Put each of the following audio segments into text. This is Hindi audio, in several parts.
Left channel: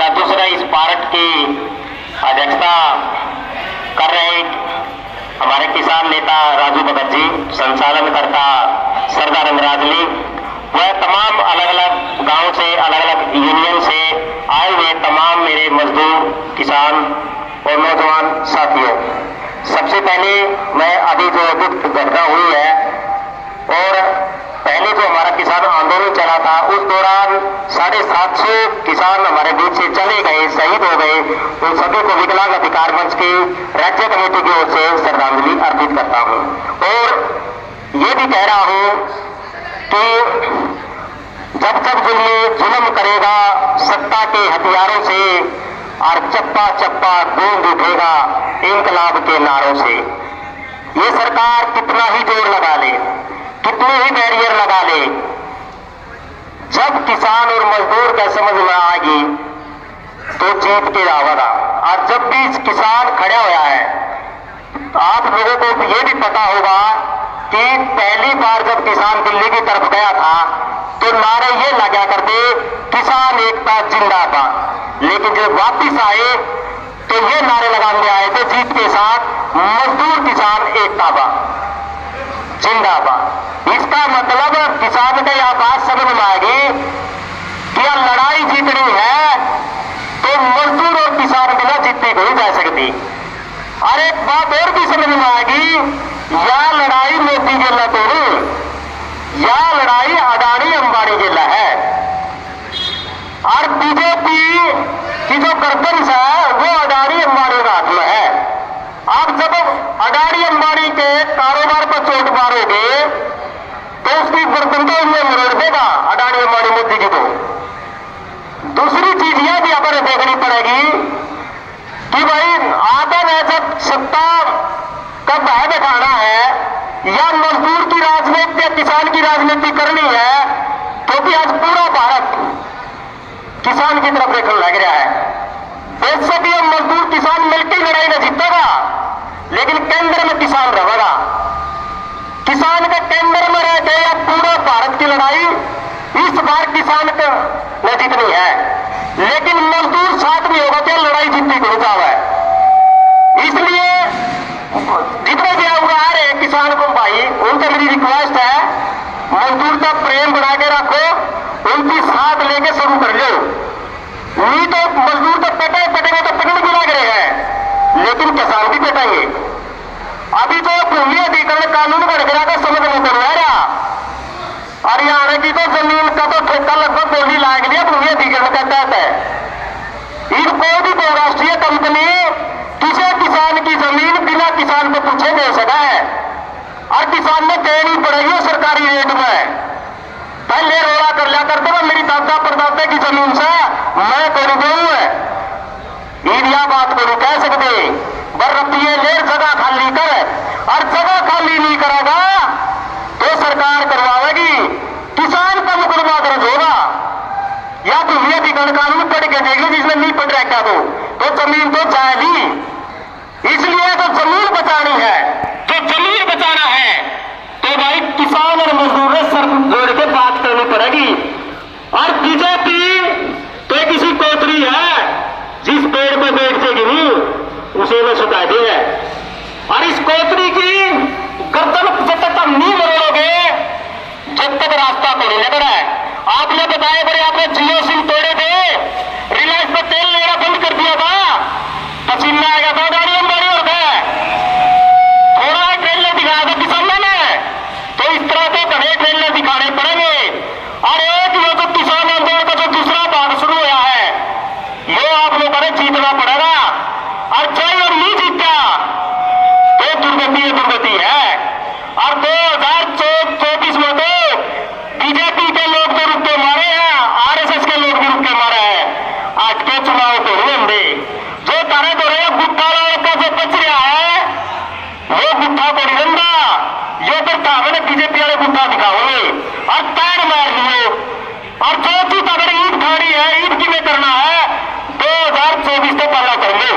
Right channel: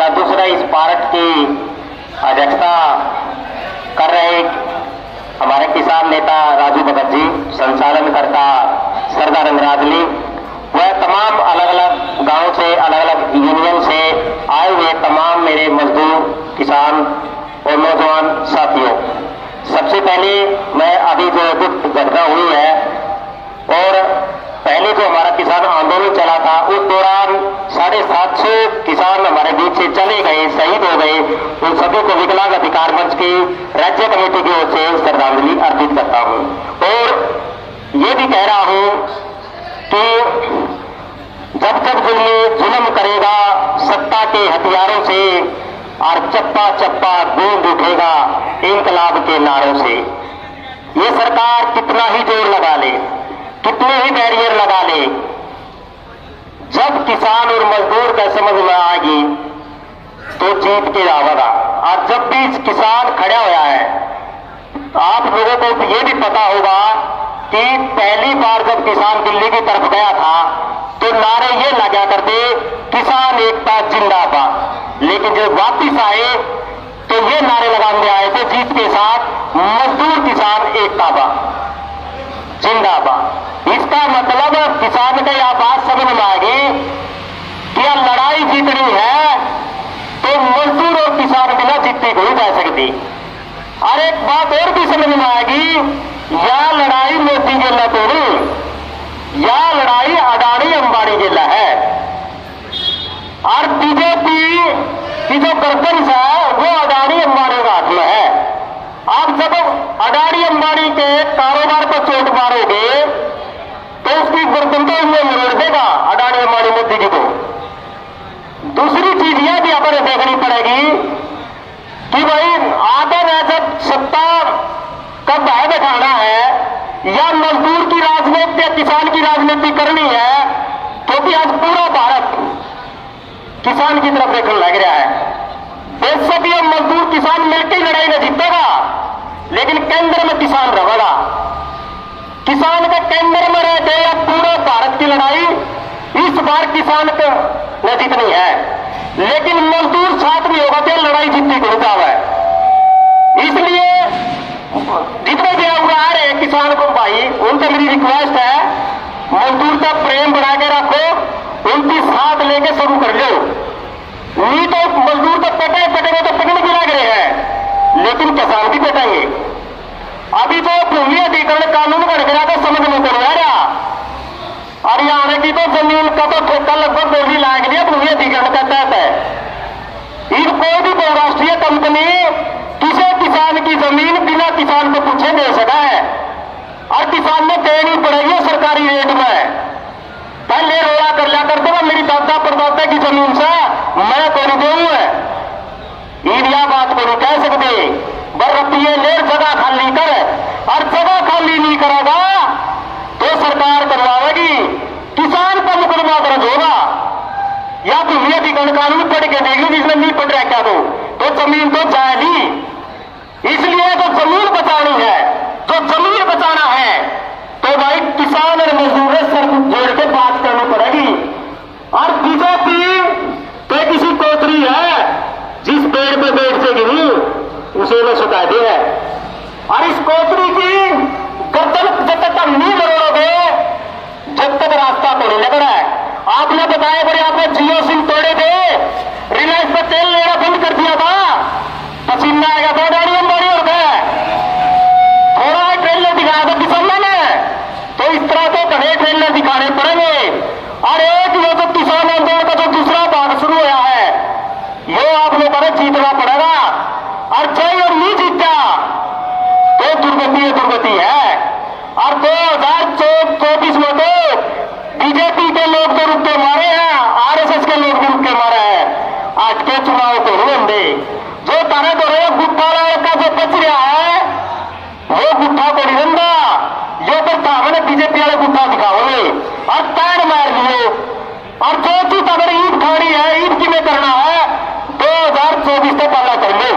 का दूसरा इस पार्ट की अध्यक्षता कर रहे हमारे किसान नेता राजू भगत जी, संचालनकर्ता सरदार रंगराजली, वह तमाम अलग अलग गांव से, अलग अलग यूनियन से आए हुए तमाम मेरे मजदूर, किसान और नौजवान साथियों, सबसे पहले मैं अभी जो दुख घटना हुई है और पहले जो हमारा किसान आंदोलन चला था उस दौरान 750 किसान हमारे बीच से चले गए, शहीद हो गए, उन सभी को विकलांग अधिकार मंच की राज्य कमेटी की ओर से श्रद्धांजलि अर्पित करता हूं। और ये भी कह रहा हूं कि जब तक जुल्म करेगा सत्ता के हथियारों से और चप्पा चप्पा गूंज उठेगा इंकलाब के नारों से, ये सरकार कितना ही जोर लगा ले, कितने ही बैरियर लगा ले, जब किसान और मजदूर का समझ में आएगी तो जीत के आवेगा। और जब भी किसान खड़ा हुआ है, आप लोगों को ये भी पता होगा कि पहली बार जब किसान दिल्ली की तरफ गया था तो नारे ये लगा करते, किसान एकता जिंदाबाद, लेकिन जब वापिस आए तो ये नारे लगाने आए थे जीत के साथ, मजदूर किसान एकताबाद जिंदाबाद। इसका मतलब किसान का यह बात समझ में आएगी कि यह लड़ाई जीतनी है तो मजदूर और किसान बिना जीतने को ही जा सकती। और एक बात और भी समझ में आएगी, यह लड़ाई मोदी जिला तो नहीं, यह लड़ाई अडानी अंबानी जिला है। और बीजेपी की जो गर्दन है वो अडानी अंबानी का हाथ में है। आप जब अडानी अंबानी के कारोबार पर चोट मारोगे तो उसकी गर्दन तो ये मरोड़ देगा अडानी अंबानी मोदी जी को। दूसरी चीज यह भी अपन देखनी पड़ेगी कि भाई आगे में जब सत्ता का भय दिखाना है या मजदूर की राजनीति या किसान की राजनीति करनी है, क्योंकि आज पूरा भारत किसान की तरफ देखने लग रहा है। देश से भी मजदूर किसान मिलकर लड़ाई में जीतेगा, लेकिन केंद्र में किसान रहेगा। किसान के केंद्र में रह गए अब पूरा भारत की लड़ाई इस बार किसान को न जीतनी है, लेकिन मजदूर साथ में होगा तो लड़ाई जीतने को रुकाव है। इसलिए जितने भी आप आ रहे हैं किसान को भाई, उनसे मेरी रिक्वेस्ट है, मजदूर का प्रेम बना के रखो, उनकी साथ लेके शुरू कर लो। नहीं तो मजदूर को पटेंगे तो पिकनिक भी लग रहे हैं, लेकिन किसान भी पटेंगे। अभी तो भूमि अधिग्रहण कानून बन गया तो समझ में तो आ रहा, हरियाणा की तो जमीन का तो ठेका लगभग बोली लाग दिया भूमि अधिग्रहण का तहत है। इन कोई भी बहुराष्ट्रीय कंपनी किसी किसान की जमीन बिना किसान को पूछे दे सका है, और किसान ने देनी पड़ेगी सरकारी रेट में। पहले रोड़ा कर लिया करते ना, मेरी दादा परदादा की जमीन से मैं कोई देऊ है, ईडिया बात को नहीं कह सकते। रुपये ले जगह खाली कर, और जगह खाली नहीं करेगा तो सरकार करवाएगी, किसान का मुकदमा दर्ज होगा। या भूमि अधिग्रहण कानून पढ़ के देख ली, जिसमें नहीं पढ़ रहा क्या तो जमीन तो जाएगी। इसलिए तो जमीन बचानी है, तो जमीन बचाना है तो भाई किसान और मजदूर में सर जोड़ के बात करनी पड़ेगी। और बीजेपी तो किसी कोतरी है, जिस पेड़ पे बैठ से गिरी उसे ने सुता दिया है। और इस कोतरी की गर्दन जब तक नहीं मरोगे जब तक रास्ता तो नहीं लग रहा है। आपने बताया बड़े आपने जियो सिम तोड़े थे, रिलायंस पर तेल लेना बंद कर दिया था, पसीना आएगा था, गाड़ी अंबानी हो गया। थोड़ा ट्रेलर दिखाया था किसानों ने, तो इस तरह से बड़े ट्रेलर दिखाने पड़ेंगे। और एक ये जो किसान आंदोलन का जो दूसरा भाग शुरू हुआ है, ये आप लोगों ने जीतना पड़ेगा। और जय और नहीं जीता तो दुर्गति है। और 2024 में तो बीजेपी के लोग तो रुक के मारे हैं, आरएसएस के लोग भी रुक के मारे हैं। आज के चुनाव को नहीं होंगे, जो तरह तरह गुट्ठा का जो बच रहा है वो गुट्ठा को नहीं रंगा, यो तो मैंने बीजेपी वाले गुट्ठा दिखाओगे और पैर मार दिए। और जो चीज अगर ईद खानी है, ईद की में करना है 2024 तो पहला कर लो।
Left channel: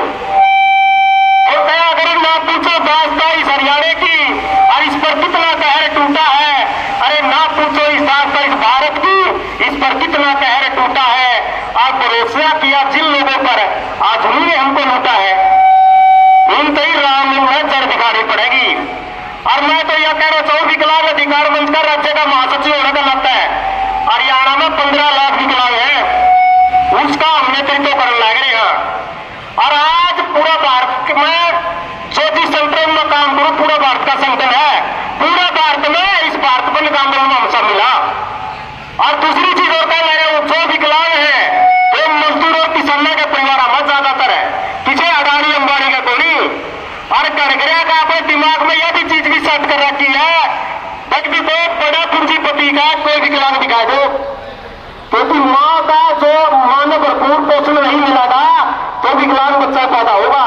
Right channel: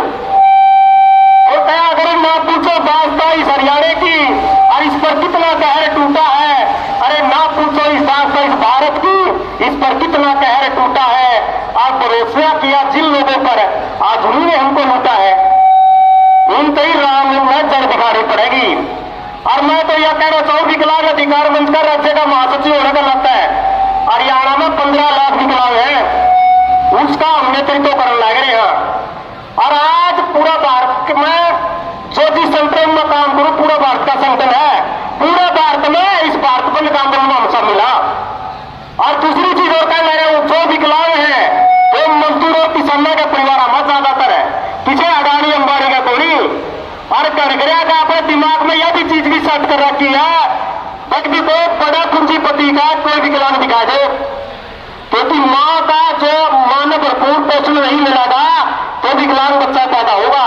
अगर ना पूछो दास्ता इस हरियाणा की और इस पर कितना कहर टूटा है, अरे ना पूछो इस भारत की, इस पर कितना कहर टूटा है। आप भरोसा किया जिन विकलांग दिखा दो, क्योंकि माँ का जो माँ ने भरपूर पोषण नहीं मिलेगा तो विकलांग बच्चा पैदा होगा।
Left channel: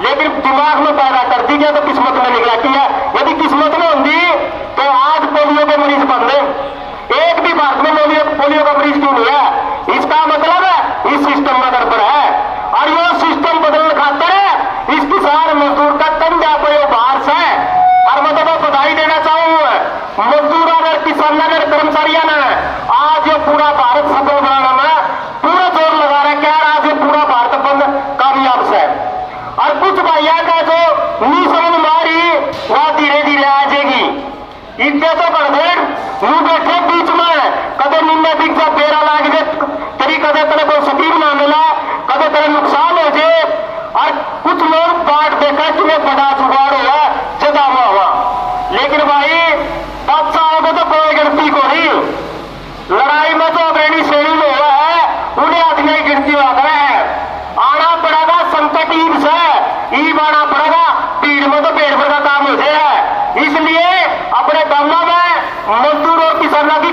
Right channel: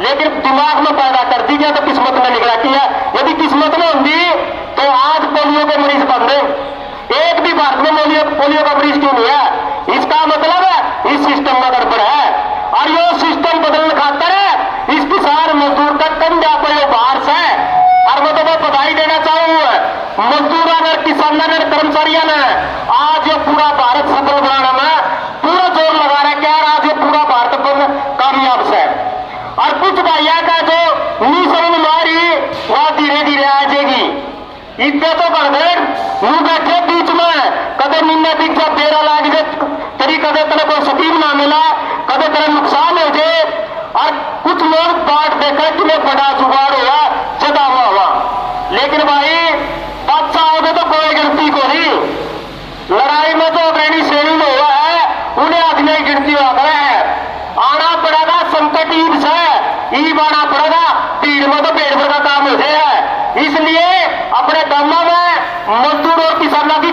लेकिन दिमाग में पैदा कर दी गया तो किस्मत में निकलाती है। यदि किस्मत में होंगी तो आज पोलियो के मरीज बन गए। एक भी भारत में पोलियो का मरीज क्यों नहीं है? इसका मतलब है इस सिस्टम में गड़बड़ है। और ये सिस्टम बदलने खातर है इस किसान मजदूर का कंधा पे बाहर से। और मैं तो बधाई देना चाहूंगा मजदूर और किसान और कर्मचारियों ने आज ये पूरा भारत सफल बनाने में पूरा जोर लगा रहे। क्या आज ये पूरा भारत बंद कामयाब से। और कुछ भाइयों का जो नहीं समझ मारी वह धीरे धीरे आ जाएगी। इतने तो कर दे यूं बैठे बीच में कदे निन्ने बीच पेरा लाग जाए तेरी कदे तेरे को सकीम ना मिला कदे तेरा नुकसान हो जाए। और कुछ लोग बात देखा तुम्हें बड़ा जुगाड़ हुआ जदा हुआ। लेकिन भाई अच्छा होगा तो कोई गिनती को नहीं। लड़ाई में तो अग्रणी श्रेणी में हुआ है उन्हें आदमी गिनती हो गए है। आना पड़ेगा संकट ईद से ईद आना पड़ेगा। भीड़ में तो पेड़ भर का काम हो जाएगा। इसलिए अपने गांवों में मजदूर और किसानों की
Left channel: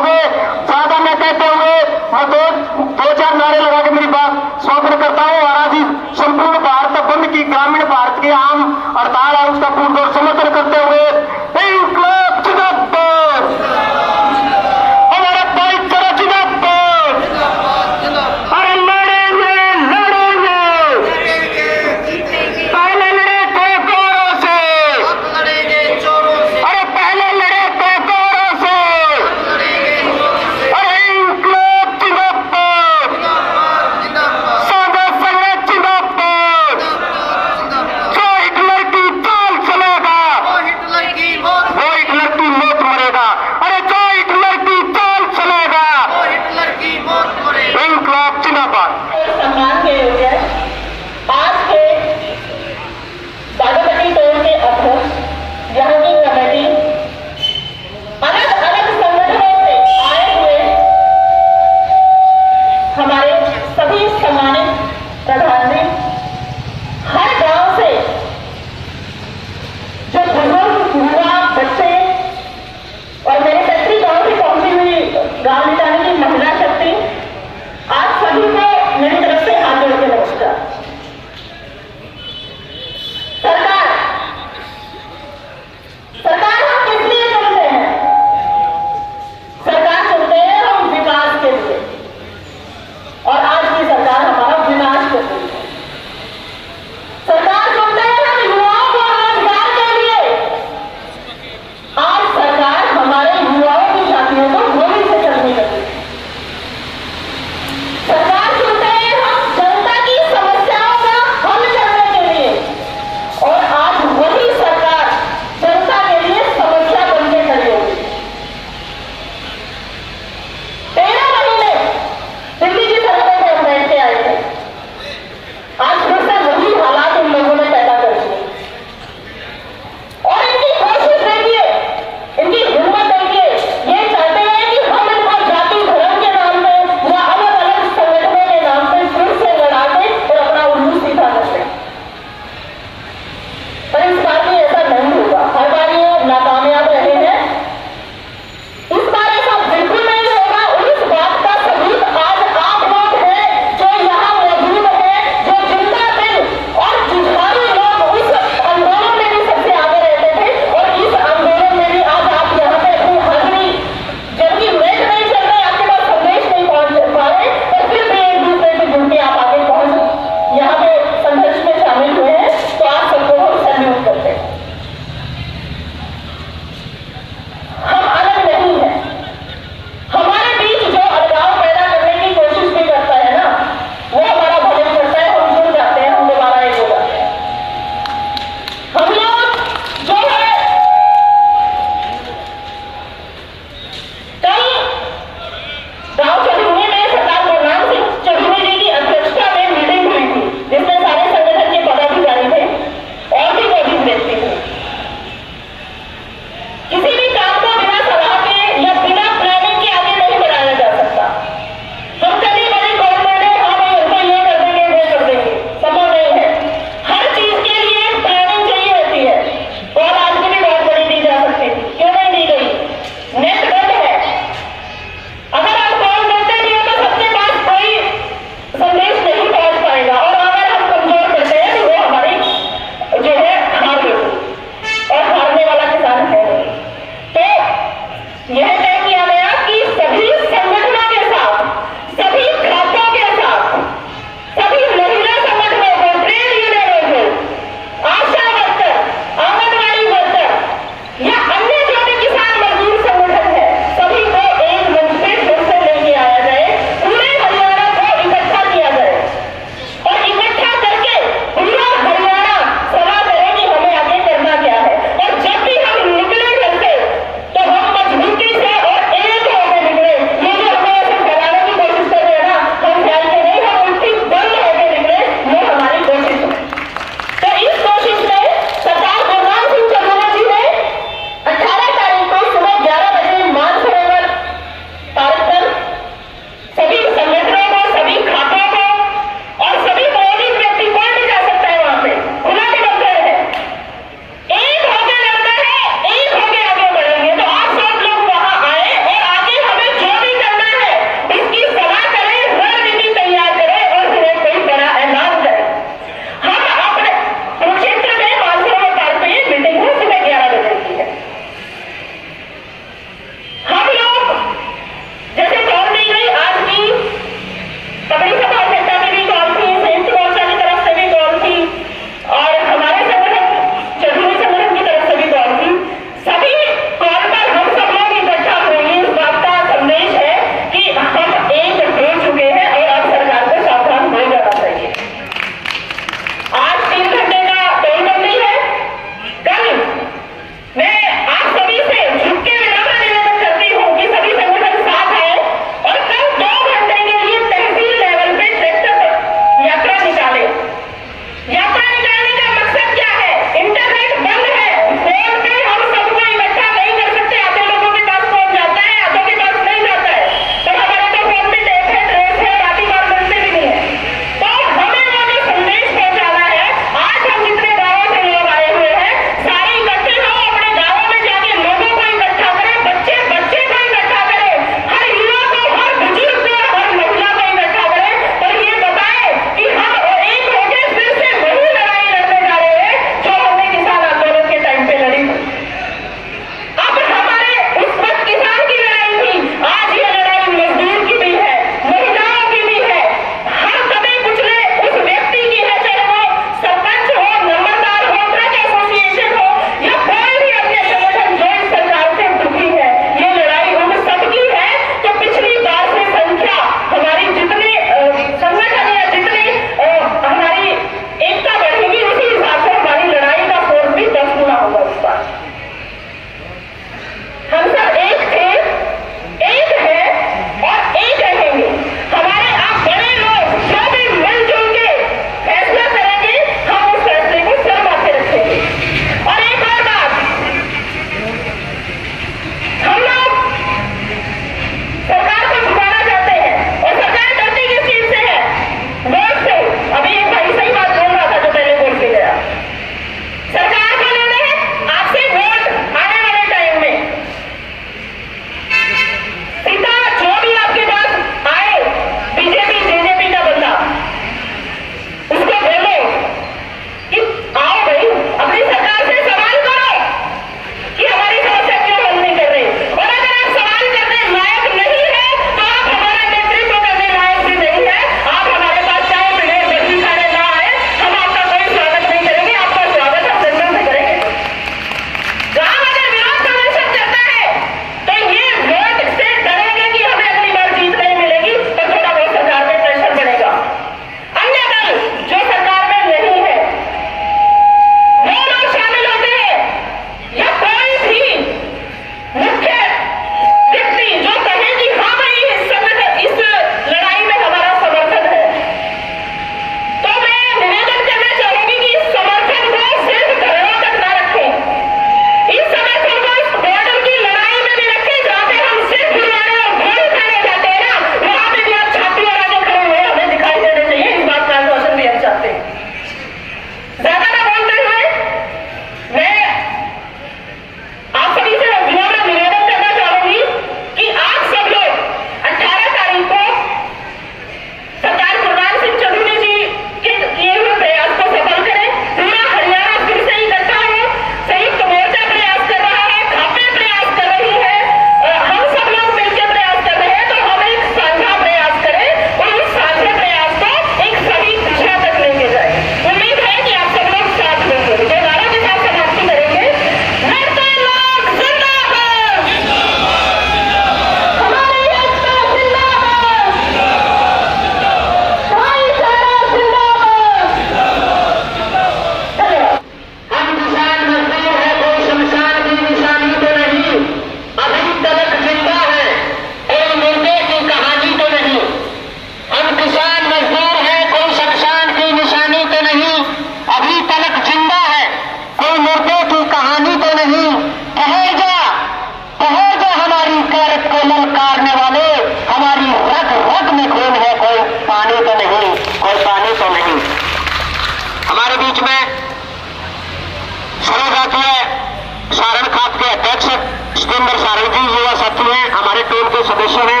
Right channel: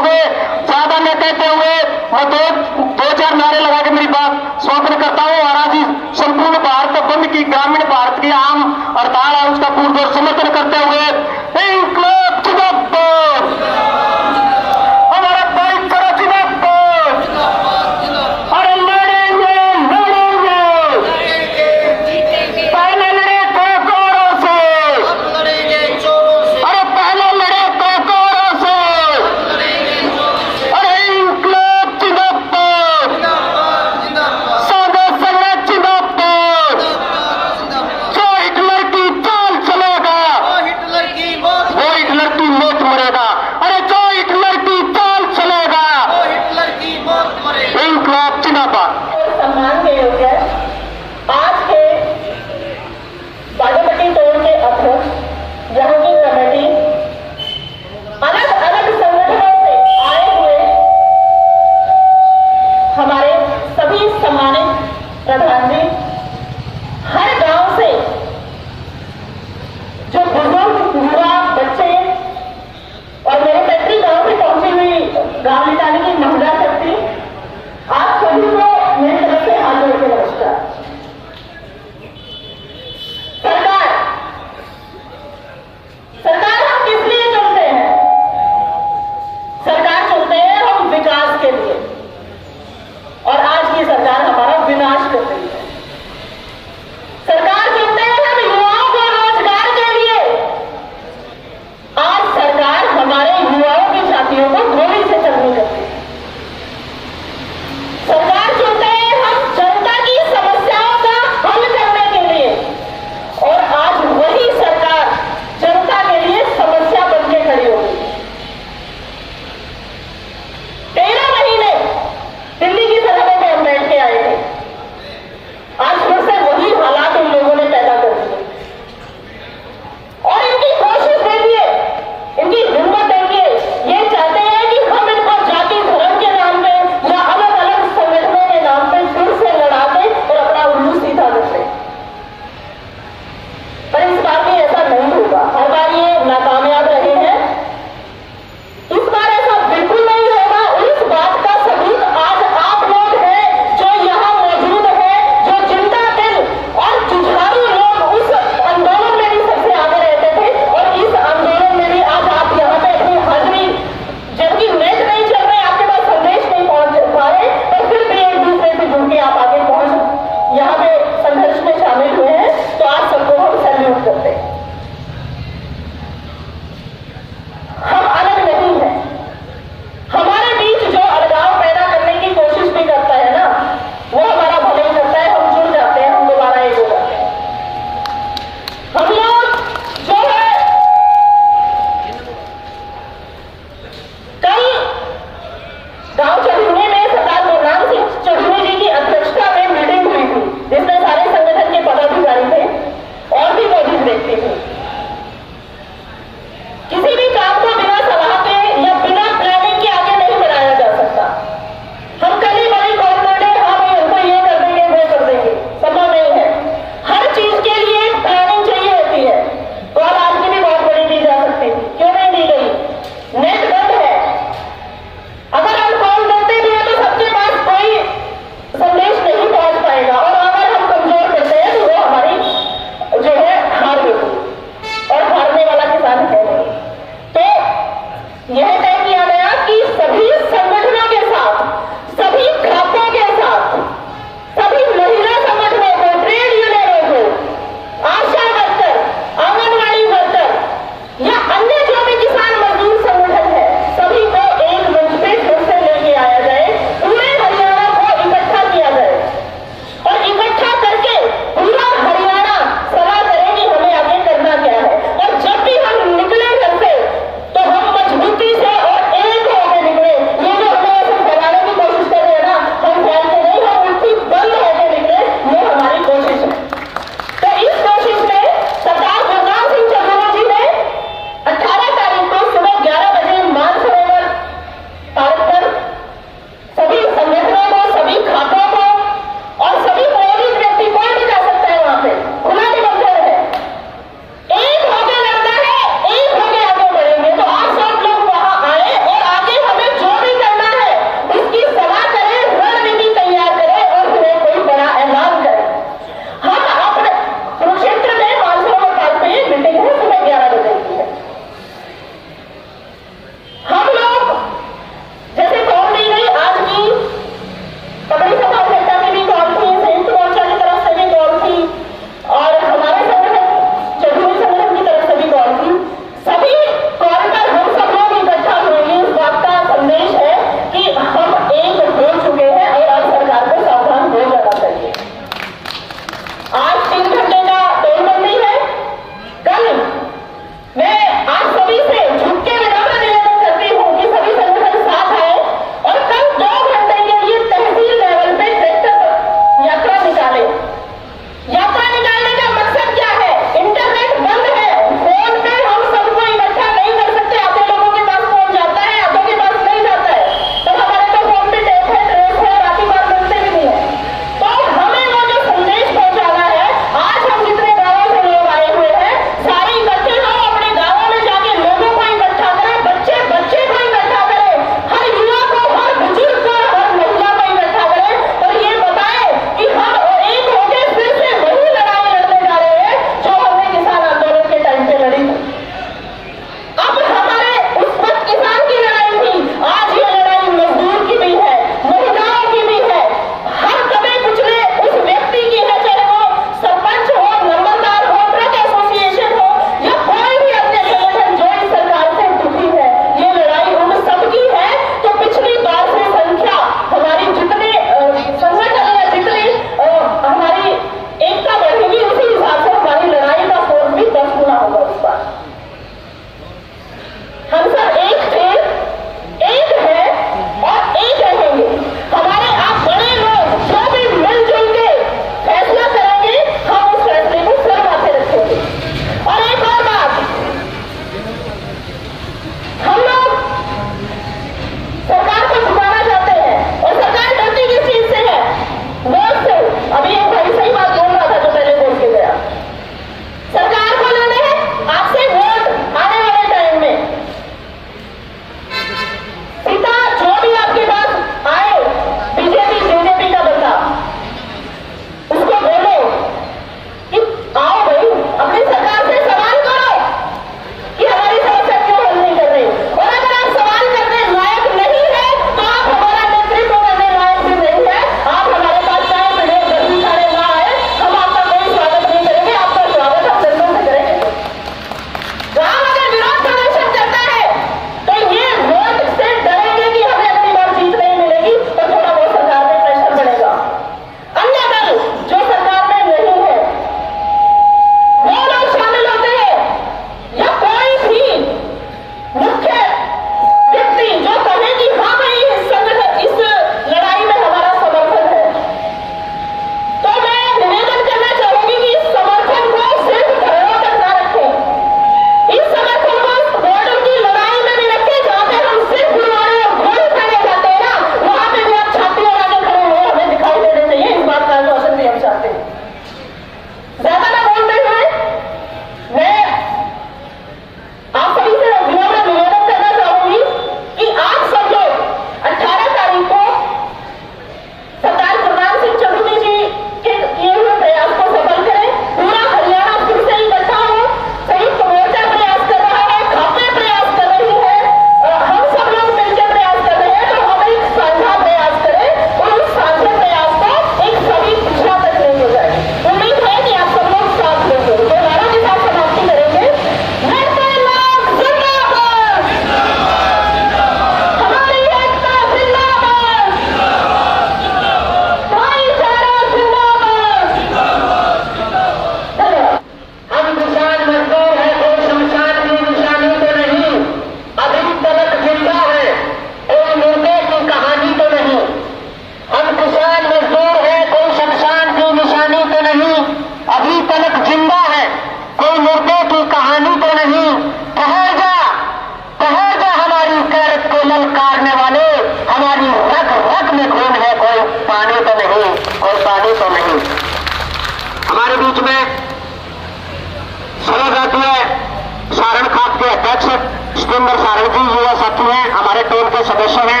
हमारे भी युवा साथी हैं, हमारे टीम के सदस्य हैं,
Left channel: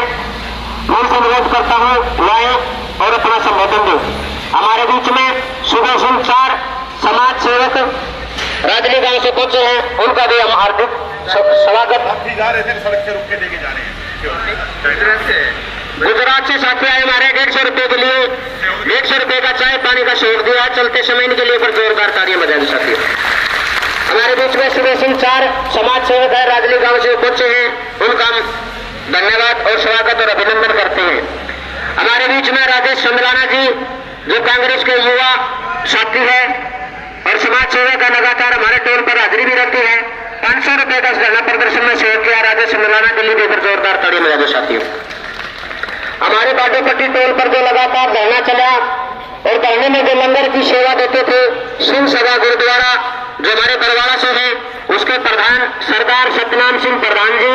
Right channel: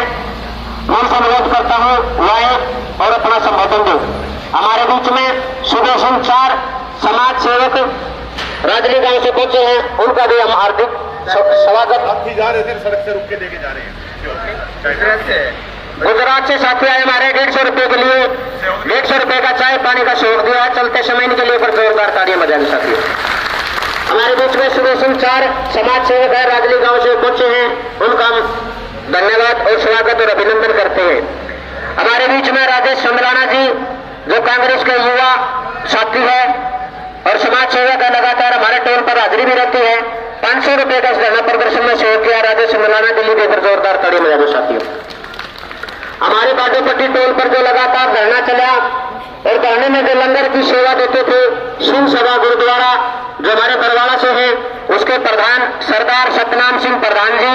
मैं उनसे अनुरोध करता हूँ लाए और अपना संबोधन दो। हमारे बीच में सुबह सिंह चार समाज सेवक राजली गांव से पहुंचे हैं, उनका भी हम हार्दिक स्वागत। जा रहे थे, सड़क से रुक के लेके जा रहे हैं। गुजरात से साथी आए हमारे 150 रुपए के लिए 150 रुपए का चाय पानी का सहयोग दिया। चलते समय इनके लिए पर जोरदार तालियां बजानी साथी। हमारे बीच में सुबह सिंह चार समाज सेवक है, राजली गांव से पहुंचे हैं, उनका हम धन्यवाद और स्वागत और अभिनंदन करते हैं। हमारे बीच में राजेश समराना जी जो कांग्रेस के युवा साथी है और समाज सेवक है, लगातार हमारे टोल पर हाजिरी भी रहती है। 500 रुपए का धरना प्रदर्शन में सहयोग किया। राजेश समराना के लिए पर जोरदार तालियां बजा दो साथियों। हमारे बाजोपट्टी टोल पर जो लगातार धरना चला और धरने में जो लंगर की सेवा देते थे, सिंह सभा गुरुद्वारा जो हमारे बरवाड़ा से है, उसके प्रधान सरदार सतनाम सिंह प्रधान जी,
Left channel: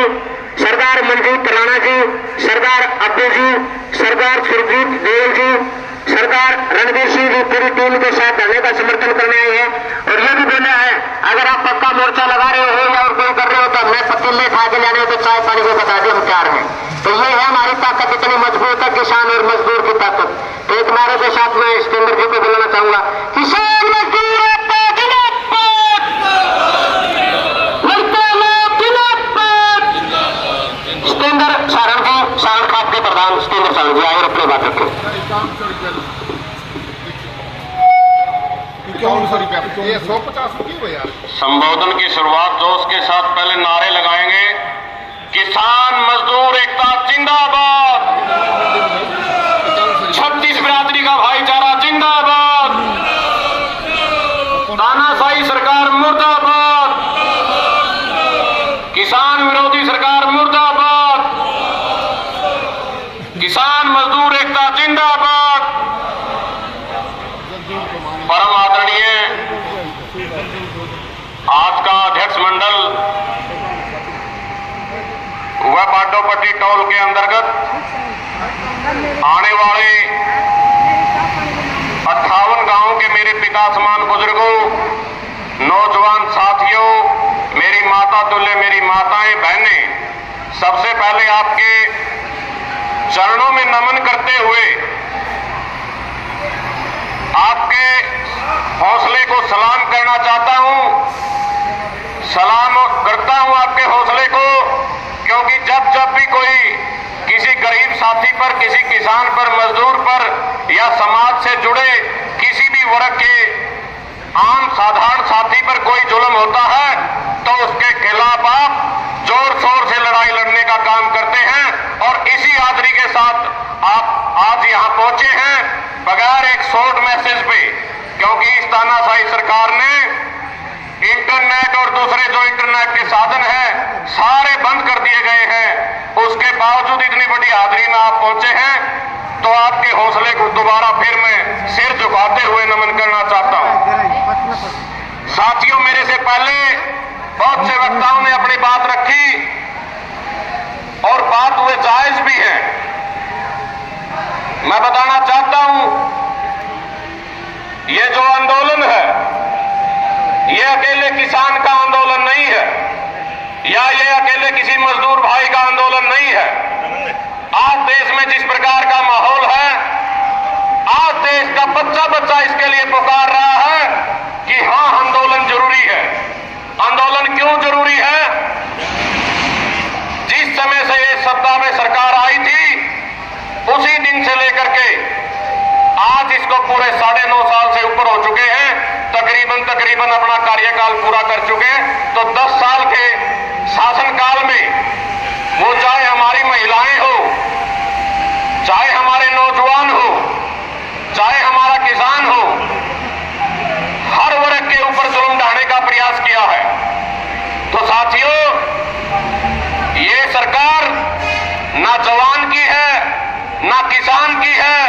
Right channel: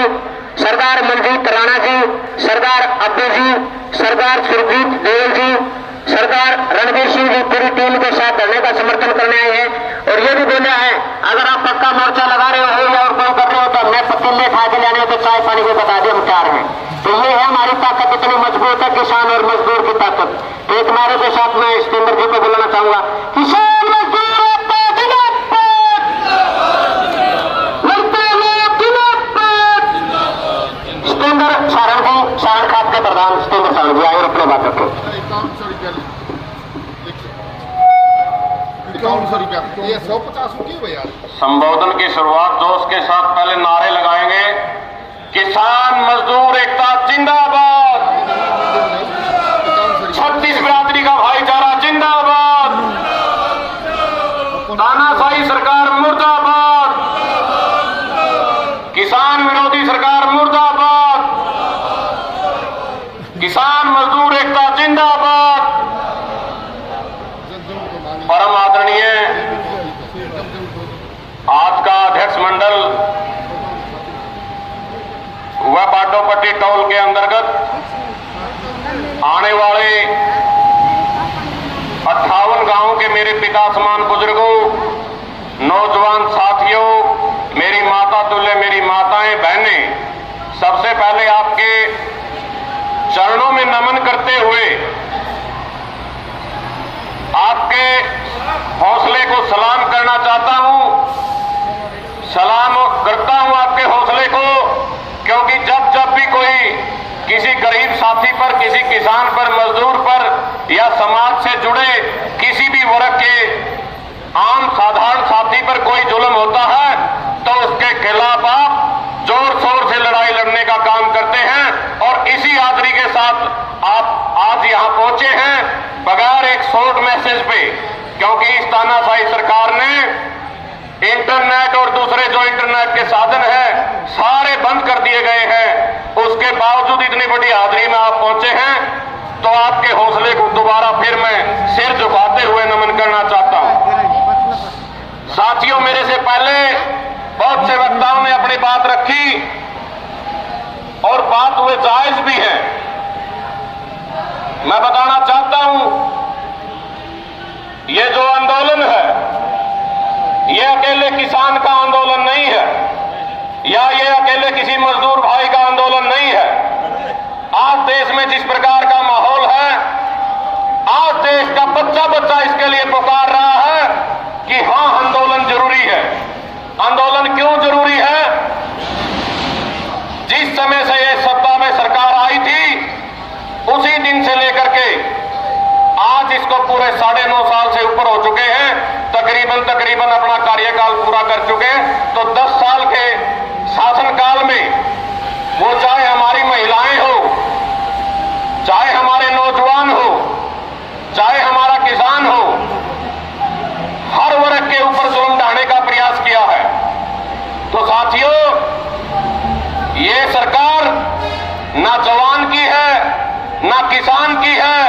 सरदार मनजीत राणा जी, सरदार अब्दू जी, सरदार सुरजीत देव जी, सरदार रणबीर सिंह जी पूरी टीम के साथ धरने का समर्थन करने आए हैं। और ये भी बोला है अगर आप पक्का मोर्चा लगा रहे हो या और कोई कर रहे हो तो हमने पतीले खा के जाने तो चाय पानी को बता दें हम तैयार हैं। तो ये है हमारी ताकत कितनी मजबूत है, किसान और मजदूर की ताकत। तो एक नारे के साथ मैं स्टेंडर जी को बोलना चाहूंगा, किसान मजदूर स्टेंडर सारण जी, सारण खाप के प्रधान स्टेंडर सारण जी आए अपने बात रखे। ये 150 क्यों है यार? संबोधन की शुरुआत जोश के साथ पहले नारे लगाएंगे, किसान मजदूर एकता जिंदाबाद, 36 बिरादरी का भाईचारा जिंदाबाद, तानाशाही सरकार मुर्दाबाद, किसान विरोधी सरकार मुर्दाबाद, किसान मजदूर एकता जिंदाबाद। परम आदरणीय आज का अध्यक्ष मंडल व बाडोपट्टी टोल के अंतर्गत आने वाले 58 गांवों के मेरे पिता समान बुजुर्गों, नौजवान साथियों, मेरी माता तुल्य मेरी माताएं बहनें, सबसे पहले आपके चरणों में नमन करते हुए आपके हौसले को सलाम करना चाहता हूं। सलाम करता हूं आपके हौसले को, क्योंकि जब जब भी कोई किसी गरीब साथी पर, किसी किसान पर, मजदूर पर या समाज से जुड़े किसी भी वर्ग के आम साधारण साथी पर कोई जुल्म होता है तो उसके खिलाफ आप जोर शोर से लड़ाई लड़ने का काम करते हैं। और इसी आदरी के साथ आप आज यहां पहुंचे हैं बगैर एक शॉर्ट मैसेज पे, क्योंकि इस तानाशाही सरकार ने इंटरनेट और दूसरे जो इंटरनेट के साधन हैं सारे बंद कर दिए गए हैं। उसके बावजूद इतनी बड़ी हाजिरी में आप पहुंचे हैं, तो आपके हौसले को दोबारा फिर मैं सिर झुकाते हुए नमन करना चाहता हूं। साथियों, मेरे से पहले बहुत से वक्ताओं ने अपनी बात रखी और बात हुए जायज भी है। मैं बताना चाहता हूं, ये जो आंदोलन है ये अकेले किसान का आंदोलन नहीं है, या ये अकेले किसी मजदूर भाई का आंदोलन नहीं है। आज देश में जिस प्रकार का माहौल है, आज देश का बच्चा बच्चा इसके लिए पुकार रहा है कि हाँ, आंदोलन जरूरी है। आंदोलन क्यों जरूरी है? जिस समय से ये सत्ता में सरकार आई थी उसी दिन से लेकर के आज इसको पूरे 9.5 साल से ऊपर हो चुके हैं, तकरीबन अपना कार्यकाल पूरा कर चुके हैं। तो 10 साल के शासनकाल में वो चाहे हमारी महिलाएं हो, चाहे हमारे नौजवान हो, चाहे हमारा किसान हो, हर वर्ग के ऊपर जुल्म ढाने का प्रयास किया है। तो साथियों, ये सरकार ना जवान की है, ना किसान की है,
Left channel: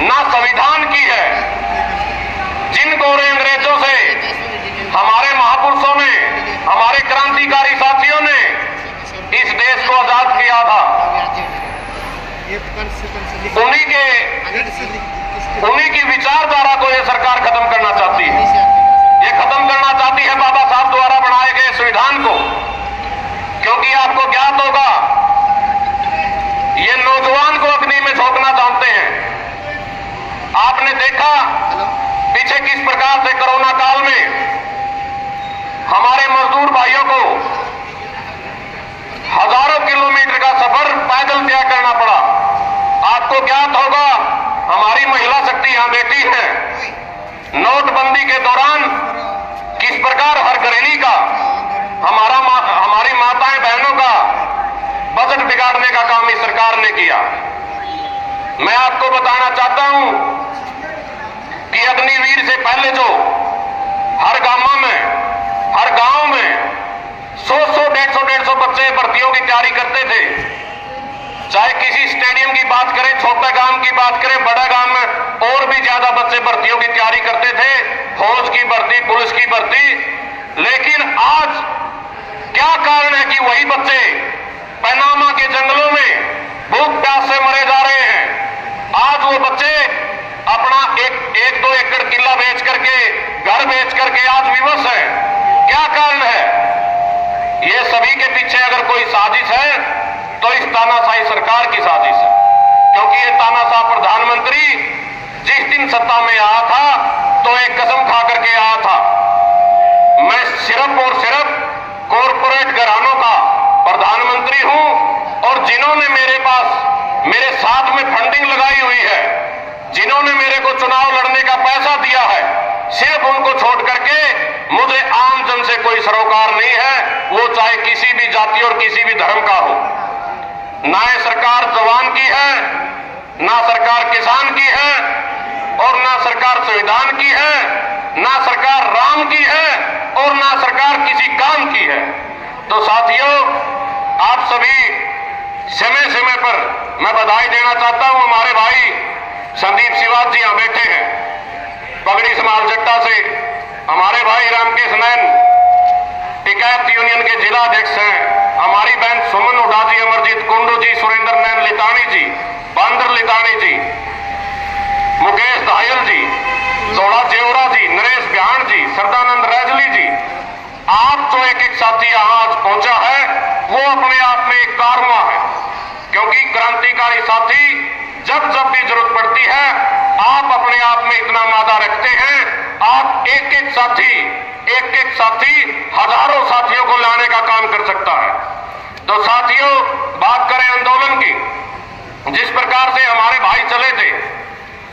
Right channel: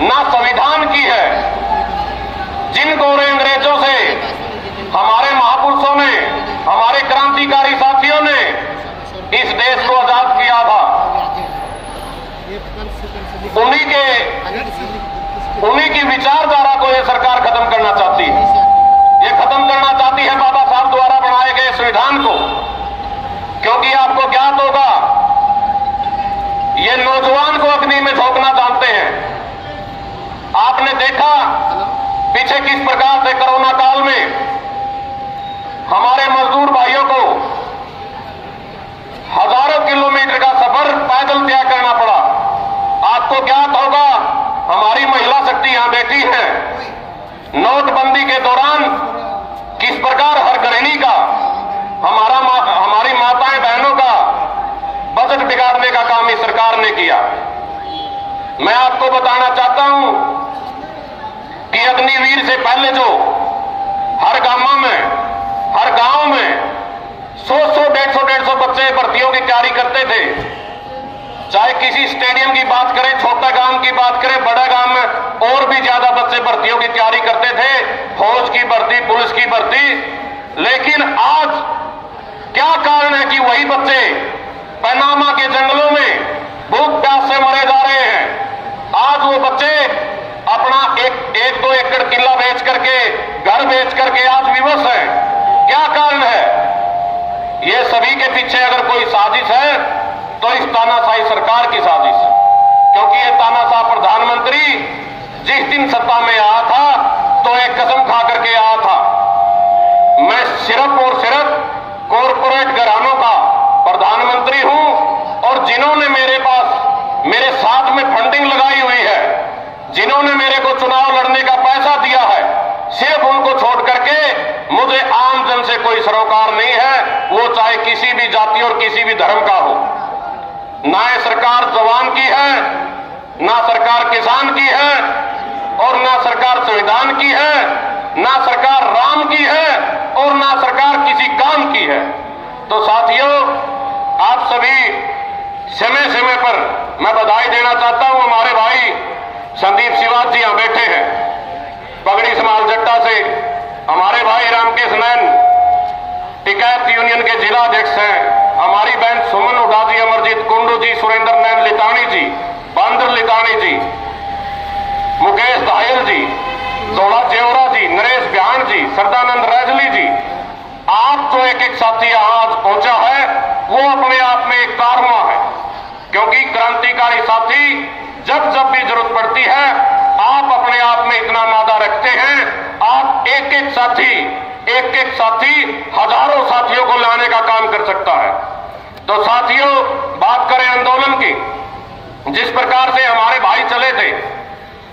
ना संविधान की है। जिन गोरे अंग्रेजों से हमारे महापुरुषों ने, हमारे क्रांतिकारी साथियों ने इस देश को आजाद किया था, उन्हीं की विचारधारा को यह सरकार खत्म करना चाहती है। ये खत्म करना चाहती है बाबा साहब द्वारा बनाए गए संविधान को। आपने देखा पीछे किस प्रकार से कोरोना काल में हमारे मजदूर भाइयों को हजारों किलोमीटर का सफर पैदल तय करना पड़ा। आपको ज्ञात होगा, हमारी महिला शक्ति यहां बैठी है, नोटबंदी के दौरान किस प्रकार हर गृहिणी का, हमारी माताएं बहनों का बजट बिगाड़ने का काम इस सरकार ने किया। मैं आपको बताना चाहता हूं कि अग्निवीर से पहले जो हर गांव में 100-150 बच्चे भर्तियों की तैयारी करते थे। चाहे किसी स्टेडियम की बात करें, छोटा गांव की बात करें, बड़ा गांव में और भी ज्यादा बच्चे भर्तियों की तैयारी करते थे, फौज की भर्ती, पुलिस की भर्ती। लेकिन आज क्या कारण है कि वही बच्चे पनामा के जंगलों में भूख प्यास से मरे जा रहे हैं। आज वो बच्चे अपना एक 2 एकड़ किला बेच करके, घर बेच करके आज विवश है। क्या कारण है? ये सभी के पीछे अगर कोई साजिश है तो इस तानाशाही सरकार की साजिश है, क्योंकि ये तानाशाह प्रधानमंत्री जिस दिन सत्ता में आया था तो एक कसम खा करके आया था, मैं सिर्फ और सिर्फ कॉरपोरेट घरानों का प्रधानमंत्री हूं, और जिन्होंने मेरे साथ में फंडिंग लगाई हुई है, जिन्होंने मेरे को चुनाव लड़ने का पैसा दिया है, सिर्फ उनको छोड़ करके मुझे आम जन से कोई सरोकार नहीं है, वो चाहे किसी भी जाति और किसी भी धर्म का हो। ना ये सरकार जवान की है, ना सरकार किसान की है, और ना सरकार संविधान की है, ना सरकार राम की है, और ना सरकार किसी काम की है। तो साथियों, आप सभी समय समय पर मैं बधाई देना चाहता हूं। हमारे भाई संदीप सिवाज जी यहां बैठे हैं, पगड़ी समाल जट्टा से। हमारे भाई रामकेश नैन टिकैत यूनियन के जिला अध्यक्ष हैं। हमारी बहन सुमन हुड्डा जी, अमरजीत कुंडू जी, सुरेंद्र नैन लितानी जी, बहादुर लितानी जी, मुकेश धायल जी, सोड़ा जेवरा जी, नरेश ब्यान जी, सरदानंद रैजली जी। आप जो एक साथी आज पहुंचा है वो अपने आप में एक कारवा है, क्योंकि क्रांतिकारी साथी जब भी जरूरत पड़ती है आप अपने आप में इतना मादा रखते हैं। आप एक साथी हजारों साथियों को लाने का काम कर सकता है। तो साथियों, बात करें आंदोलन की, जिस प्रकार से हमारे भाई चले थे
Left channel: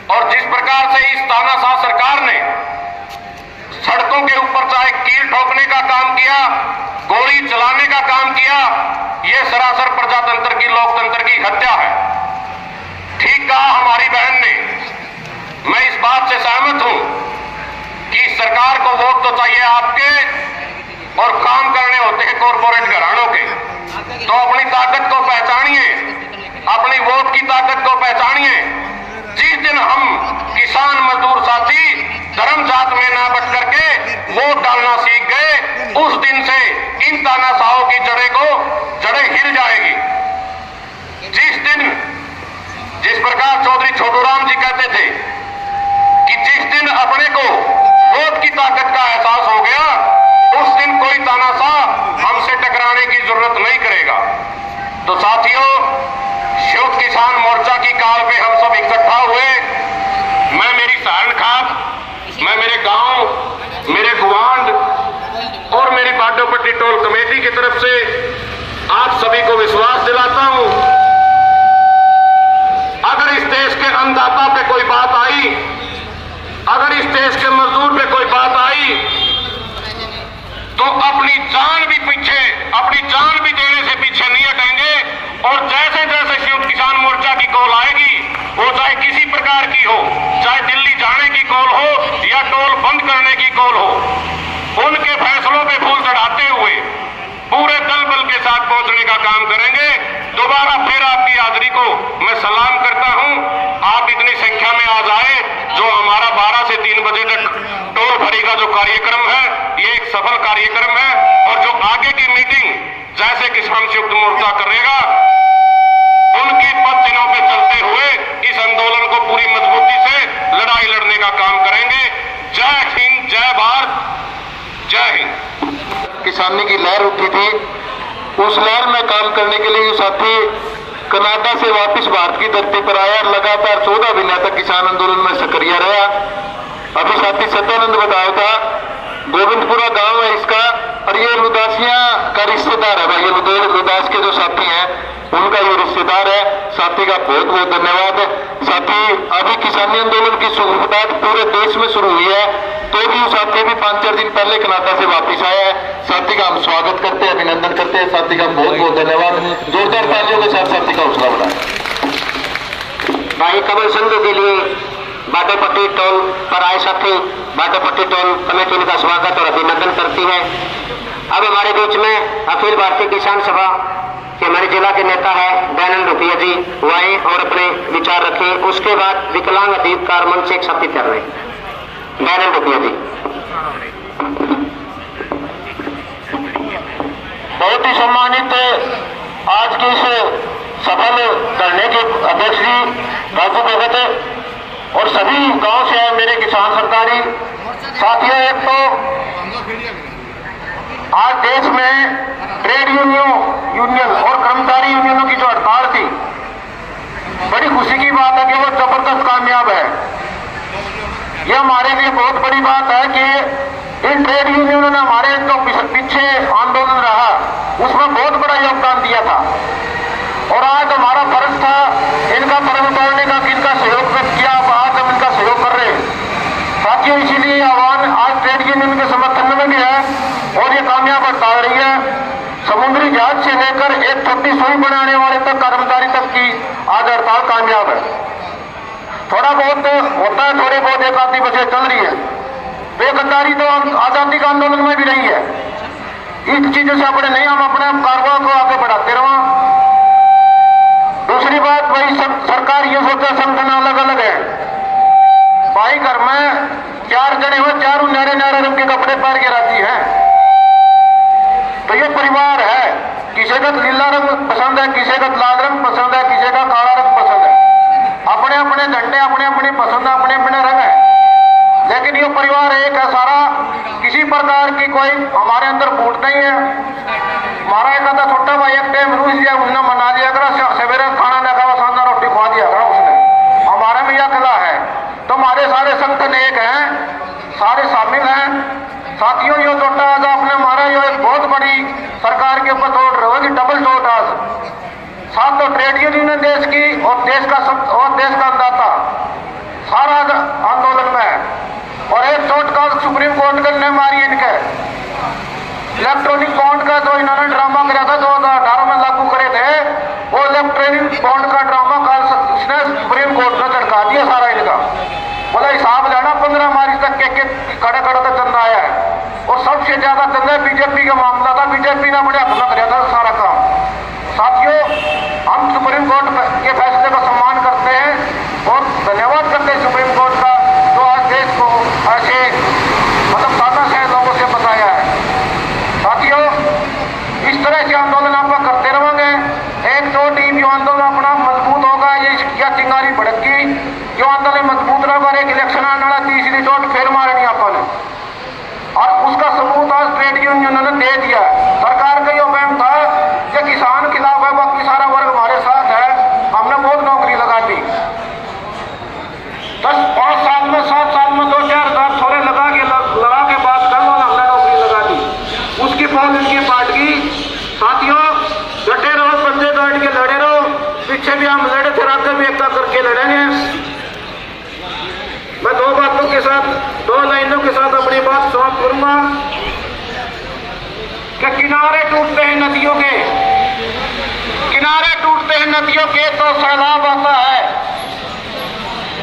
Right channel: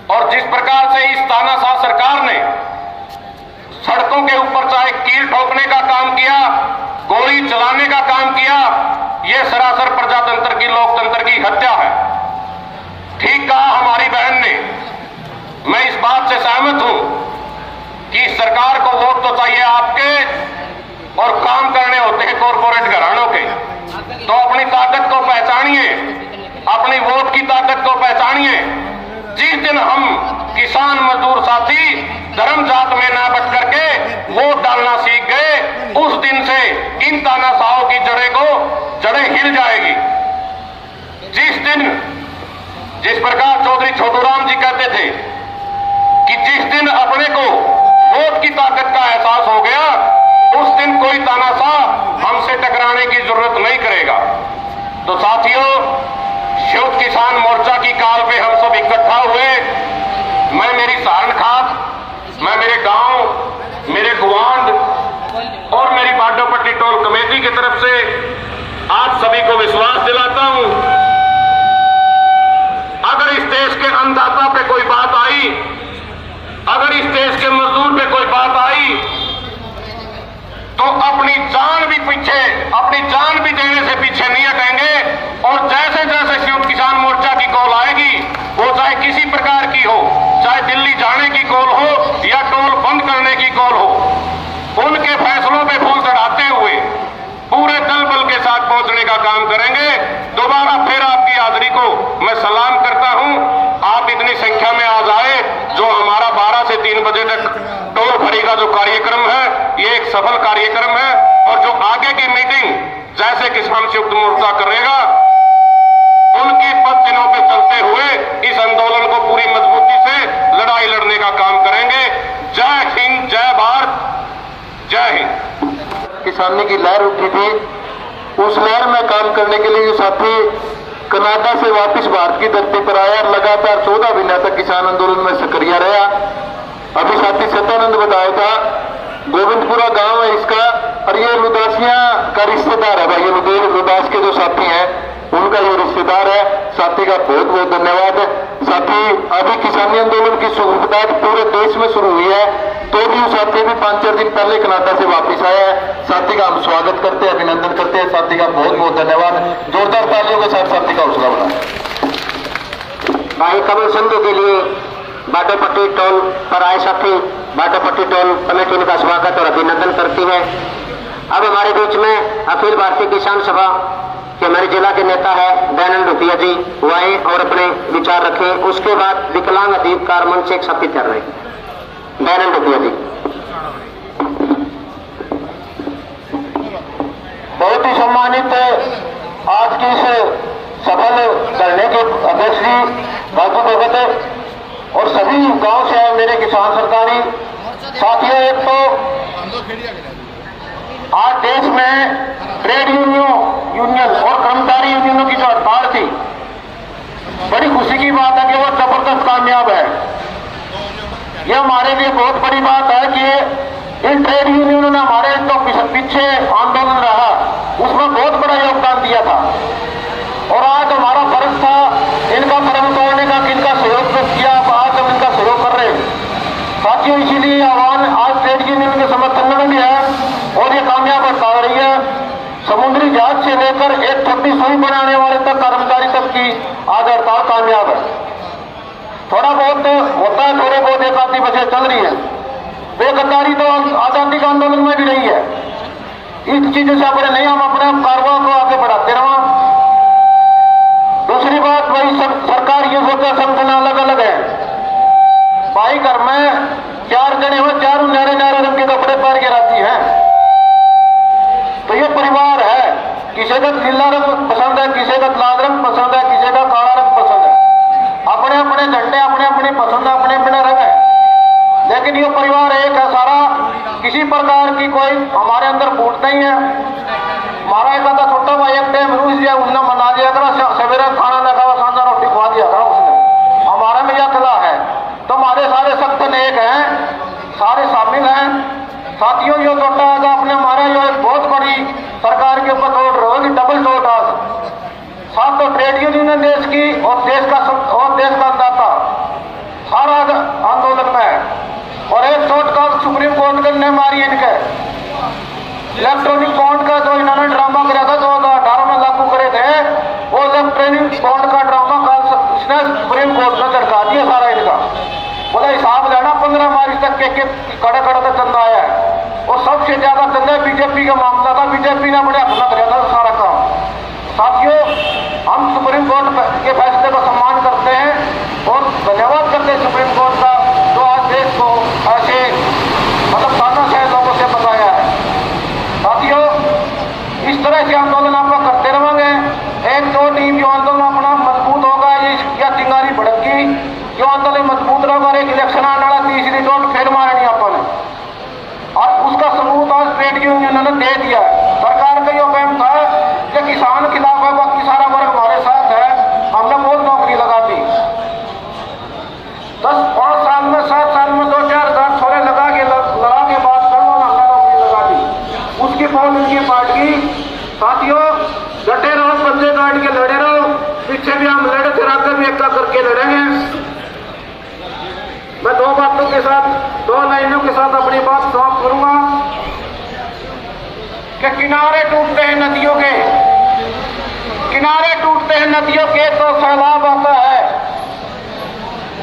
और जिस प्रकार से इस तानाशाह सरकार ने सड़कों के ऊपर चाहे कील ठोकने का काम किया, गोली चलाने का काम किया, यह सरासर प्रजातंत्र की, लोकतंत्र की हत्या है। ठीक कहा हमारी बहन ने, मैं इस बात से सहमत हूं कि सरकार को वोट तो चाहिए आपके, और काम करने होते हैं कॉरपोरेट घरानों के। तो अपनी ताकत को पहचानिए, अपनी वोट की ताकत को पहचानिए। जिस दिन हम किसान मजदूर साथी धर्म जात में ना बच करके वोट डालना सीख गए, उस दिन से इन तानाशाहों की जड़ें हिल जाएगी। जिस प्रकार चौधरी छोटूराम जी कहते थे कि जिस दिन अपने को वोट की ताकत का एहसास हो गया, उस दिन कोई तानाशाह हमसे टकराने की जरूरत नहीं करेगा। तो साथियों, संयुक्त किसान मोर्चा की काल पे हम सब इकट्ठा हुए। मैं मेरी सारण खास, मैं मेरे गांव, मेरे गुवांड और मेरी बाडोपट्टी टोल कमेटी की तरफ से आप सभी को विश्वास दिलाता हूं, अगर इस देश के अन्नदाता पे कोई बात आई, अगर इस देश के मजदूर पे कोई बात आई, तो अपनी जान भी देने से पीछे नहीं हटेंगे। और जैसे जैसे संयुक्त किसान मोर्चा की कॉल आएगी, वो चाहे किसी प्रकार की हो, चाहे दिल्ली जाने की कॉल हो या टोल बंद करने की कॉल हो, उनके फैसलों पे फूल चढ़ाते हुए पूरे दल बल के साथ पहुंचने का काम करेंगे। दोबारा फिर आपकी हाजिरी को मैं सलाम करता हूं। आप इतनी संख्या में आ जाए, जो हमारा 12 से 3 बजे तक टोल भरी का जो कार्यक्रम है, ये एक सफल कार्यक्रम है। और जो आगे की मीटिंग जैसे किसान संयुक्त मोर्चा करेगा, उनकी पद चिन्हों पे चलते हुए इस आंदोलन को पूरी मजबूती से लड़ाई लड़ने का काम करेंगे। जय हिंद, जय भारत, जय हिंद। किसानी की लहर उठी थी, उस लहर में काम करने के लिए साथी कनाडा से वापस भारत की धरती पर आया। लगातार 14 महीना तक किसान आंदोलन में सक्रिय रहा। अभी साथी सत्यानंद बताया था, गोविंदपुरा गांव है इसका, और ये लुदासिया का रिश्तेदार है भाई। ये लुदास के जो साथी हैं उनका ये रिश्तेदार है। साथी का बहुत बहुत धन्यवाद। साथी अभी किसानी आंदोलन की शुरुआत पूरे देश में शुरू हुई है, तो भी साथी भी 5-4 दिन पहले कनाडा से वापस आया है। साथी का हम स्वागत करते हैं, अभिनंदन करते हैं। साथी का बहुत बहुत धन्यवाद। जोरदार तालियों के साथ साथी का हौसला बढ़ाएं। भाई कमल संघ के लिए बाटोपट्टी टोल पर आए साथी बाटोपट्टी टोल कमेटी का स्वागत और अभिनंदन करती है। अब हमारे बीच में अखिल भारतीय किसान सभा के हमारे जिला के नेता है दयानंद रुपया जी, वो आए और अपने विचार रखें। उसके बाद विकलांग अधिकार मंच से एक साथी कर रहे दयानंद रुपया जी। बहुत ही सम्मानित आज की इस सफल धरने के अध्यक्ष जी राजू भगत और सभी गांव से आए मेरे किसान सरकारी साथियों, एक तो आज देश में ट्रेड यूनियन और कर्मचारी यूनियनों की जो हड़ताल थी, बड़ी खुशी की बात है कि वो जबरदस्त कामयाब है। यह हमारे लिए बहुत बड़ी बात है कि इन ट्रेड यूनियनों ने हमारे जो पीछे आंदोलन रहा उसमें बहुत बड़ा योगदान दिया था, और आज हमारा फर्ज था इनका परम तोड़ने का, इनका सहयोग किया। आज हम इनका सहयोग कर रहे हैं साथियों। इसीलिए आह्वान आज ट्रेड यूनियन के समर्थन में भी है और ये कामयाब हड़ताल रही है। समुद्री जहाज से लेकर एक छोटी सुई बनाने वाले तक, कर्मचारी तक की आज हड़ताल कामयाब है। थोड़ा बहुत होता है, थोड़े बहुत एक आधी बसें चल रही है। बेगद्दारी तो आजादी का आंदोलन में भी नहीं है। इस चीजों से अपने नहीं, हम अपने कारोबार को आगे बढ़ाते रहो। दूसरी बात, भाई सरकार ये सोचा संगठन अलग अलग है। भाई घर में 4 जने हो, 4 न्यारे न्यारे रंग के कपड़े पहन के राजी हैं, तो ये परिवार है। किसी का नीला रंग पसंद है, किसी का लाल रंग पसंद है, किसी का काला रंग पसंद है। अपने अपने झंडे, अपने अपने पसंद है, अपने अपने रंग है, लेकिन ये परिवार एक है सारा। किसी प्रकार की कोई हमारे अंदर फूट नहीं है। हमारा एक आधा छोटा भाई एक टाइम रूस दिया, उन्हें मना दिया करा, सवेरे खाना नहीं खावा, शानदार रोटी खवा दिया करा उसने। हमारे में यह कला है। तो हमारे सारे संगठन एक हैं, सारे शामिल हैं साथियों। ये छोटा आजा अपने हमारा ये एक बहुत बड़ी सरकार के ऊपर तोड़ रहे होगी, डबल तोड़ आज साथ। तो ट्रेड यूनियन देश की और देश का अंदाता सारा आंदोलन में है। और एक चोट का सुप्रीम कोर्ट ने मारी इनके इलेक्ट्रॉनिक बॉन्ड का जो इन्होंने ड्रामा कराया था 2018 में लागू करे थे, वो इलेक्ट्रॉनिक बॉन्ड का ड्रामा कल इसने सुप्रीम कोर्ट ने झटका दिया सारा इनका। बोला हिसाब लेना 15 मार्च तक के कड़े कड़े तक चंदा आया है, और सबसे ज्यादा चंदा बीजेपी का मामला था। बीजेपी ने अपने अपना कराया था सारा काम। साथियों, हम सुप्रीम कोर्ट के फैसले का सम्मान करते हैं और धन्यवाद करते हैं सुप्रीम कोर्ट का, जो आज देश को ऐसे मतलब तानाशाह लोगों से बचाया है। साथियों, इस तरह से आंदोलन आप करते रहेंगे, एक दो टीम जो आंदोलन अपना मजबूत होगा, या चिंगारी भड़की जो आंदोलन मजबूत रहेगा। एक इलेक्शन आने वाला, तीसरी चोट फिर मारनी आपने, और उसका सबूत आज ट्रेड यूनियन ने दे दिया। सरकार का यह कहना था कि किसान खिलाफ है, बाकी सारा वर्ग हमारे साथ है, हमने बहुत नौकरी लगा दी। 10-5 साल में 7 साल में 2-4 हज़ार छोरे लगा के बात कर लो ना, हमने नौकरी लगा दी। उसके बाद इनकी पार्टी साथियों डटे रहो, बंदे काट के लड़े रहो। पीछे भी हम लड़े थे, आगे भी एक करके लड़ेंगे। मैं 2 बातों के साथ, 2 लाइनों के साथ अपनी बात समाप्त करूंगा कि किनारे टूटते हैं नदियों के, किनारे टूटते हैं नदियों के तो सैलाब आता है,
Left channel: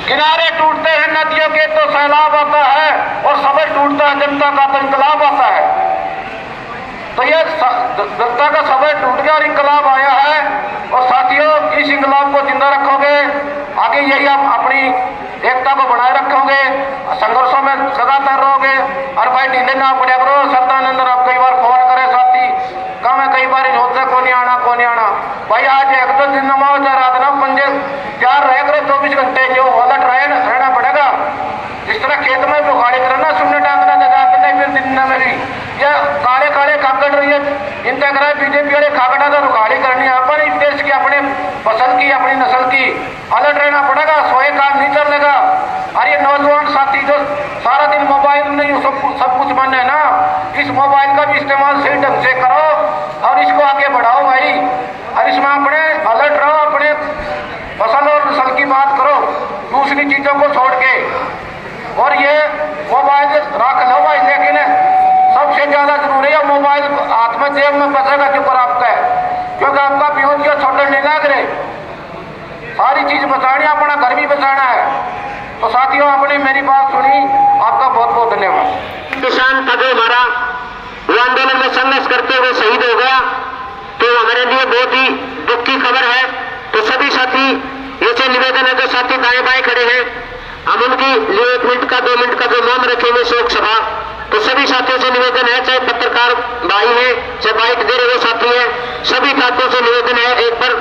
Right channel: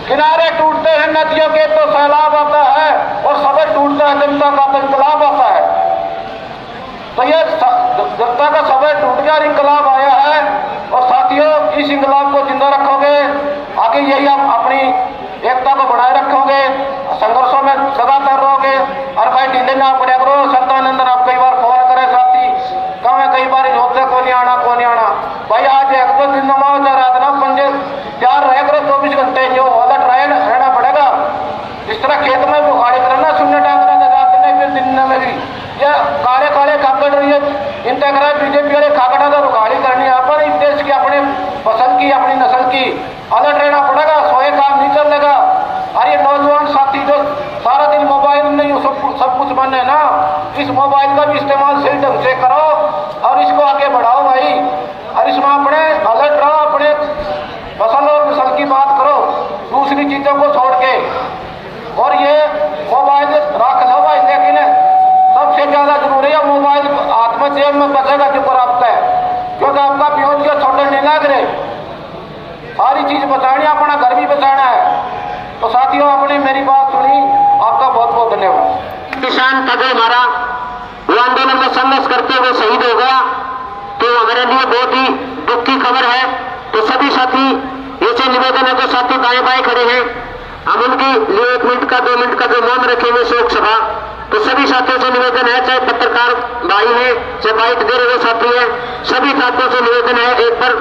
किनारे टूटते हैं नदियों के तो सैलाब आता है, और सबर टूटता है जनता का तो इंकलाब आता है। तो यह जनता का सबर टूट गया और इंकलाब आया है। और साथियों, इस इंकलाब को जिंदा रखोगे, आगे यही आप अपनी एकता को बनाए रखोगे, संघर्षों में लगातार रहोगे। और भाई ढीले ना पड़े करो। सत्यानंदन आप कई बार फोन करे साथी, कहा मैं कई बार होता को नहीं आना भाई। आज 1-2 दिन नमाओ जा रात ना पंजे प्यार रह करो, 24 घंटे जो वाला ट्रायल रहना पड़ेगा। इस तरह खेत में भी उखाड़ी करना, शून्य डांकना जाकर नहीं, फिर दिन न मेरी ये काले काले खाकड़ रही है, इंतजार बीजेपी वाले खाकड़ा तो उखाड़ी करनी अपन। इस देश के अपने पसंद की, अपनी नस्ल की अलर्ट रहना पड़ेगा। सोए काम नहीं चलेगा। और ये नौजवान साथी जो सारा दिन मोबाइल में यूं सब कुछ बने ना, इस मोबाइल का भी इस्तेमाल सही ढंग से करो और इसको आगे बढ़ाओ भाई। और इसमें अपने अलर्ट रहो, अपने फसल और नस्ल की बात करो, दूसरी चीजों को छोड़ के। और ये मोबाइल रख लो भाई, लेकिन सबसे ज्यादा जरूरी है मोबाइल हाथ में जेब में बचेगा जो आपका है, क्योंकि आपका प्योर जो छोटे नहीं लग रहे, सारी चीज बचानी, अपना घर भी बचाना है। तो साथियों, आपने मेरी बात सुनी, आपका बहुत बहुत धन्यवाद। किसान था जो हमारा वो आंदोलन में संघर्ष करते हुए शहीद हो गया, तो हमारे लिए बहुत ही दुख की खबर है। तो सभी साथी ऐसे निवेदन है, जो साथी दाएं बाएं खड़े हैं, हम उनकी लिए 1 मिनट का 2 मिनट का जो मौन रखेंगे शोक सभा। तो सभी साथियों से निवेदन है, चाहे पत्रकार भाई है, चाहे बाइट दे रहे साथी है, सभी साथियों से निवेदन है, एक बार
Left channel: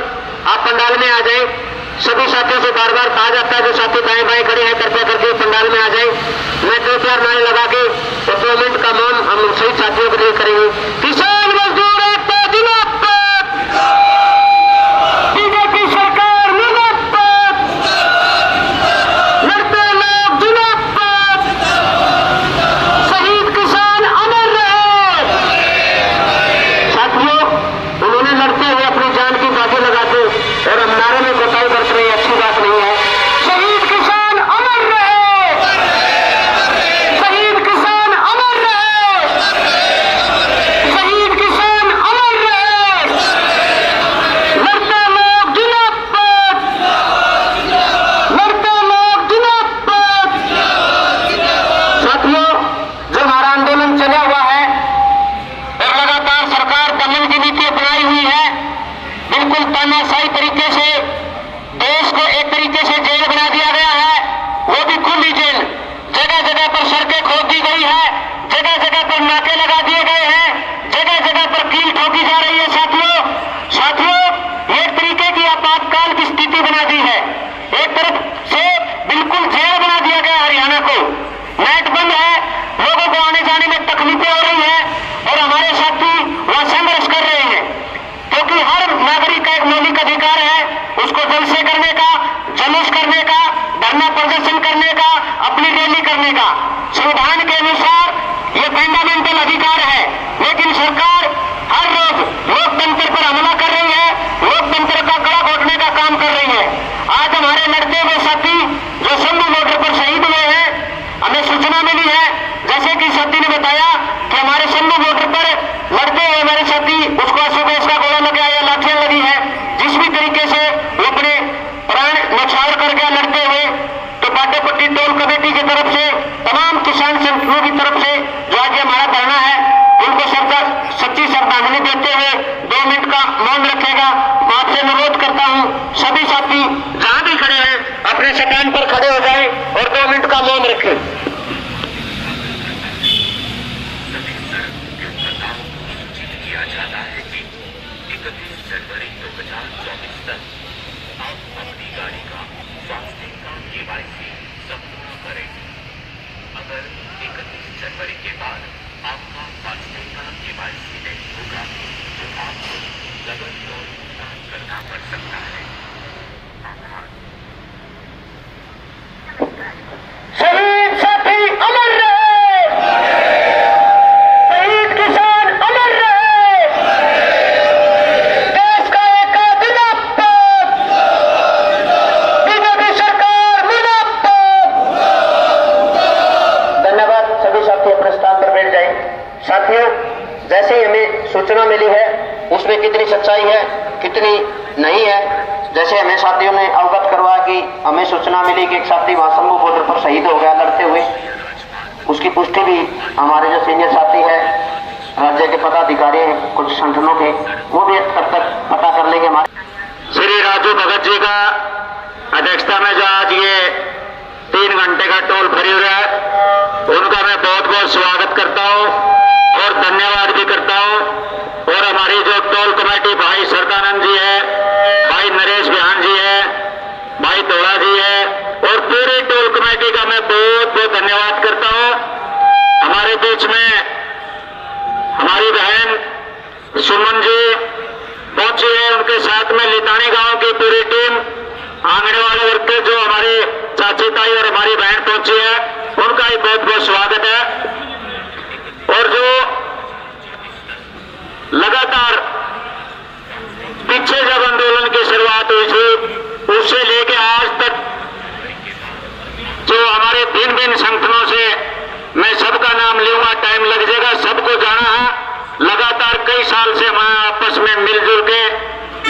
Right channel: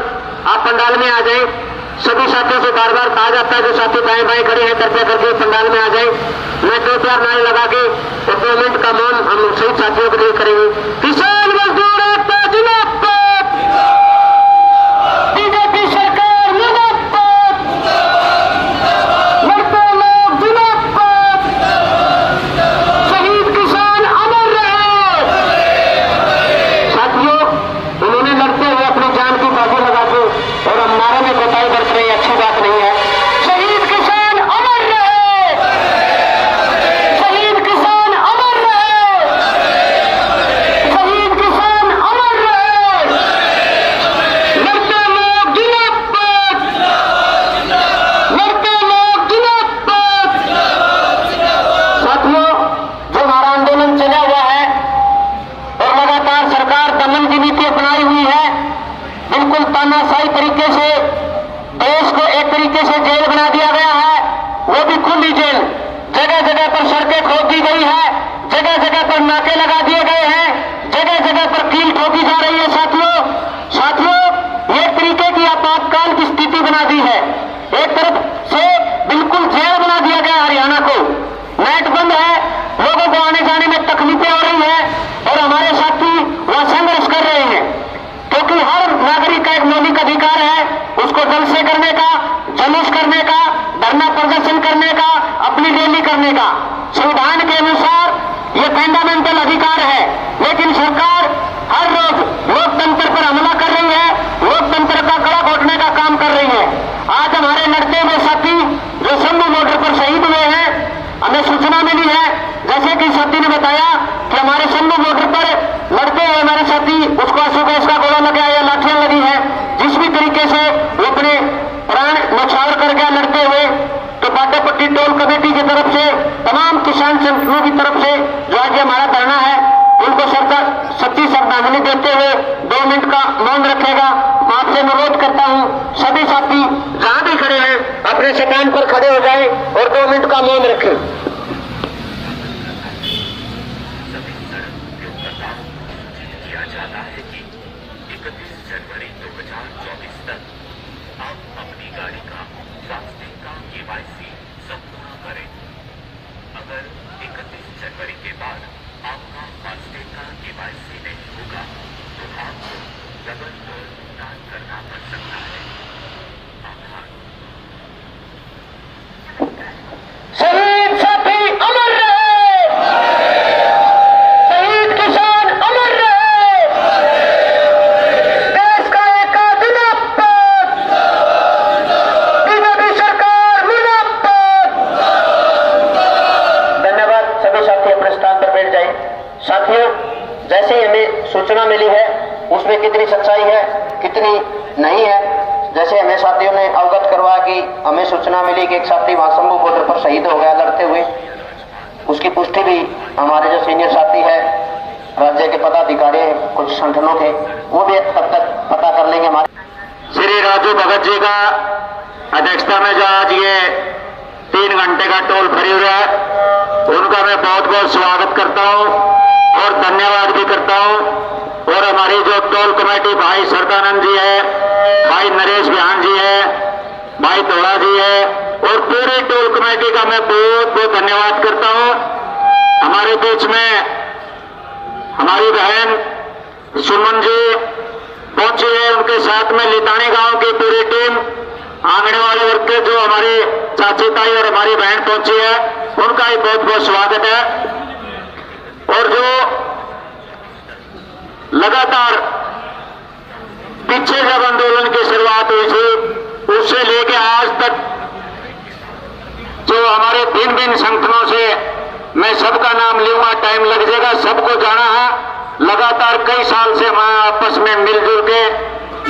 आप पंडाल में आ जाए। सभी साथियों से बार बार कहा जाता है, जो साथी दाएं बाएं खड़े हैं, कृपया करके पंडाल में आ जाए। मैं 2-4 नारे लगा के 2 मिनट का मौन हम सही साथियों के लिए करेंगे। किसान मजदूर एकता जिंदाबाद, बीजेपी सरकार मुर्दाबाद, लड़ते लोग जिंदाबाद, शहीद किसान अमर रहे। साथियों, उन्होंने लड़ते हुए अपनी जान की बातें लगा के और हम नारे में कोताही बरत रहे, अच्छी बात नहीं है। शहीद किसान अमर रहे, शहीद किसान अमर रहे, शहीद किसान अमर रहे, लड़ते लोग जिंदाबाद, लड़ते लोग जिंदाबाद। साथियों, जो हमारा आंदोलन चला हुआ है और लगातार सरकार दमन की नीति अपनाई हुई है, बिल्कुल तानाशाही तरीके से देश को एक तरीके से जेल बना दिया गया है, वो भी खुली जेल। जगह जगह पर सड़कें खोद दी गई है, जगह जगह पर नाके लगा दिए गए हैं, जगह जगह पर कील ठोकी जा रही है। साथियों, एक तरीके की आपातकाल की स्थिति बना दी है। एक तरफ से बिल्कुल जेल बना दिया गया हरियाणा को, नेट बंद है, लोगों को आने जाने में तकलीफें हो रही है और हमारे साथी वहां संघर्ष कर रहे हैं, क्योंकि हर नागरिक का एक मौलिक अधिकार है उसको जलसे करने का, जुलूस करने का, धरना प्रदर्शन करने का, अपनी रैली करने का। संविधान के अनुसार ये फंडामेंटल अधिकार है, लेकिन सरकार हर रोज लोकतंत्र पर हमला कर रही है, लोकतंत्र का गला घोटने का काम कर रही है। आज हमारे लड़ते हुए साथी जो शंभू बॉर्डर पर शहीद हुए हैं, हमें सूचना मिली है, जैसे कि साथी ने बताया कि हमारे शंभू बॉर्डर पर लड़ते हुए हमारे साथी, उसको अशोक का गोला लगा या लाठियां लगी है, जिस भी तरीके से वो अपने प्राण न्यौछावर कर गया लड़ते हुए। तो बाटापट्टी टोल कमेटी की तरफ से, तमाम किसान संगठनों की तरफ से जो आज हमारा धरना है, उनको सरकार सच्ची श्रद्धांजलि देते हुए 2 मिनट का मौन रखेगा। मैं आपसे अनुरोध करता हूं, सभी साथी जहां भी खड़े हैं अपने स्थान पर खड़े हो जाए और 2 मिनट का मौन रखें। जनवरी 2024 तक आप अपनी गाड़ी का स्वास्थ्य का KYC संपूर्ण करें। अगर 31 जनवरी के बाद आपका स्वास्थ्य का KYC नहीं होगा तो आपको डबल टोल भुगतान करना पड़ सकता है। आभार। शहीद साथी अमर रहे, शहीद किसान अमर रहे, देश का एक जिंदाबाद, बीजेपी सरकार मुर्दाबाद। धन्यवाद। सभी साथी अपने स्थान पर बैठ जाए। साथियों, जैसे हमें सूचना मिली है उसमें कितनी सच्चाई है कितनी नहीं है, जैसे हमें साथियों ने अवगत करवा कि हमें सूचना मिली कि एक साथी वहां शंभू बॉर्डर पर शहीद हो गया लड़ते हुए, उसकी पुष्टि भी हमारे जो सीनियर साथी है, राज्य के पदाधिकारी हैं, कुछ संगठनों के, वो भी तब तक पता कर लेंगे। हमारे श्री राजू भगत जी का अध्यक्षता में जो आज ये 3 घंटे का टोल फ्री हो रहा है, उनका मैं बहुत बहुत स्वागत करता हूँ और धन्यवाद भी करता हूँ। और हमारी जो टोल कमेटी भाई सरदानंद जी है, भाई नरेश बिहान जी है, भाई दोड़ा जी है और पूरी टोल कमेटी का मैं बहुत बहुत धन्यवाद करता हूँ। हमारे बीच में हमारी बहन सुमन जी पहुंची है, उनके साथ में लितानी गांव की पूरी टीम के जो हमारे चाची ताई और हमारी बहन पहुंची है उनका भी बहुत बहुत स्वागत है। और जो लगातार पीछे जब आंदोलन की शुरुआत हुई थी उससे लेके आज तक जो हमारे भिन्न भिन्न संगठनों से, मैं सबका नाम लूंगा, टाइम लग जाएगा, सबको जाना है। लगातार कई साल से वहां आपस में मिलजुल के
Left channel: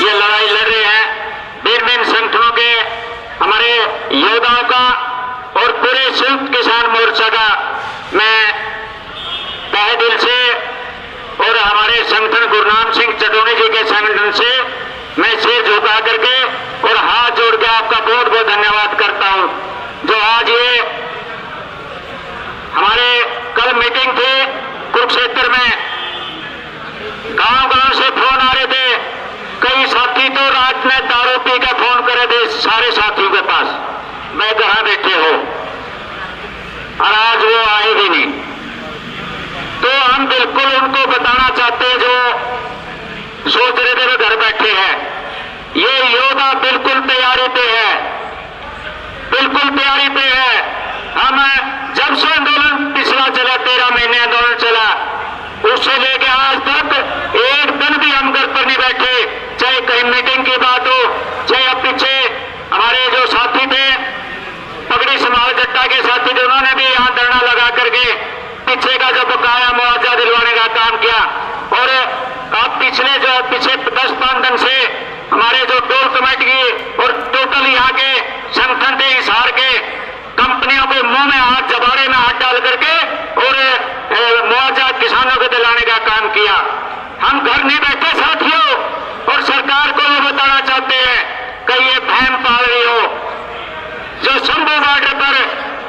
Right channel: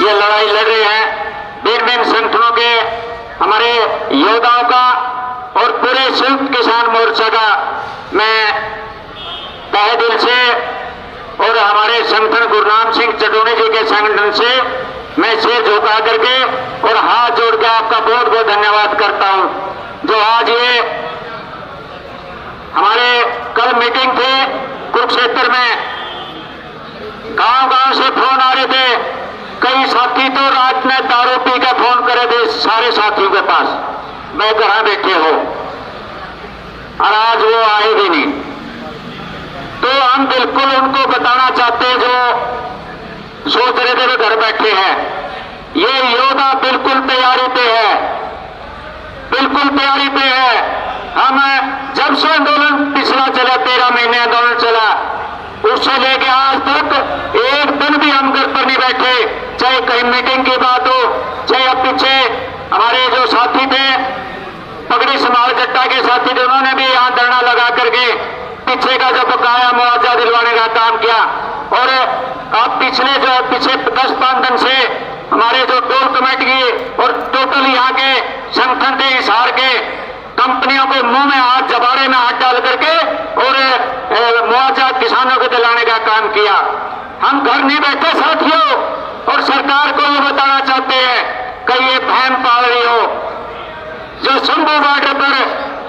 ये लड़ाई लड़ रहे हैं। भिन्न भिन्न संगठनों के हमारे योद्धाओं का और पूरे संयुक्त किसान मोर्चा का मैं तहे दिल से और हमारे संगठन गुरुनाम सिंह चटोनी जी के संगठन से मैं सिर झुका करके और हाथ जोड़ के आपका बहुत बहुत धन्यवाद करता हूं। जो आज ये हमारे कल मीटिंग थी कुरुक्षेत्र में, गांव गांव से फोन आ रहे थे, कई साथी तो रात में दारू पी का फोन करे थे सारे साथियों के पास, मैं घर बैठे हो, और आज वो आए भी नहीं। तो हम बिल्कुल उनको बताना चाहते हैं जो सोच रहे थे वो घर बैठे हैं, ये योद्धा बिल्कुल तैयारी पे है, बिल्कुल तैयारी पे है। हम जब से आंदोलन पिछला चला 13 महीने आंदोलन चला, उससे लेके आज तक एक दिन भी हम घर पर नहीं बैठे, चाहे कहीं मीटिंग की बात हो, चाहे अब पीछे हमारे जो साथी थे पगड़ी समाज जट्टा के साथी थे, उन्होंने भी यहाँ धरना लगा करके पीछे का जो बकाया मुआवजा दिलवाने का काम किया। और अब पिछले 10-5 दिन से हमारे जो टोल कमेटी और टोटल यहाँ के संगठन थे हिसार के कंपनियों के मुंह में हाथ, जबाड़े में हाथ डाल करके और मुआवजा किसानों को दिलाने का काम किया। हम घर नहीं बैठे साथियों, और सरकार को ये बताना चाहते हैं कि ये बहम पाल रही हो। जो शंभू बॉर्डर पर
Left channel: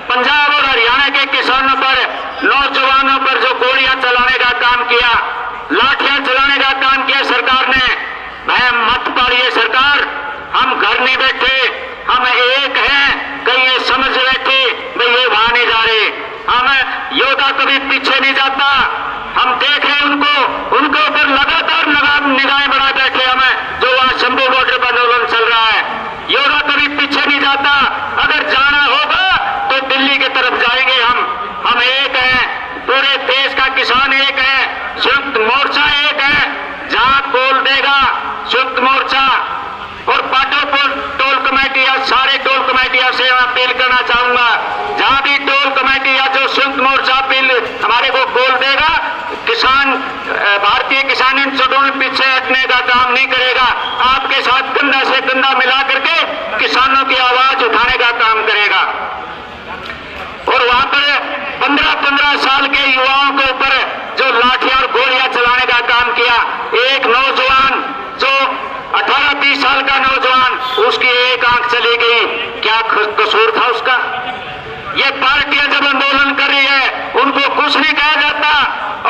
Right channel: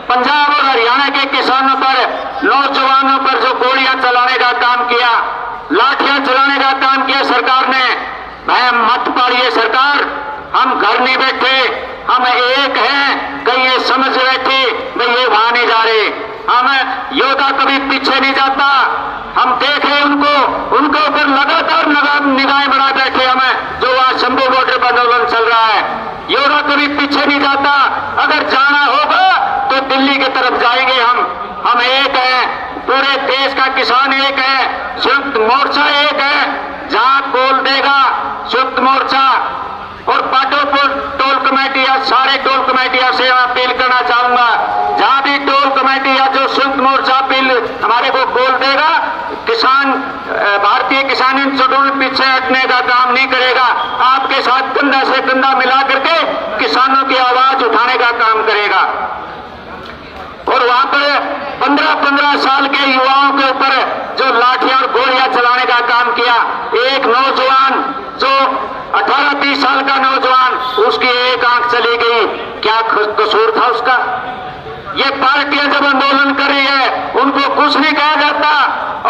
पंजाब और हरियाणा के किसानों पर, नौजवानों पर जो गोलियां चलाने का काम किया, लाठियां चलाने का काम किया सरकार ने, बहम मत पालिए सरकार। हम घर नहीं बैठे, हम एक हैं, कहीं ये समझ बैठे कि ये वहां नहीं जा रहे। हम योद्धा कभी पीछे नहीं जाता, हम देख रहे उनके ऊपर लगातार निगाहें बढ़ा बैठे हमें, जो वहां शंभू बॉर्डर पर आंदोलन चल रहा है। योद्धा कभी पीछे नहीं जाता, अगर जाना होगा तो दिल्ली की तरफ जाएंगे। हम एक हैं, पूरे देश का किसान एक है, संयुक्त मोर्चा एक है। जहां बोल देगा संयुक्त मोर्चा और पाटोपुर टोल कमेटी या सारे टोल कमेटियों से अपील करना चाहूंगा, जहां भी टोल कमेटी या जो संयुक्त मोर्चा अपील हमारे को बोल देगा, किसान भारतीय किसान इन सबों में पीछे हटने का काम नहीं करेगा, आपके साथ कंधा से कंधा मिला करके किसानों की आवाज उठाने का काम करेगा। और वहां पर 15-15 साल के युवाओं के ऊपर जो लाठियां और गोलियां चलाने का काम किया, एक नौजवान जो 18-20 साल का नौजवान, उसकी एक आंख चली गई, क्या कसूर था उसका? ये पार्टियां जब आंदोलन कर रही है उनको कुछ नहीं कहा जाता,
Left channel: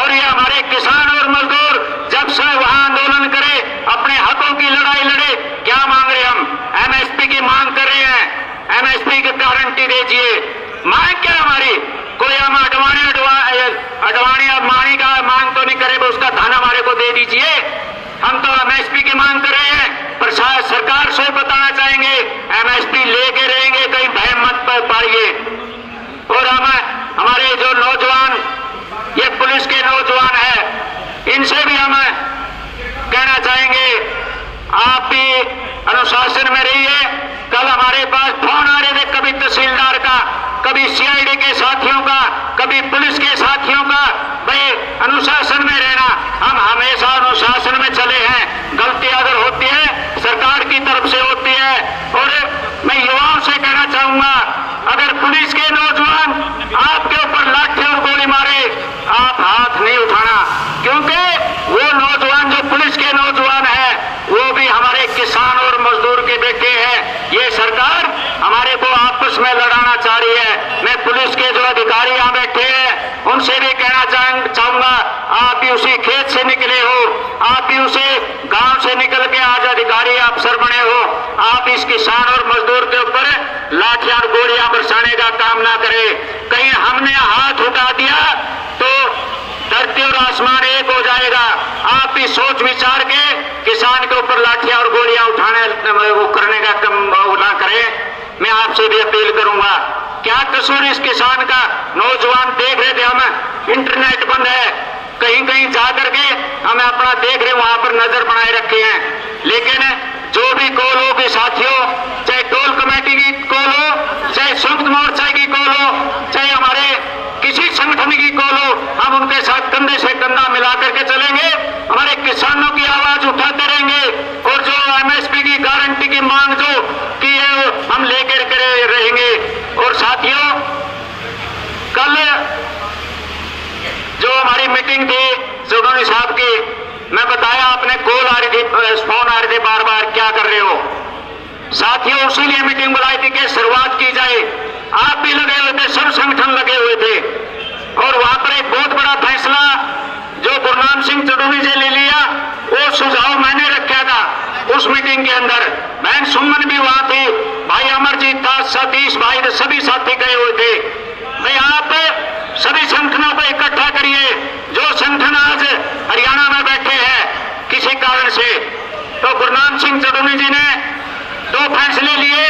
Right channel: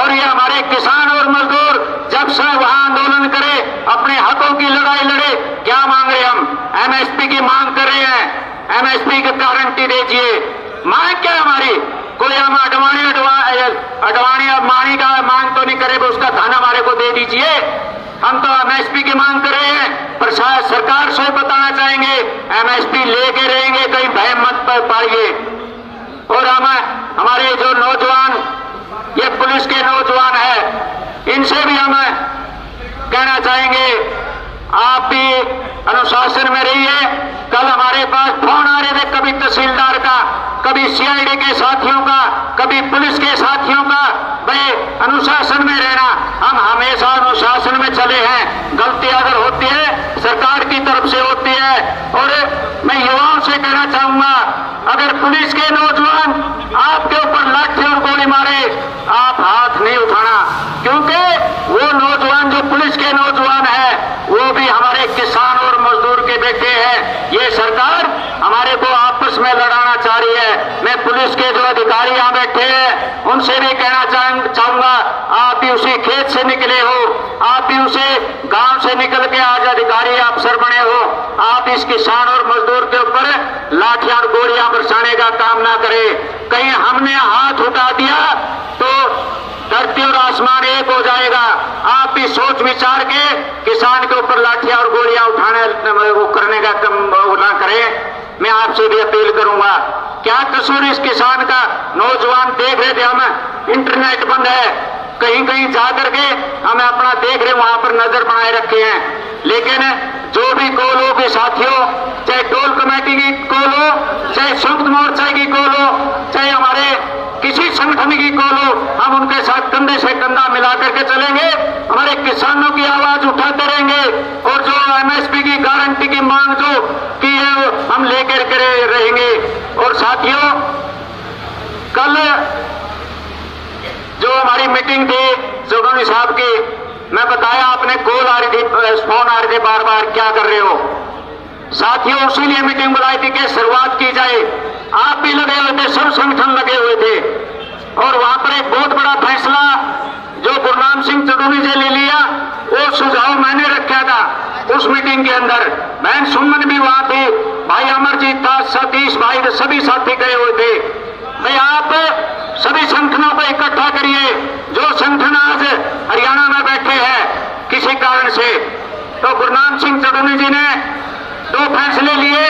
और ये हमारे किसान और मजदूर जब से वहां आंदोलन करे, अपने हकों की लड़ाई लड़े, क्या मांग रहे हम? एमएसपी की मांग कर रहे हैं, एमएसपी की गारंटी दीजिए। मांग क्या हमारी? कोई हम अडवाणी मानी का मांग तो नहीं करे, उसका धन हमारे को दे दीजिए। हम तो एमएसपी की मांग कर रहे हैं, पर सरकार से बताना चाहेंगे एमएसपी लेके रहेंगे, कहीं भय मत पाइए। और हमारे जो नौजवान, ये पुलिस के नौजवान है, इनसे भी हम कहना चाहेंगे आप भी अनुशासन में रहिए। कल हमारे पास फोन आ रहे थे, कभी तहसीलदार का, कभी सीआईडी के साथियों का, कभी पुलिस के साथियों का, भाई अनुशासन में रहना। हम हमेशा अनुशासन में चले हैं, गलती अगर होती है सरकार की तरफ से होती है। और मैं युवाओं से कहना चाहूंगा, अगर पुलिस के नौजवान आपके ऊपर लाठी और गोली मारे, आप हाथ नहीं उठाना, क्योंकि वो नौजवान जो पुलिस के नौजवान है वो भी हमारे किसान और मजदूर के बेटे हैं। ये सरकार हमारे को आपस में लड़ाना चाह रही है। मैं पुलिस के जो अधिकारी यहाँ बैठे हैं उनसे भी कहना चाहूंगा, आप भी उसी खेत से निकले हो, आप भी उसे गांव से निकल के आज अधिकारी अफसर बने हो। आप इस किसान और मजदूर के ऊपर लाठियां और गोलियां बरसाने का काम ना करें। कहीं हमने हाथ उठा दिया तो धरती और आसमान एक हो जाएगा। आप भी सोच विचार के किसान के ऊपर लाठियां और गोलियां उठाने वो करने का काम ना करें। मैं आपसे भी अपील करूंगा, क्या कसूर इस किसान का? नौजवान देख रहे थे, हम इंटरनेट बंद है, कहीं कहीं जा करके हमें अपना देख रहे, वहां पर नजर बनाए रखे हैं। लेकिन जो भी कॉल हो के साथियों, चाहे टोल कमेटी की कॉल हो, चाहे संयुक्त मोर्चा की कॉल हो, चाहे हमारे किसी संगठन की कॉल हो, हम उनके साथ कंधे से कंधा मिला करके चलेंगे, हमारे किसानों की आवाज उठाते रहेंगे और जो एमएसपी की गारंटी की मांग जो की है हम लेकर के रहेंगे। और साथियों, कल जो हमारी मीटिंग थी चौधरी साहब की, मैं बताया, आपने कॉल आ रही थी, फोन आ रहे थे बार बार, क्या कर रहे हो साथियों? उसीलिए मीटिंग बुलाई थी कि शुरुआत की जाए। आप भी लगे हुए थे, सब संगठन लगे हुए थे, और वहां पर एक बहुत बड़ा फैसला जो गुरनाम सिंह चौधरी जी ले लिया, वो सुझाव मैंने रखा था उस मीटिंग के अंदर। बहन सुमन भी वहां थी, भाई अमरजीत था, सतीश भाई, सभी साथी गए हुए थे। भाई आप सभी संगठनों को इकट्ठा करिए, जो संगठन आज हरियाणा में बैठे हैं किसी कारण से। तो गुरनाम सिंह चौधरी जी ने दो फैसले लिए,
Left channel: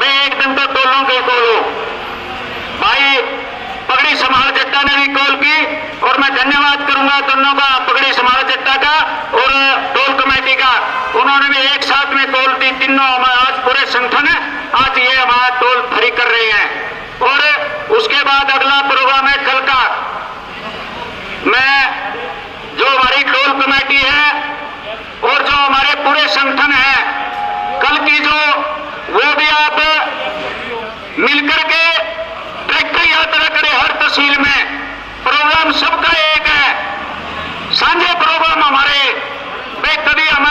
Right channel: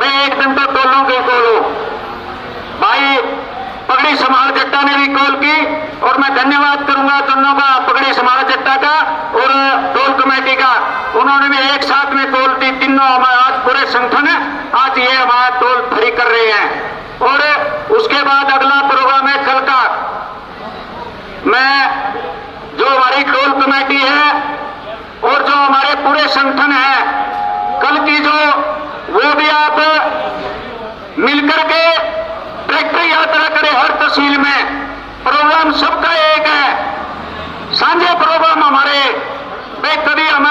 भाई एक दिन तो टोलों की कॉल, भाई पगड़ी समाज जट्टा ने भी कॉल की, और मैं धन्यवाद करूंगा दोनों का, पगड़ी समाज जट्टा का और टोल कमेटी का, उन्होंने भी एक साथ में कॉल दी। तीनों आज पूरे संगठन आज ये हमारा टोल फ्री कर रहे हैं। और उसके बाद अगला प्रोग्राम है कल का। मैं जो हमारी टोल कमेटी है और जो हमारे पूरे संगठन है, कल की जो वो भी आप मिलकर के ट्रैक्टर यात्रा करें हर तहसील में। प्रोग्राम सबका एक है, साझे प्रोग्राम हमारे। भाई कभी हम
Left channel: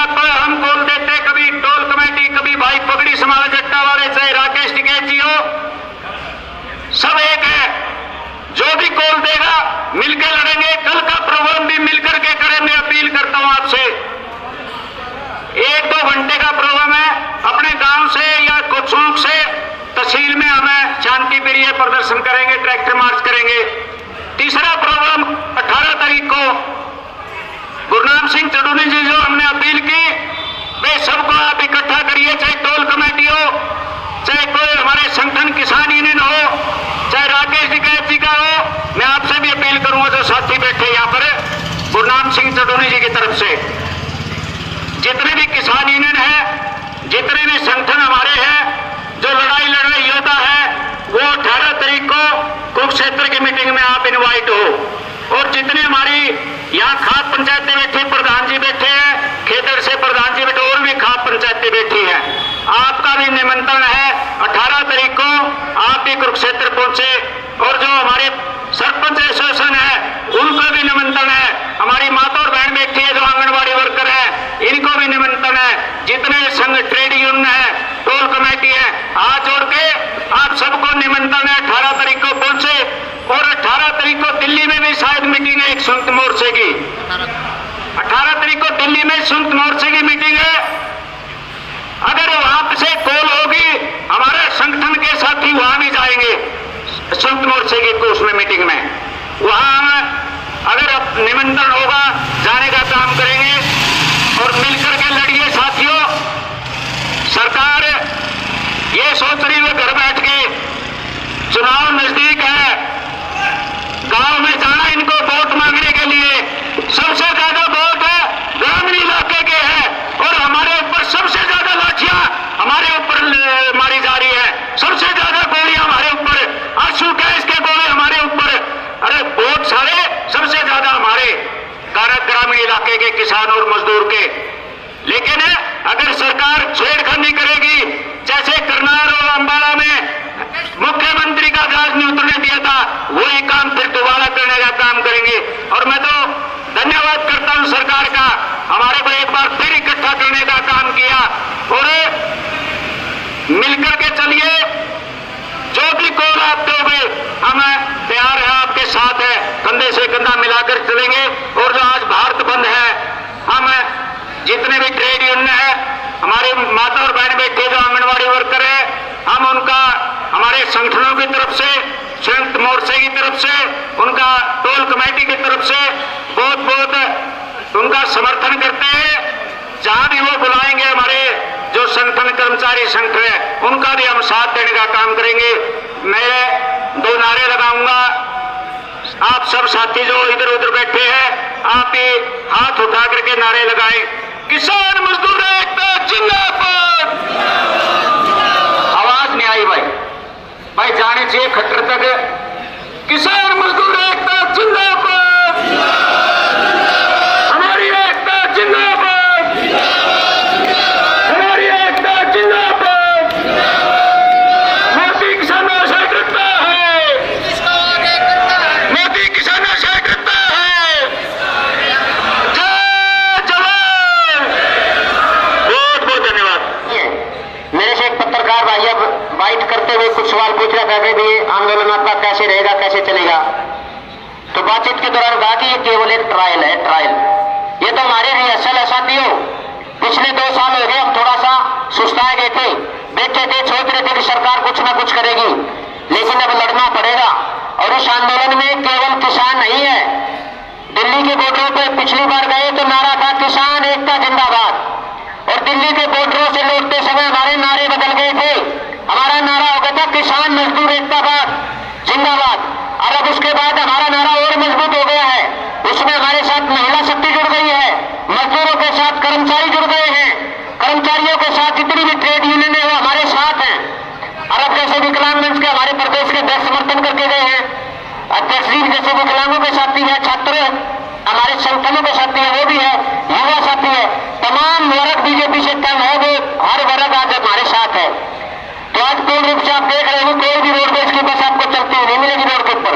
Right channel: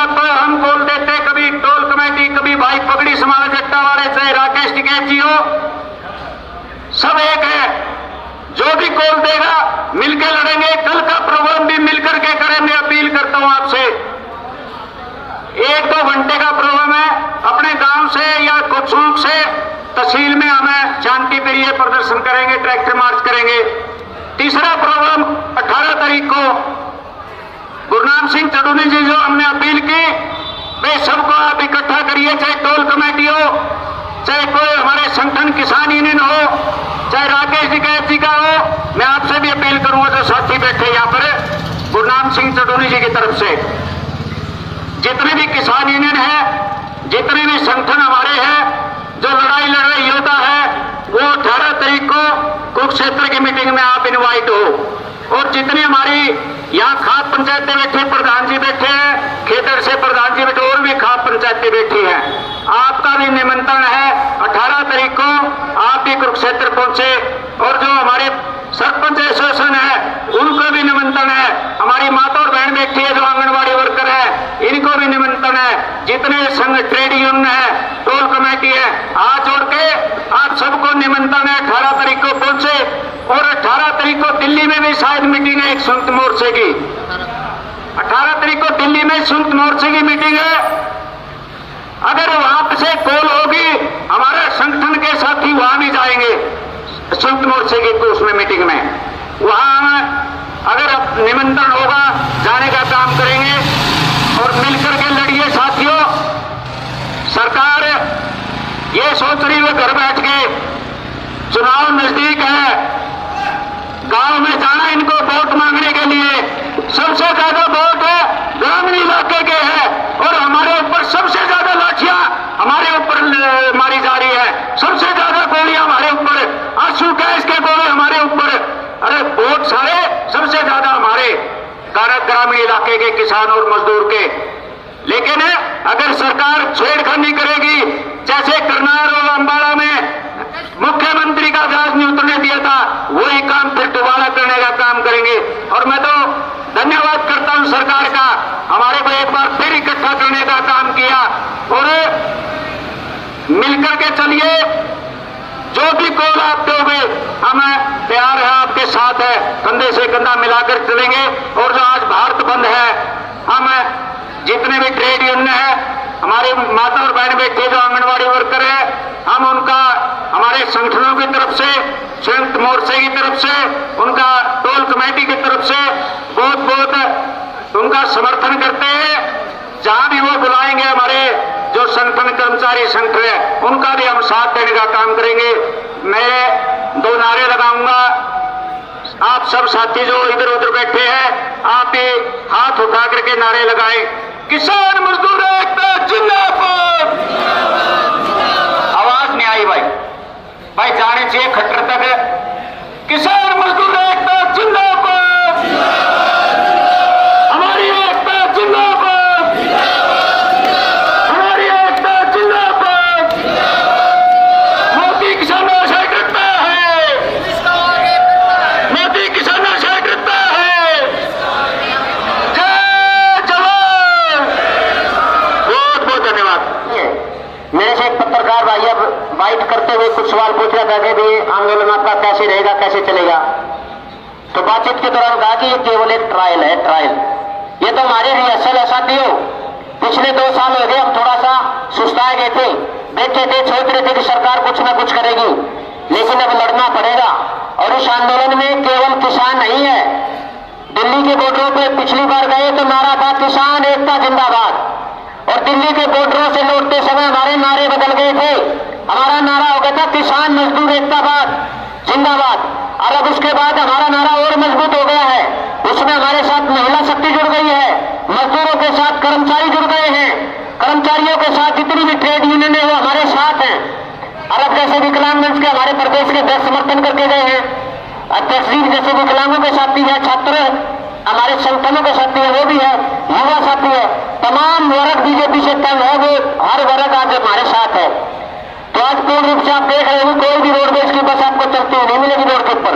बोल देते, कभी टोल कमेटी, कभी भाई पगड़ी समाज जट्टा वाले, चाहे राकेश टिकैत जी हो, सब एक है। जो भी कॉल देगा मिलकर लड़ेंगे। कल का प्रोग्राम भी मिलकर के करें, मैं अपील करता हूं आपसे। 1-2 घंटे का प्रोग्राम है, अपने गांव से या कुछूक से तहसील में हमें शांति प्रिय प्रदर्शन करेंगे, ट्रैक्टर मार्च करेंगे। तीसरा प्रोग्राम 18 तारीख को गुरनाम सिंह चौधरी जी जो हमने अपील की, वे सबको आप इकट्ठा करिए, चाहे टोल कमेटी हो, चाहे कोई हमारे संगठन किसान यूनियन हो, चाहे राकेश टिकैत जी का हो। मैं आपसे भी अपील करूंगा, जो साथी बैठे यहाँ पर गुरनाम सिंह चौधरी जी की तरफ से, जितने भी किसान यूनियन है, जितने भी संगठन हमारे हैं, जो लड़ाई लड़ रहे योद्धा है, वो 18 तारीख को कुरुक्षेत्र की मीटिंग में आप इनवाइट हो। और जितने हमारी यहाँ खाप पंचायतें बैठी, प्रधान जी बैठे हैं, खेतर से प्रधान जी बैठे, और भी खाप पंचायतें बैठी हैं, आपका भी निमंत्रण है। 18 तारीख को आप भी कुरुक्षेत्र पहुंचे। और जो हमारे सरपंच एसोसिएशन है, उनको भी निमंत्रण है। हमारी माता और बहन बैठी है, जो आंगनबाड़ी वर्कर है, इनको भी निमंत्रण है। जितने संघ ट्रेड यूनियन है, टोल कमेटी है, हाथ जोड़ के आप सबको निमंत्रण है। 18 तारीख को पहुंचे। और 18 तारीख को दिल्ली में भी शायद मीटिंग है एक संयुक्त मोर्चे की। 18 तारीख को दिल्ली में संयुक्त मोर्चे की मीटिंग है। अगर वहां से कॉल होगी, हमारे संगठन के साथी वहां भी जाएंगे संयुक्त मोर्चे की तो उसमें मीटिंग में, वहां अगर निमंत्रण होगा जाने का काम करेंगे। और मिलकर के लड़िए साथियों। सरकार ये सोच रही है घर बैठ के, चुनाव नजदीक है, गांव में जाना इनको वोट मांगने के लिए। सबसे ज्यादा वोट ग्रामीण इलाके के है, और हमारे ऊपर सबसे ज्यादा लाठियां हमारे ऊपर मारी जा रही है, सबसे ज्यादा गोलियां हमारे ऊपर, आंसू गैस के गोले हमारे ऊपर। अरे वोट सारे सबसे ज्यादा हमारे ग्रामीण इलाके के किसान और मजदूर के। लेकिन अगर सरकार छेड़खानी करेगी, जैसे करनाल और अंबाला में मुख्यमंत्री का गाज नहीं उतरने दिया था, वही काम फिर दोबारा करने का काम करेंगे। और मैं तो धन्यवाद करता हूं सरकार का, हमारे को एक बार फिर इकट्ठा करने का काम किया। और मिलकर के चलिए, जो भी कॉल आप दोगे हम तैयार है, आपके साथ है, कंधे से कंधा मिलाकर चलेंगे। और जो आज भारत बंद है, हम जितने भी ट्रेड यूनियन है, हमारे माता और बहन बैठे जो आंगनबाड़ी वर्कर है, हम उनका हमारे संगठनों की तरफ से, संयुक्त मोर्चे की तरफ से, उनका टोल कमेटी की तरफ से बहुत बहुत उनका समर्थन करते हैं। जहां भी वो बुलाएंगे, हमारे जो संगठन कर्मचारी संगठन है उनका भी हम साथ देने का काम करेंगे। मैं 2 नारे लगाऊंगा, आप सब साथी जो इधर उधर बैठे हैं आप भी हाथ उठा करके नारे लगाएं। किसान मजदूर एकता जिंदाबाद। आवाज में आई भाई जाने चाहिए खट्टर तक। किसान मजदूर एकता जिंदाबाद, हमारी एकता जिंदाबाद, हमारी एकता जिंदाबाद। मोदी किसान आशय करता है, मोदी किसान आशय करता है। जय जवान। बहुत बहुत धन्यवाद। मेरे से एक पत्रकार भाई अब बाइट करते हुए कुछ सवाल पूछ रहा था कि भी आंदोलन आपका कैसे रहेगा, कैसे चलेगा। तो बातचीत के दौरान कहा कि ये केवल एक ट्रायल है, ट्रायल। ये तो हमारे रिहर्सल है साथियों। पिछले 2 साल हो गए हम थोड़ा सा सुस्ता गए थे, बैठे थे, सोच रहे थे कि सरकार कुछ ना कुछ करेगी, लेकिन अब लड़ना पड़ेगा। और इस आंदोलन में केवल किसान नहीं है। दिल्ली के बॉर्डरों पर पिछली बार गए तो नारा था किसान एकता जिंदाबाद, और दिल्ली के बॉर्डरों से लौटते समय हमारे नारे बदल गए थे। हमारा नारा हो गया था किसान मजदूर एकताबाद जिंदाबाद, और अब उसके बाद हमारा नारा और मजबूत हो गया है। उसमें हमारे साथ महिला शक्ति जुड़ गई है, मजदूरों के साथ कर्मचारी जुड़ गए हैं, कर्मचारियों के साथ जितनी भी ट्रेड यूनियन है वो हमारे साथ हैं। और अब जैसे विकलांग मंच के हमारे प्रदेश के अध्यक्ष समर्थन करके गए हैं, अध्यक्ष जी जैसे विकलांगों के साथी है, छात्र हमारे संगठनों के साथी है, वो भी है, युवा साथी है, तमाम वर्ग बीजेपी से तंग है, वो हर वर्ग आज हमारे साथ है। तो आज पूर्ण रूप से आप देख रहे हैं कोई भी रोडवेज की बस आपको चलती हुई नहीं मिलेगी रोड के ऊपर।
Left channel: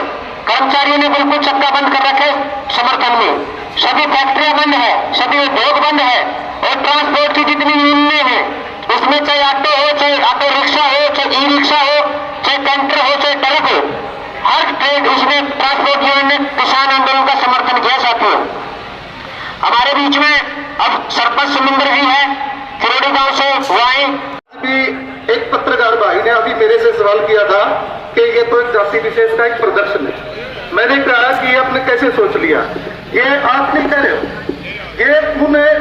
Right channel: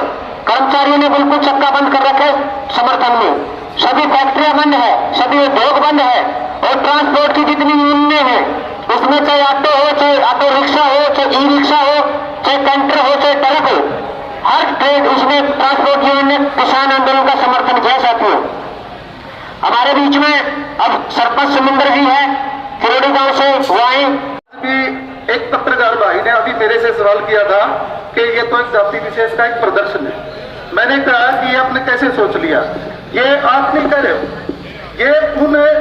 कर्मचारियों ने बिल्कुल चक्का बंद कर रखे समर्थन में, सभी फैक्ट्रियां बंद है, सभी उद्योग बंद है, और ट्रांसपोर्ट की जितनी यूनियनें हैं उसमें चाहे ऑटो हो, चाहे ऑटो रिक्शा हो, चाहे ई रिक्शा हो, चाहे कैंटर हो, चाहे ट्रक हो, हर ट्रेड इसमें ट्रांसपोर्ट यूनियन ने किसान आंदोलन का समर्थन किया साथियों। हमारे बीच में अब सरपंच सुमिंदर जी है किरोड़ी गांव से, वो आए कि एक पत्रकार भाई ने अभी मेरे से सवाल किया था कि ये तो एक जाति विशेष का एक प्रदर्शन है। मैंने कहा कि ये आपने कैसे सोच लिया, ये आप नहीं कह रहे हो, ये उन्हें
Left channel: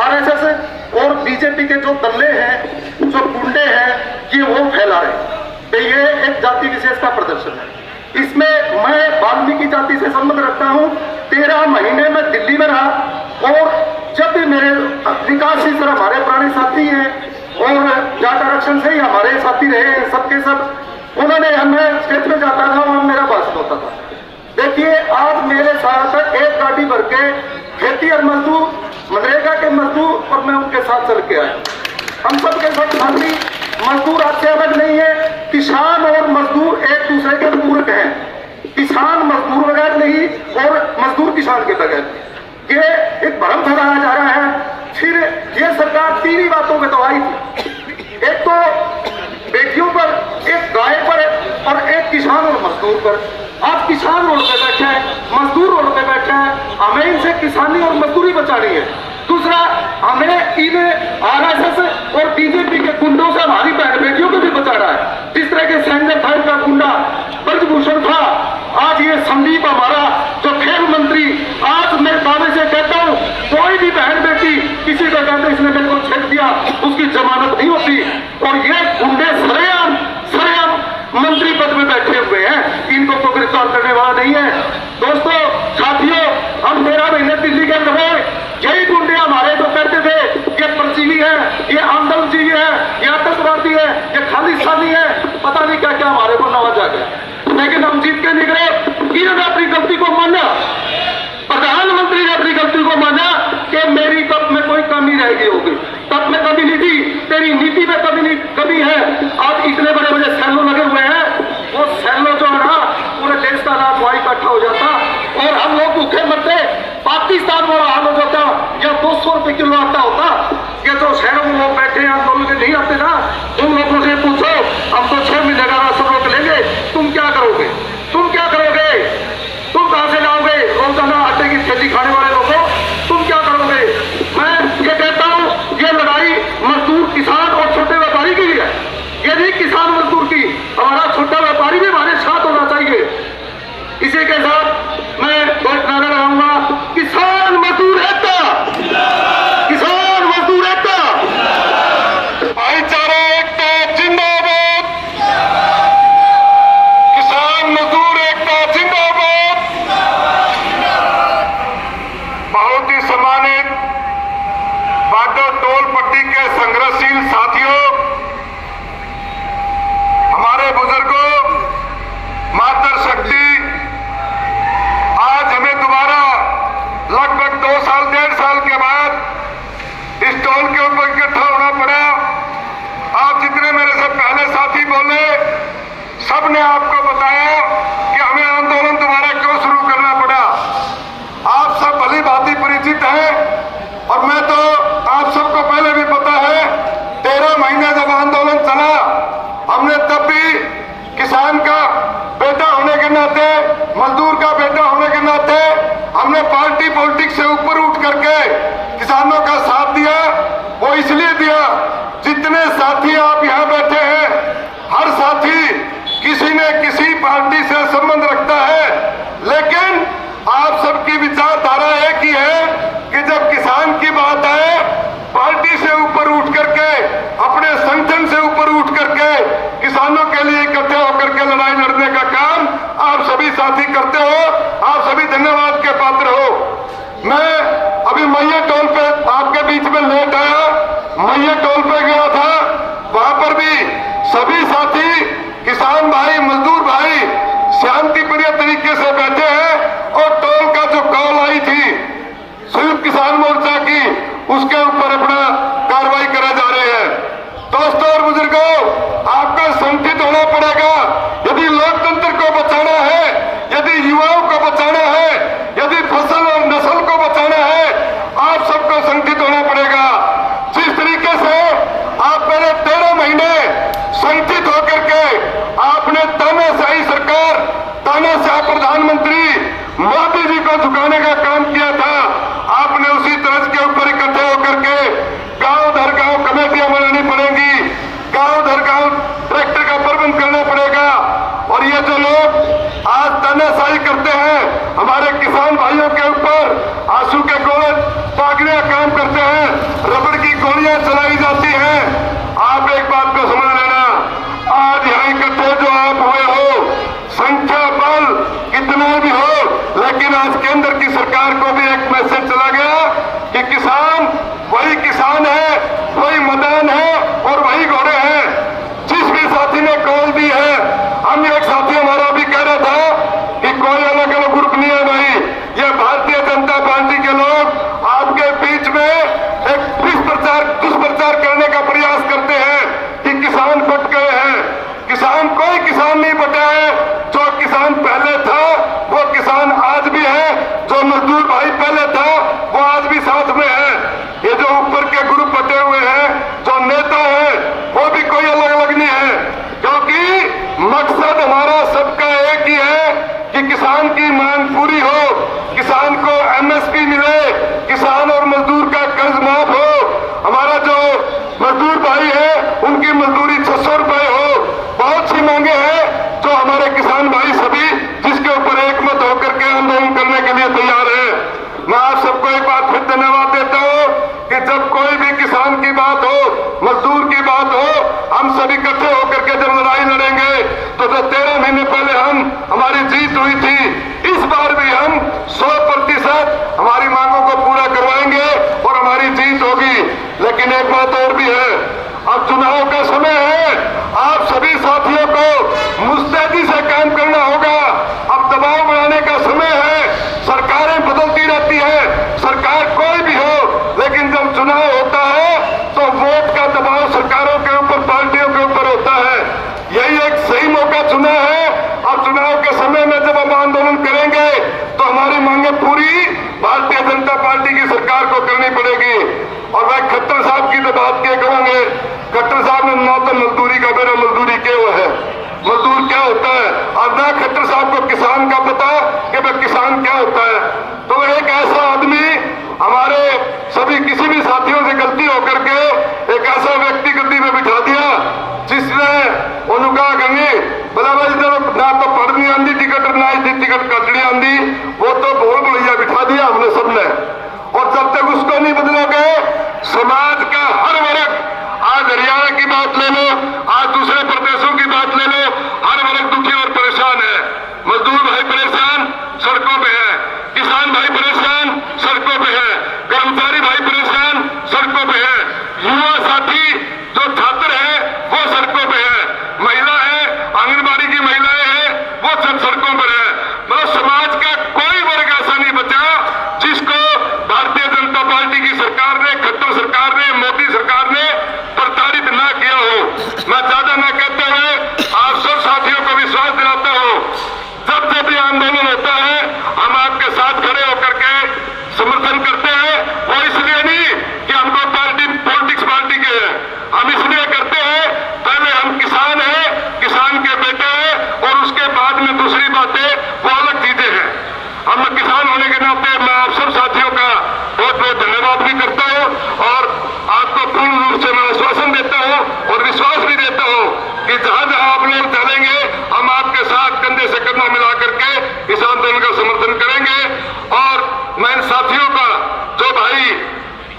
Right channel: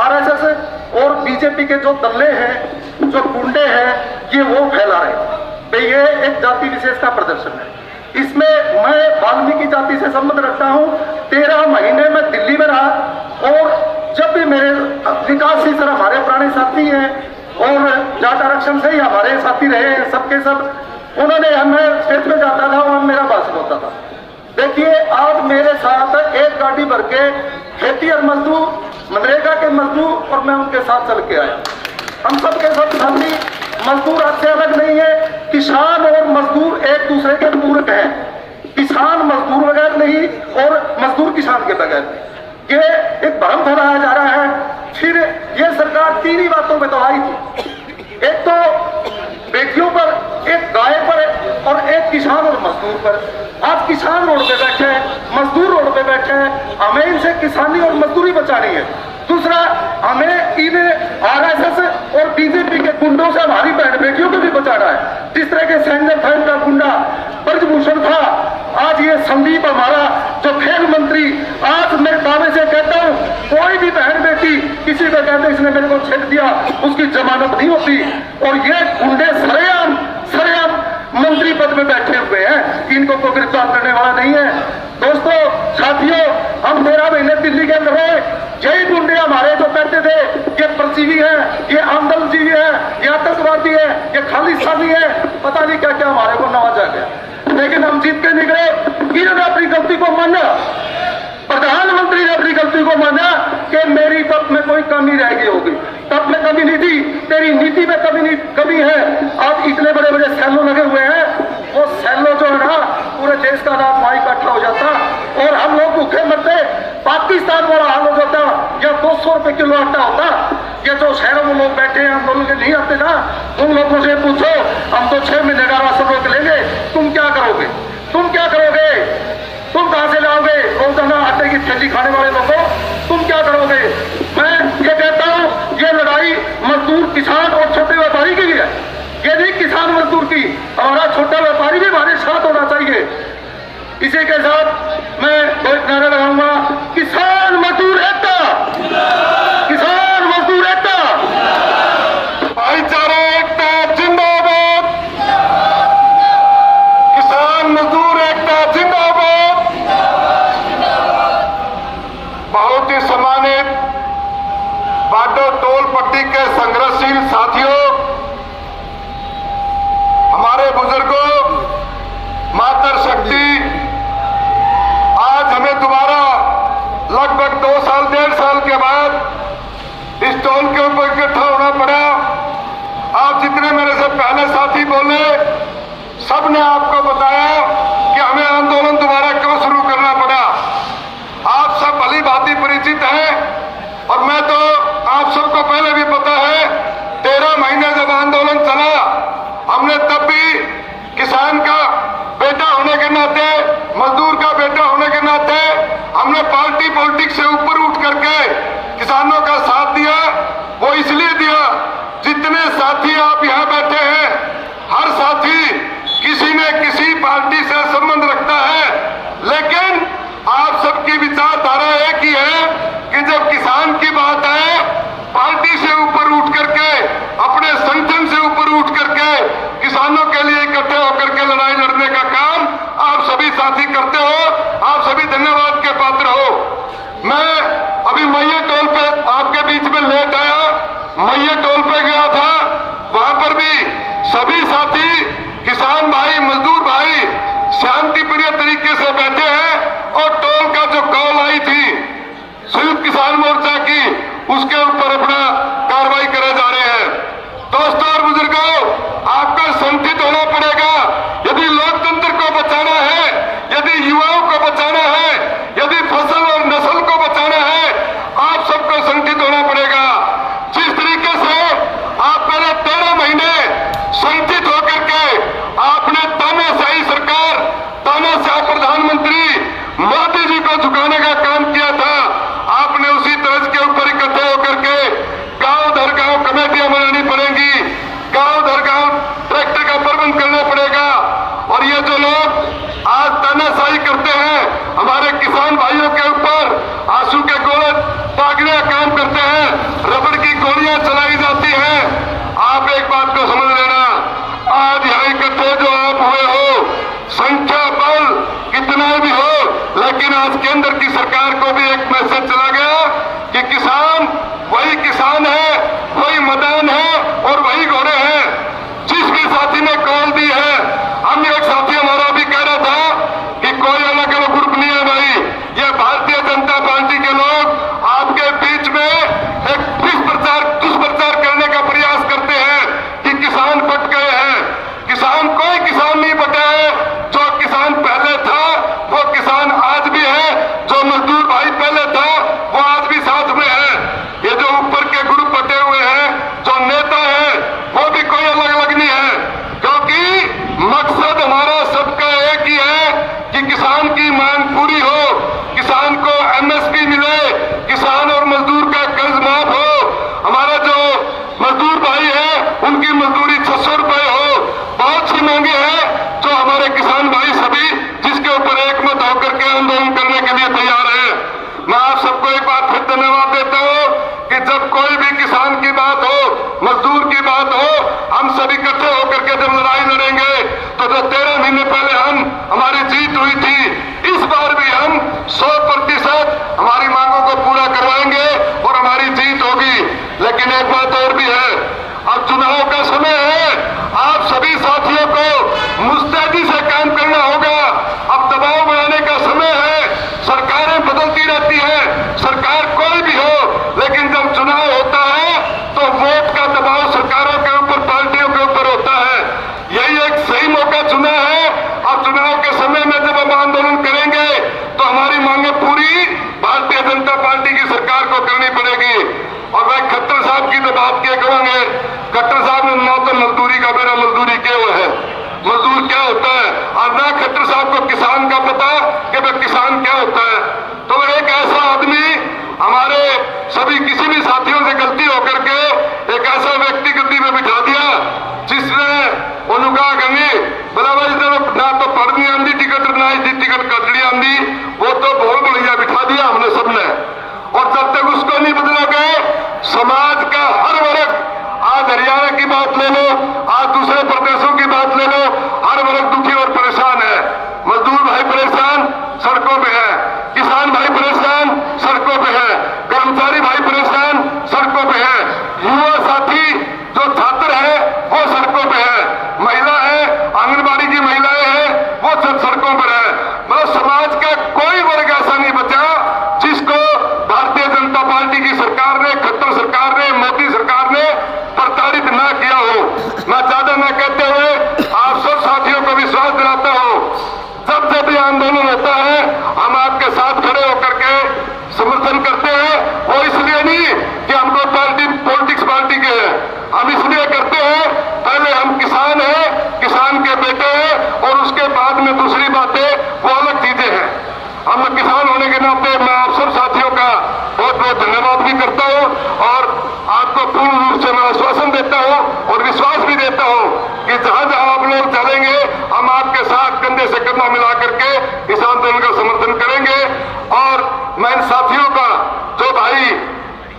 आरएसएस और बीजेपी के जो दल्ले हैं, जो गुंडे हैं, ये वो फैला रहे हैं कि ये एक जाति विशेष का प्रदर्शन है। इसमें मैं वाल्मीकि जाति से संबंध रखता हूँ। 13 महीने में दिल्ली में रहा, और जब भी मेरे विकास जी सर हमारे पुराने साथी हैं और जाट आरक्षण से ही हमारे साथी रहे हैं, सबके सब उन्होंने हमें खेत में जाता था, वहां मेरा भाषण होता था। देखिए आज मेरे साथ एक गाड़ी भर के खेती और मजदूर, मनरेगा के मजदूर, और मैं उनके साथ चल के आया। हम सब के सब साथी मजदूर आपसे अलग नहीं है। किसान और मजदूर एक दूसरे के पूरक हैं। किसान मजदूर बगैर नहीं और मजदूर किसान के बगैर। ये एक भ्रम फैलाया जा रहा है। फिर ये सरकार 3 ही बातों में तो आई थी, एक तो बेटियों पर, एक गाय पर, और एक किसान और मजदूर पर। आज किसान रोड पे बैठे हैं, मजदूर रोड पे बैठे हैं, हमें इनसे किसानी और मजदूरी बचानी है। दूसरा, हमें इन आरएसएस और बीजेपी के गुंडों से हमारी बहन बेटियों को भी बचाना है। जिस तरह के संजय था का गुंडा ब्रजभूषण था, आज ये संदीप हमारा जो खेल मंत्री, आज मैं दावे से कहता हूँ कोई भी बहन बेटी किसी को कहते इसने मेरे को छेड़ दिया, उसकी जमानत नहीं होती। और ये गुंडे सरेआम मंत्री पद में बैठे हुए हैं, इनको तो गिरफ्तार करने वाला नहीं है। दोस्तों साथियों, हम 13 महीने दिल्ली के अंदर रहे, यही गुंडे हमारे जो कहते थे ये परजीवी है, ये आंदोलनजीवी है, ये आतंकवादी है, ये खालिस्तानी है, पता नहीं क्या क्या हमारे को नवाजा गया। लेकिन हम जीत के निकले। इन्होंने अपनी गलती को माना, प्रधानमंत्री ने अपनी गलती को माना कि मेरी तब में कोई कमी रह गई होगी। तब में कमी नहीं थी, तेरी नीति में कमी है। आज इतने बड़े बड़े सैलो लगे हुए हैं, वो सैलो जो है ना पूरे देश का रात वहां इकट्ठा हो जाता, और हम लोग भूखे मरते। पाकिस्तान वाला हाल हो जाता, या 200 रुपए किलो आटा होता। ये जो शहरों में लोग बैठे हैं, हम लोगों के नहीं आते ना, उन लोगों से पूछो, हम तो 6 महीने का राशन रोक लेंगे, तुम क्या करोगे? तुम क्या करोगे? तुम कहां से जाओगे? रोजाना आटे की थैली खाने वाले लोगों, तुम क्या करोगे? मैं ये कहता हूं, ये लड़ाई मजदूर, किसान और छोटे व्यापारी की है। ये नहीं किसान मजदूर की, हमारा छोटा व्यापारी भी हमारे साथ होना चाहिए। इसी के साथ मैं बहुत नारा लगाऊंगा, किसान मजदूर एकता, किसान मजदूर एकता। टोल के ऊपर इकट्ठा होना पड़ा। आप जितने मेरे से पहले साथी बोले, सबने आपको बताया कि हमें आंदोलन दोबारा क्यों शुरू करना पड़ा। आप सब भली भांति परिचित हैं और मैं तो आप सबको पहले भी पता है, 13 महीने जब आंदोलन चला, हमने तब भी किसान का बेटा होने के नाते, मजदूर का बेटा होने के नाते हमने पार्टी पॉलिटिक्स से ऊपर उठ करके किसानों का साथ दिया। वो इसलिए दिया, जितने साथी आप यहाँ बैठे हैं, हर साथी किसी न किसी पार्टी से संबंध रखता है, लेकिन आप सबकी विचारधारा एक ही है कि जब किसान की बात आए, पार्टी से ऊपर उठ करके, अपने संगठन से ऊपर उठ करके किसानों के लिए इकट्ठे होकर के लड़ाई लड़ने का काम आप सभी साथी करते हो। आप सभी धन्यवाद के पात्र हो। मैं अभी मैया टोल पे आपके बीच में लेट आया, मैया टोल पे गया था, वहां पर भी सभी साथी किसान भाई, मजदूर भाई शांतिप्रिय तरीके से बैठे हैं और टोल का जो कॉल आई थी संयुक्त किसान मोर्चा की, उसके ऊपर अपना कार्रवाई करे जा रहे हैं। दोस्तों और बुजुर्गों, आपको संगठित होना पड़ेगा। यदि लोकतंत्र को बचाना है, यदि युवाओं को बचाना है, यदि फसल और नस्ल को बचाना है, आप सबको संगठित होना पड़ेगा। जिस तरीके से आप पहले 13 महीने संगठित होकर के आपने तानाशाही सरकार, तानाशाह प्रधानमंत्री मोदी जी को झुकाने का काम किया था, आपने उसी तर्ज के ऊपर इकट्ठे होकर के गांव दर गांव कमेटियां बनानी पड़ेंगी, गांव दर गांव ट्रैक्टर का प्रबंध करना पड़ेगा। और ये जो लोग आज तानाशाही करते हैं, हमारे किसान भाइयों के ऊपर आंसू के गोले दागने का काम करते हैं, रबड़ की गोलियां चलाई जाती हैं। आप एक बात को समझ लेना, आज यहाँ इकट्ठे जो आप हुए हो, संख्या बल कितना भी हो, लेकिन आज केंद्र की सरकार को भी एक मैसेज चला गया कि किसान वही किसान है, वही मैदान है और वही घोड़े हैं। जिस भी साथी ने कॉल दी है, हम एक साथी हमारा भी कह रहा था कि कोई अलग अलग ग्रुप नहीं है भाई, ये भारतीय जनता पार्टी के लोग आपके बीच में एक दुष्प्रचार करने का प्रयास करते हैं कि किसान बट गए हैं। किसान कोई किसान नहीं बटा है। जो किसान पहले था वो किसान आज भी है, जो मजदूर भाई पहले था वो आज भी साथ में है। ये जो ऊपर के ग्रुप बटे हुए हैं, जो नेता है, वो भी कोई अलग अलग नहीं है, क्योंकि मकसद हमारा सबका एक ही है कि किसान की मांग पूरी हो, किसान को एमएसपी मिले, किसान और मजदूर का कर्ज माफ हो, हमारा जो मजदूर भाई है उनकी मजदूरी 600 रुपए हो। बहुत सी मांगे हैं जो हमारे किसान भाई सभी जिसके ऊपर एकमत होकर के आंदोलन करने के लिए तैयार है। मैं आप सबको एक बार फिर धन्यवाद देता हूं कि जब कोई भी किसान की बात हो, मजदूर की बात हो, हम सभी इकट्ठे होकर के जब लड़ाई लड़ेंगे तो जो 13 महीने पहले हमारी जीत हुई थी, इस बार भी हम 100% हमारी मांगों को पूरा करवाएंगे और हमारी जीत होगी। लेकिन एक बात और भी है, अब चुनाव का समय है, आप सभी साथियों को मुस्तैदी से काम करना होगा। अब दबाव बनाने का समय है, सरकारें बदलती रहती है, सरकार कोई भी हो, लेकिन जब चुनाव होता है तो वोट का दबाव सरकारों के ऊपर, पार्टियों के ऊपर होता है। यही एक सही मौका चुना है। अब चुनाव के समय में जब हम आंदोलन करेंगे तो हमारी मांगे पूरी भारतीय जनता पार्टी की सरकार को करनी पड़ेगी। और वह खट्टर साहब की तो बात क्या करेंगे, खट्टर साहब ने ना तो मजदूरी का मेरा मजदूरी क्या है, मजदूर क्या होता है, और ना खट्टर साहब को किसान का पता कि वह किसान क्या होता है। तो एक ऐसा आदमी हमारे सभी किसी भी साथियों से गलती होकर के एक ऐसा व्यक्ति गद्दी में बिठा दिया जिसने उनका गमी बोला भाई जब ना तो पढ़नी आंदी टिकट ना ही टिकट कटनी आंदी, वो तो बहुत बढ़िया बिठा दिया हमने सबने। और जब तक उसको नहीं बदलोगे, समाज का हर वर्ग, आज हरियाणा की बात ले लो, आज दूसरे प्रदेशों की बात ले लो, हर वर्ग दुखी और परेशान है। मजदूर भाई परेशान, सड़कों पे है, किसान भाई परेशान, सड़कों पे है, कर्मचारी भाई परेशान, सड़कों पे है, युवा साथी जो छात्र है वो सड़कों पे है, महिला है, आंगनबाड़ी की महिलाएं हैं वो सब सड़कों पर है। मतलब समाज का कोई वर्ग ऐसा नहीं बचा जिसको भारतीय जनता पार्टी की सरकार ने, खट्टर सरकार ने देता हूं कि जहां जहां आप लोग चलेंगे हम आपके साथ कंधे से कंधा मिला करके इस आंदोलन का समर्थन करेंगे। और मैं इन साथियों का, जो भाई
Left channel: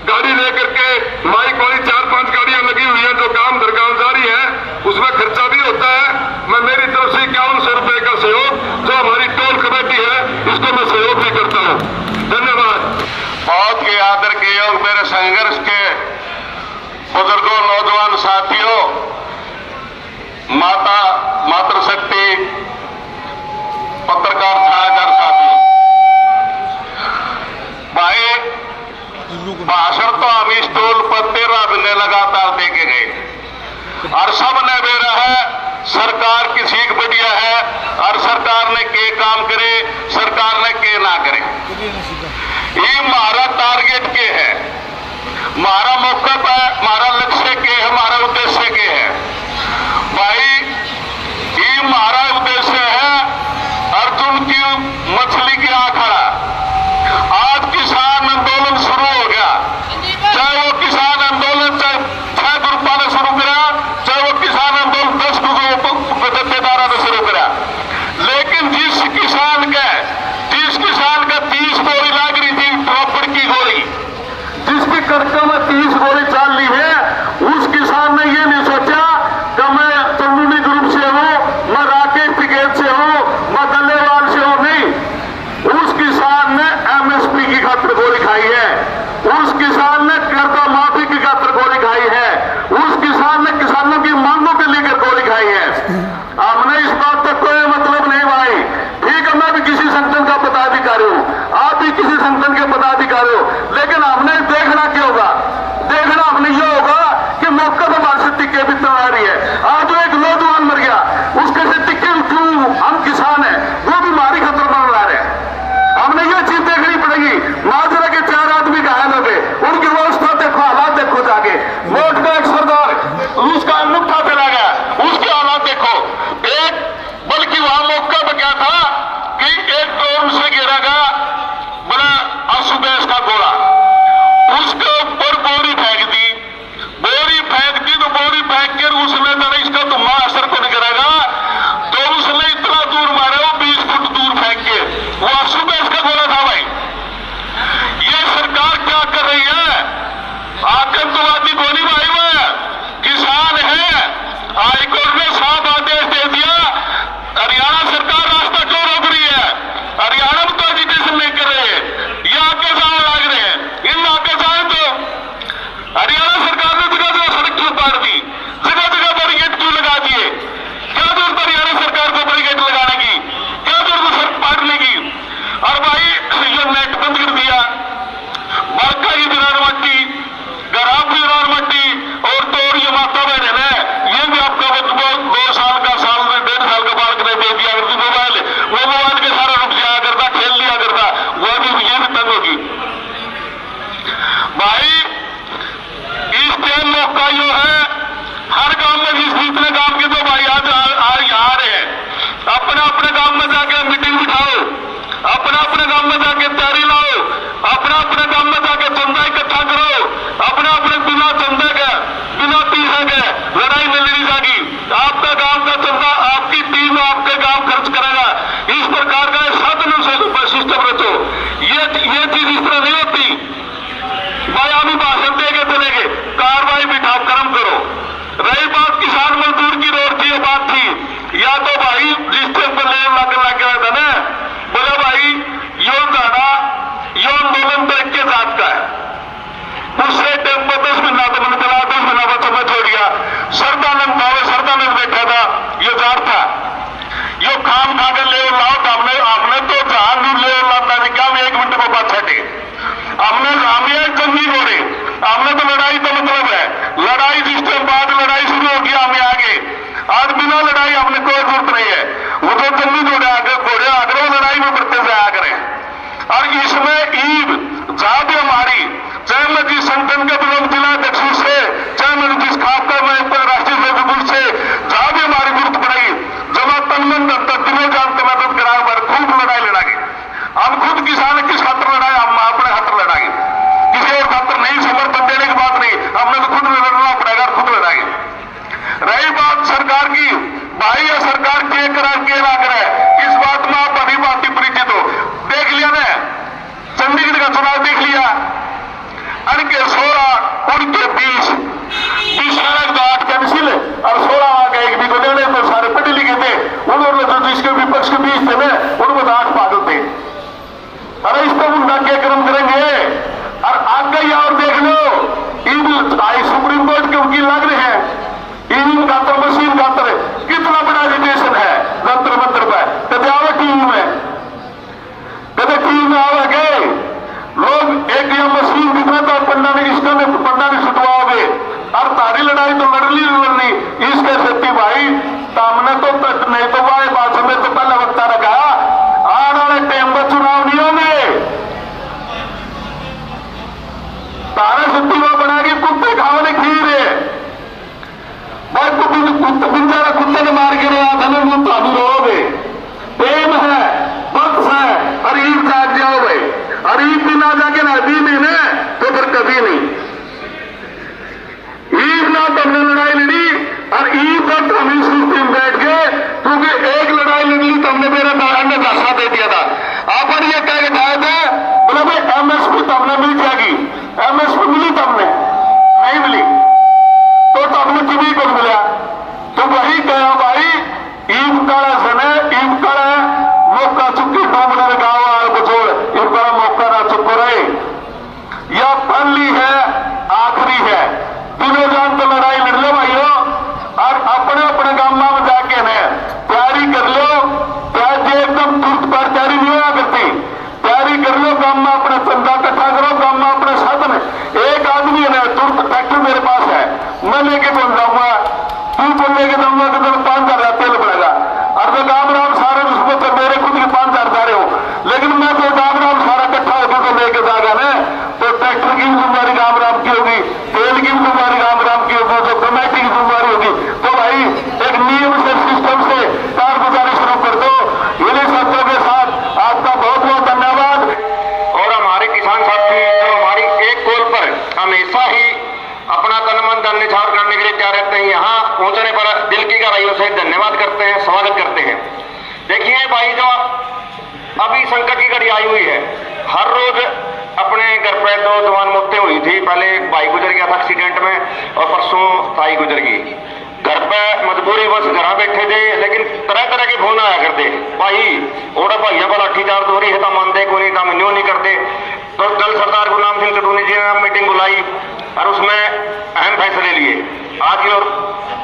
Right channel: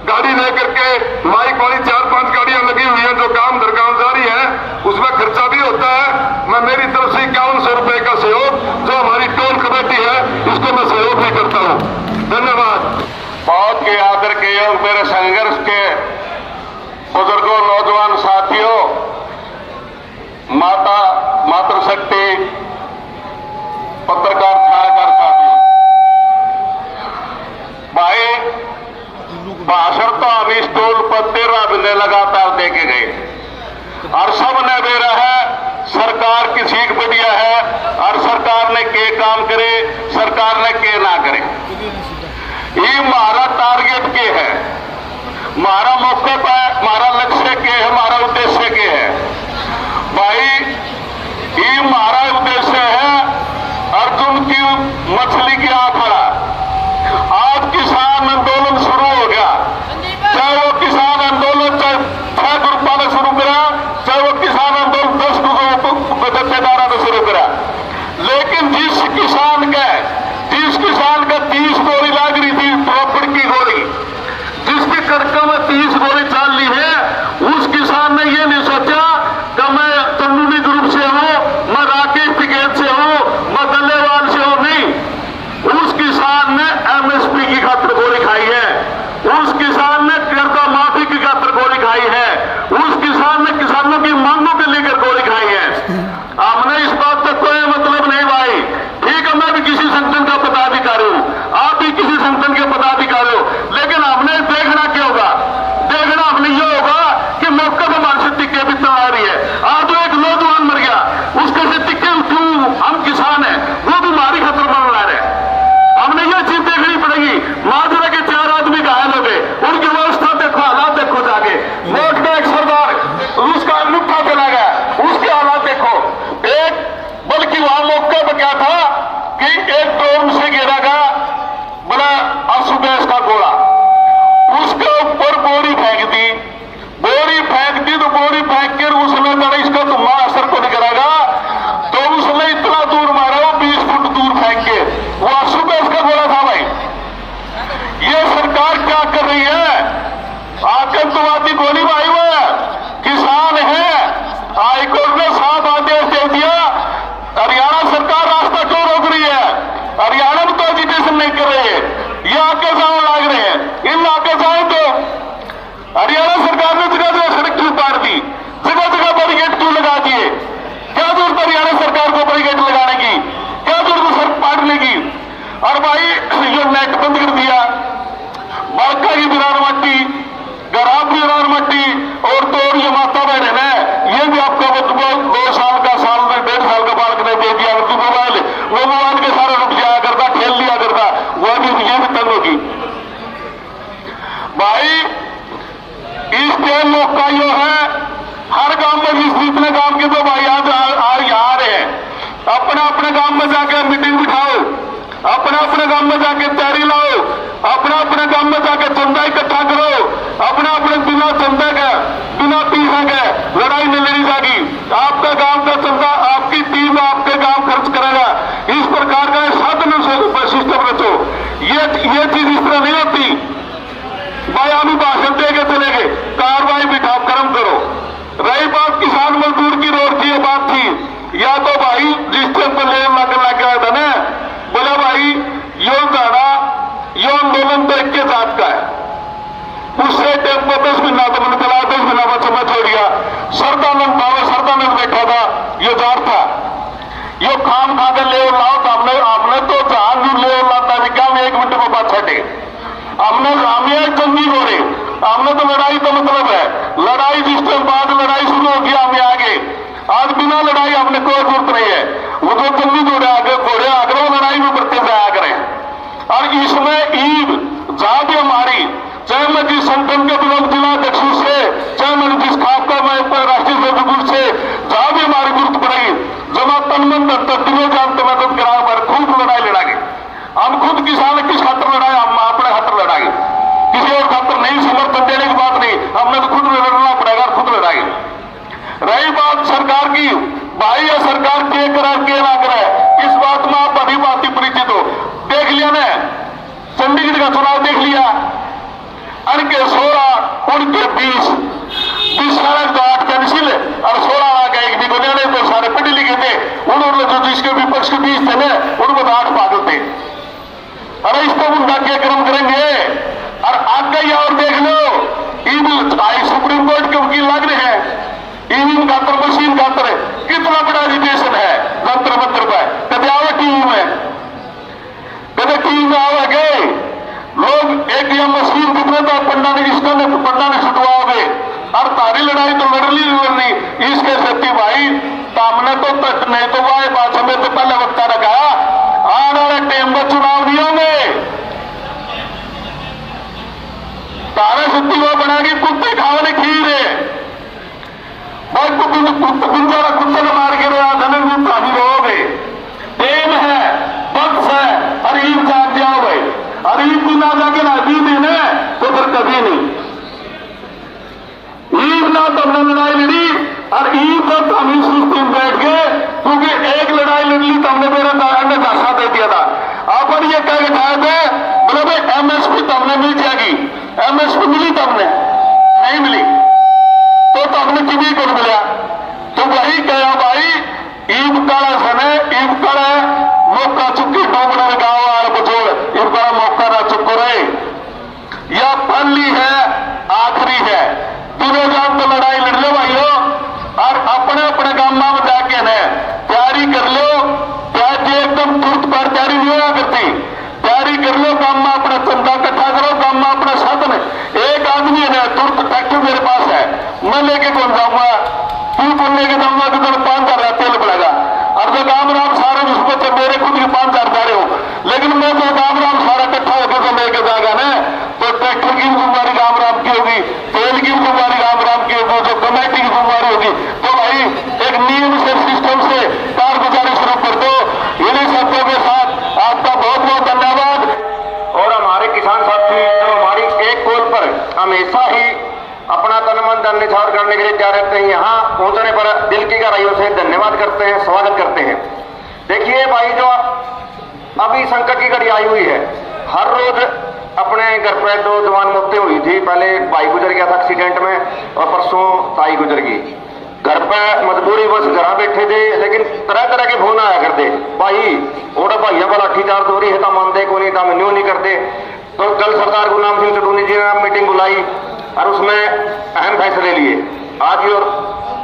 गाड़ी लेकर के माइक वाली 4-5 गाड़ियां लगी हुई हैं, जो काम दरकामदारी है, उसमें खर्चा भी होता है। मैं मेरी तरफ से 5100 रुपए का सहयोग, जो हमारी टोल कमेटी है, इसको मैं सहयोग भी करता हूं। धन्यवाद। बहुत के आदर के योग मेरे संघर्ष के बुजुर्गों, नौजवान साथियों, मातृशक्ति पत्रकार छायाकार साथी भाई, भाषण तो हम इस टोल पर 13 महीने लगातार देके गए और सब ने बेरा है सरकार की सीख बढ़िया है और सरकार ने के काम करे, सरकार ने के ना करे। ये हमारा टारगेट के है, हमारा मौका है, हमारा लक्ष्य के है, हमारा उद्देश्य के है भाई। ये हमारा उद्देश्य है अर्जुन की मछली की आंकड़ा। आज किसान आंदोलन शुरू हो गया, चाहे वो किसान आंदोलन 6 ग्रुपों ने शुरू करा, चाहे वो किसान आंदोलन 10 दत्तेदारों ने शुरू करा, लेकिन जिस किसान का 30 गोली लाग रही थी, रबड़ की गोली, जिसकी कड़कों में 30 गोली चाल ली है, उस किसान ने ये नहीं सोचा कि मैं तंदूरी ग्रुप से हूं, मैं राकेश टिकैत से हूं, मैं गल्लेवाल से हूं। नहीं, उस किसान ने MSP की खातिर गोली खाई है, उस किसान ने कर्जा माफी की खातिर गोली खाई है, उस किसान ने किसानों की मांगों को लेकर गोली खाई है। हमने इस बात का कोई मतलब नहीं भाई। ठीक है, मैं भी किसी संगठन का पदाधिकारी हूं, आप भी किसी संगठन के पदाधिकारी हो, लेकिन हमने देखना क्या होगा? देखना हमने ये होगा कि मौके पर हमारे से टिक्के भी आ रही है। आज एक नौजवान मर गया, उसके से टिक्के क्यों? हम किसान हैं, वो भी हमारी खतर बन रहे हैं। हमने ये चीज देखनी पड़ेगी। माजरा के 4 आदमी घायल हो गए, उनकी व्यवस्था देखो, हालात देखो, जाके वोट का एक सरदार उसका अंगूठा चला गया, उसके हालात देखो। एक बल्कि वहां मौके पर क्या था कि एक ड्रोन से गिरा गया बड़ा असुबेश का गोला, उसके ऊपर बोरी फेंक दी, तो बोरी फेंक कर उसने कहा इसका तुम्हारा असर को नहीं करेगा, तो उसने इतना दूर मारा, वो 20 फुट दूर फेंक के, वो असुबेश का गोला था भाई। ये सरकार क्या कर रही है? आतंकवादी गोली मारी हुआ है, किसान है। हाईकोर्ट ने साफ आदेश दे दिया, हरियाणा सरकार रास्ता क्यों रोक रही है? हरियाणा में तो एजुकेशन नहीं कर रही है, ये आपके साथ लाग रहे हैं। इन आपके साथ तो हरियाणा सरकार ने जगह जगह सड़क क्यों पार दी, जगह जगह बैरिकेड क्यों लगा दिए? क्या जरूरत हरियाणा सरकार को बैरिकेड लगाने की? क्या जरूरत सड़क पाटने की? और भाई जो नेट बंद कर दिया, बालका की दीवार मट्टी, गराब की दीवार मट्टी, और तो और ये माता बहन है, ये भी आपका 2 साल का, 1.5 साल का बालक ने दे दिया। अगर वो मोबाइल के सारा रुक जाया करता, खेल लिया करता, वह भी ये भी तंग होगी भाई। इस टाइम मौका यो है, हर गांव में जिस जितने गांव के तो भाई आज आ रहे हैं, अपने अपने गांव में जाके मीटिंग बिठाओ, अपने अपने गांव में जाके तैयारी लाओ, अपने अपने गांव में जाके चंदा इकट्ठा करो, अपने अपने बिना चंदा के, बिना पैसे के लड़ाई नहीं लड़ी जाएगी। आपका गांव का चंदा आपकी टीम आपके गांव खर्च करेगा। इस प्रकार का साधन सिस्टम रचो। ये चीज इस तरह नहीं होती भाई हम भाषण देके चले गए, कार्रवाई बिठा कर्म करो। रही बात किसान मजदूर की रोड की बात थी, या तो भाई जिस टाइम पर लेन लग गया था ना, बोले भाई यो जाना, यो आंदोलन देख के जात का है। उससे टाइम पर 10 महीना तो मैंने चला, 10 महीना पर समझ हो गया। सरदानंद बैठा था, यो जात था, यो खाम खाकर ले लाओ, हमने तो जहां भी ले लाता निकाल 1 मिनट को बात छटे। हमने जंगी हो रहे, हमने तो लड़ाई का मतलब है, लड़ाई जिस टाइम बाद लड़ाई शुरू हो गया हमें आगे। आज बिना लड़ाई हमने कोई जरूरत नहीं है, वो तो जंगी घोड़े आगे वो लड़ाई में बढ़ते जाया करें। और इसमें ईद जहां भी हमारी, चाहे मैं जिस संगठन के ब्लॉक जिला अध्यक्ष से, चाहे मैं जिस खासकर मैं राष्ट्रीय सेवक से, जहां भी हमारी गुरुत कराई जमा तनमन तीनों जान तो मदद करा, खूब लड़ाई लड़ाएंगे हम। खुद किसान किस खातर लड़ाए, हम अपने खातर लड़ाएंगे, किसी और खातर नहीं। समर्थन देने की बात नहीं, हमने तो खुद लड़ना पड़ेगा, खुद लड़ाएंगे। रही बात बात सरकार की भाई ये सरकार के करा के ना करे, इस बात में आप अभी बात परिचित हो। देख लिया ना चंडीगढ़ का चुनाव देख लिया, उनके 16 उनके 20 साल तो 8 कैंसिल और 16 वहां का एक भी बने तो सारे पढ़े लिखे थे, उन्होंने जो जिसके विपक्ष के 20 थे ना उनको तो 8 पागल थे। अरे इस पर उनका क्या कर्म करेंगे। और आगे ही और देख लो सुप्रीम कोर्ट के वकील लग रहे हैं ईवीएम खातर मशीन खातर, कितना बड़ा एजिटेशन है जंतर मंत्र पर। कदे आओ टीवी में, कदे टीवी में आओगे लोग एक या मशीन कितना तो पन्ना ने छुटवाओगे और तारी लड़ाई तो लड़नी लड़नी इसके सत्ती भाई सामने तो तक नहीं तो वाए बात में तो पहले वक्ता रखा आने वाले टाइम में चुनाव नहीं होंगे। तारा सत्ती वो बना के कुत्ते खाने खीर है भाई, कुत्ते ने मार के ताबू रहोगे। प्रेम है वक्त है और ईद जाग जाओ भाई, और ईद दिन आ जाके ना दी दिन है तो फिर कभी नहीं ईद ना तब लड़ाई लड़ी और ईद तक हम इस सिस्टम बैठ गए क्योंकि एक लड़ाई लड़ ली तो हमने मेरा ने दासा दे दिया था। आप ये कह के खाए थे बोले भाई एमएसपी तो हमने मिल जाएगी, एमएसपी मिली तो हमने नहीं मिली तो हमने किसी को मिला तो वही कहा भाई ईद काला सने ईद काला मौका चुकी डोंगरा गांव वाले बचोड़ ईद काला मौका ना चुप रहे। यह पहली है आखिरी है, दिनों रात तो लड़ाई लड़ लो भाइयों और अपने अपने गांव में जाके है तैयारी कर लो। प्याज एकदम तुरंत पर तैयारी नहीं होया करती, तैयारी कर लो गांव में अपना चंदा इकट्ठा करो, गांव में अपना साधन। एक आदमी है तुरंत ट्रैक्टर मेरे पास है मैं लेके चल जाऊंगा, तू तो लेके जाऊंगा तो मेरे 5,000 तेल पड़ेगा और जो गांव राम सारे उसको तो मेरे खुद के 5,000 जा रहे हो, लेकिन मैं जो गांव राम सारा इकट्ठा होकर तो लेके जाएगा ना तो ट्रैक्टर की जिम्मेदारी गांव राम की होगी, तेल की जिम्मेदारी गांव राम की होगी, जो कमेटी की जिम्मेदारी होगी। तो भाई एक नियम से सिस्टम से कारगुजारी शुरू कर दो। इन्हीं शब्दों के साथ आपका बहुत बहुत धन्यवाद। और हमारे किसान साथी जो हमारी एक कॉल पर हमेशा ही अपना तन मन धन निछावर करने के लिए तैयार रहते हैं, यहाँ पहुंचने पर दिल की गहराइयों से धन्यवाद करते हैं, स्वागत करते हैं। देखिए भाई जो अभी संकट की घड़ी आई हुई है, हर रोज अपने घर पे 2 जवान मौतें हुई थी। पहले एक भाई गुजर गया था एक्सीडेंट में और परसों ताई गुजर गई। घर पे मजबूरी बस घर बैठे थे, लेकिन तरह तरह के फोन आया करते भाई और भैया को लाठीचार्ज हो रही है तो मानते को नहीं, तो न्यू नहीं करते। तो कल सरकार गुलाम सिंह टटूनी जी ने मीटिंग बुलाई और उसमें अहम फैसले लिए। आज और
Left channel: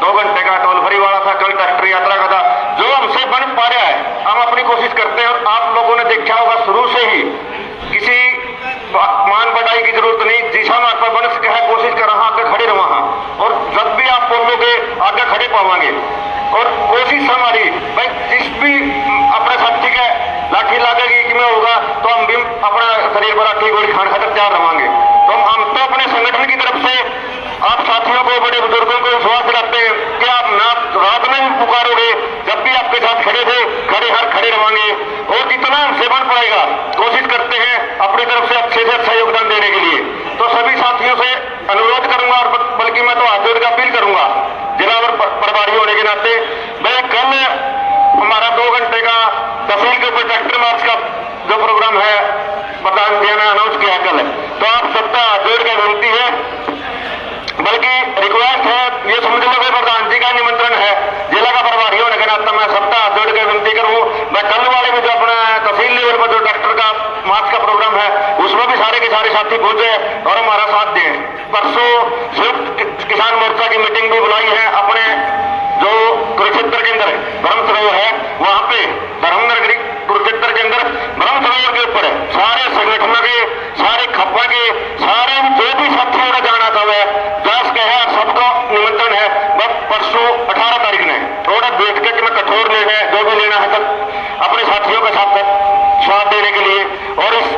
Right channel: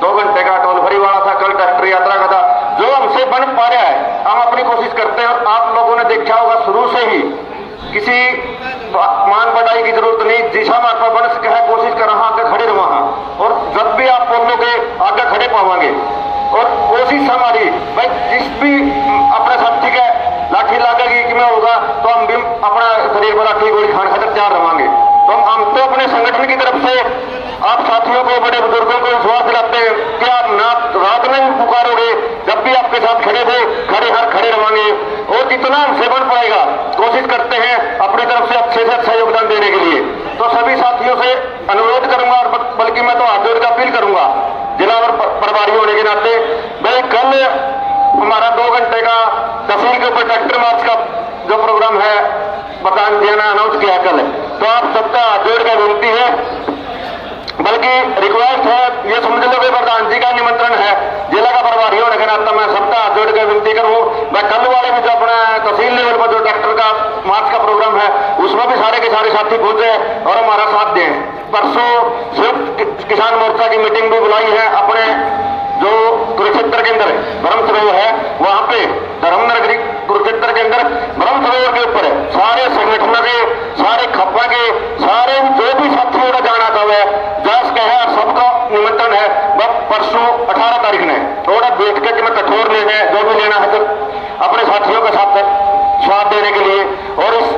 2 घंटे का टोल फ्री वाला था, कल ट्रैक्टर यात्रा का था। जो हमसे बन पा रहा है हम अपनी कोशिश करते हैं। और आप लोगों ने देखा होगा शुरू से ही किसी मान बढ़ाई की जरूरत नहीं, जिसा मैं आपका बन सके कोशिश कर रहा आगे खड़े रहा और जब भी आप बोलोगे आगे खड़े पावांगे। और कोशिश हमारी भाई जिस भी अपने साथी का लाठी लागेगी कि मैं होगा तो हम भी अपना शरीर पर लाठी गोली खाने खाकर तैयार रहेंगे। तो हम तो अपने संगठन की तरफ से आप साथियों को बड़े बुजुर्गों को विश्वास दिलाते हैं कि आप ना रात में भी पुकारोगे, जब भी आपके साथ खड़े थे खड़े हर खड़े रहेंगे। और जितना हमसे बन पाएगा कोशिश करते हैं अपनी तरफ से अच्छे अच्छा योगदान देने के लिए। तो सभी साथियों से अनुरोध करूंगा और बल्कि मैं तो हाथ जोड़ कर अपील करूंगा जिला प्रभारी होने के नाते। मैं कल हमारा 2 घंटे का तहसील के ऊपर ट्रैक्टर मार्च का जो प्रोग्राम है बतान देना अनाउंस किया कल, तो आप सबका हाथ जोड़ कर विनती है, बल्कि रिक्वेस्ट है, ये समझ लो कि प्रधान जी का निमंत्रण है जिला का प्रभारी होने के नाते मैं सबका हाथ जोड़ कर विनती करूँ। मैं कल वाले भी जो अपना तहसील लेवल पर जो ट्रैक्टर का मार्च का प्रोग्राम है उसमें भी सारे के सारे साथी पहुंचे और हमारा साथ दें। परसों संयुक्त किसान मोर्चा की मीटिंग भी बुलाई है अपने जो कुरुक्षेत्र के अंदर ब्रह्म सरोवर है वहां पे धर्मनगरी कुरुक्षेत्र के अंदर ब्रह्म सरोवर के ऊपर सारे संगठनों के सारे खप्पा के सारे जो भी साथियों का जाना चाहे जास के है सबका निमंत्रण है। बस परसों 18 तारीख ने थोड़ा बैठ के मैं कठोर निर्णय जो भी लेना है अपने साथियों के साथ स्वाद देने के लिए और इस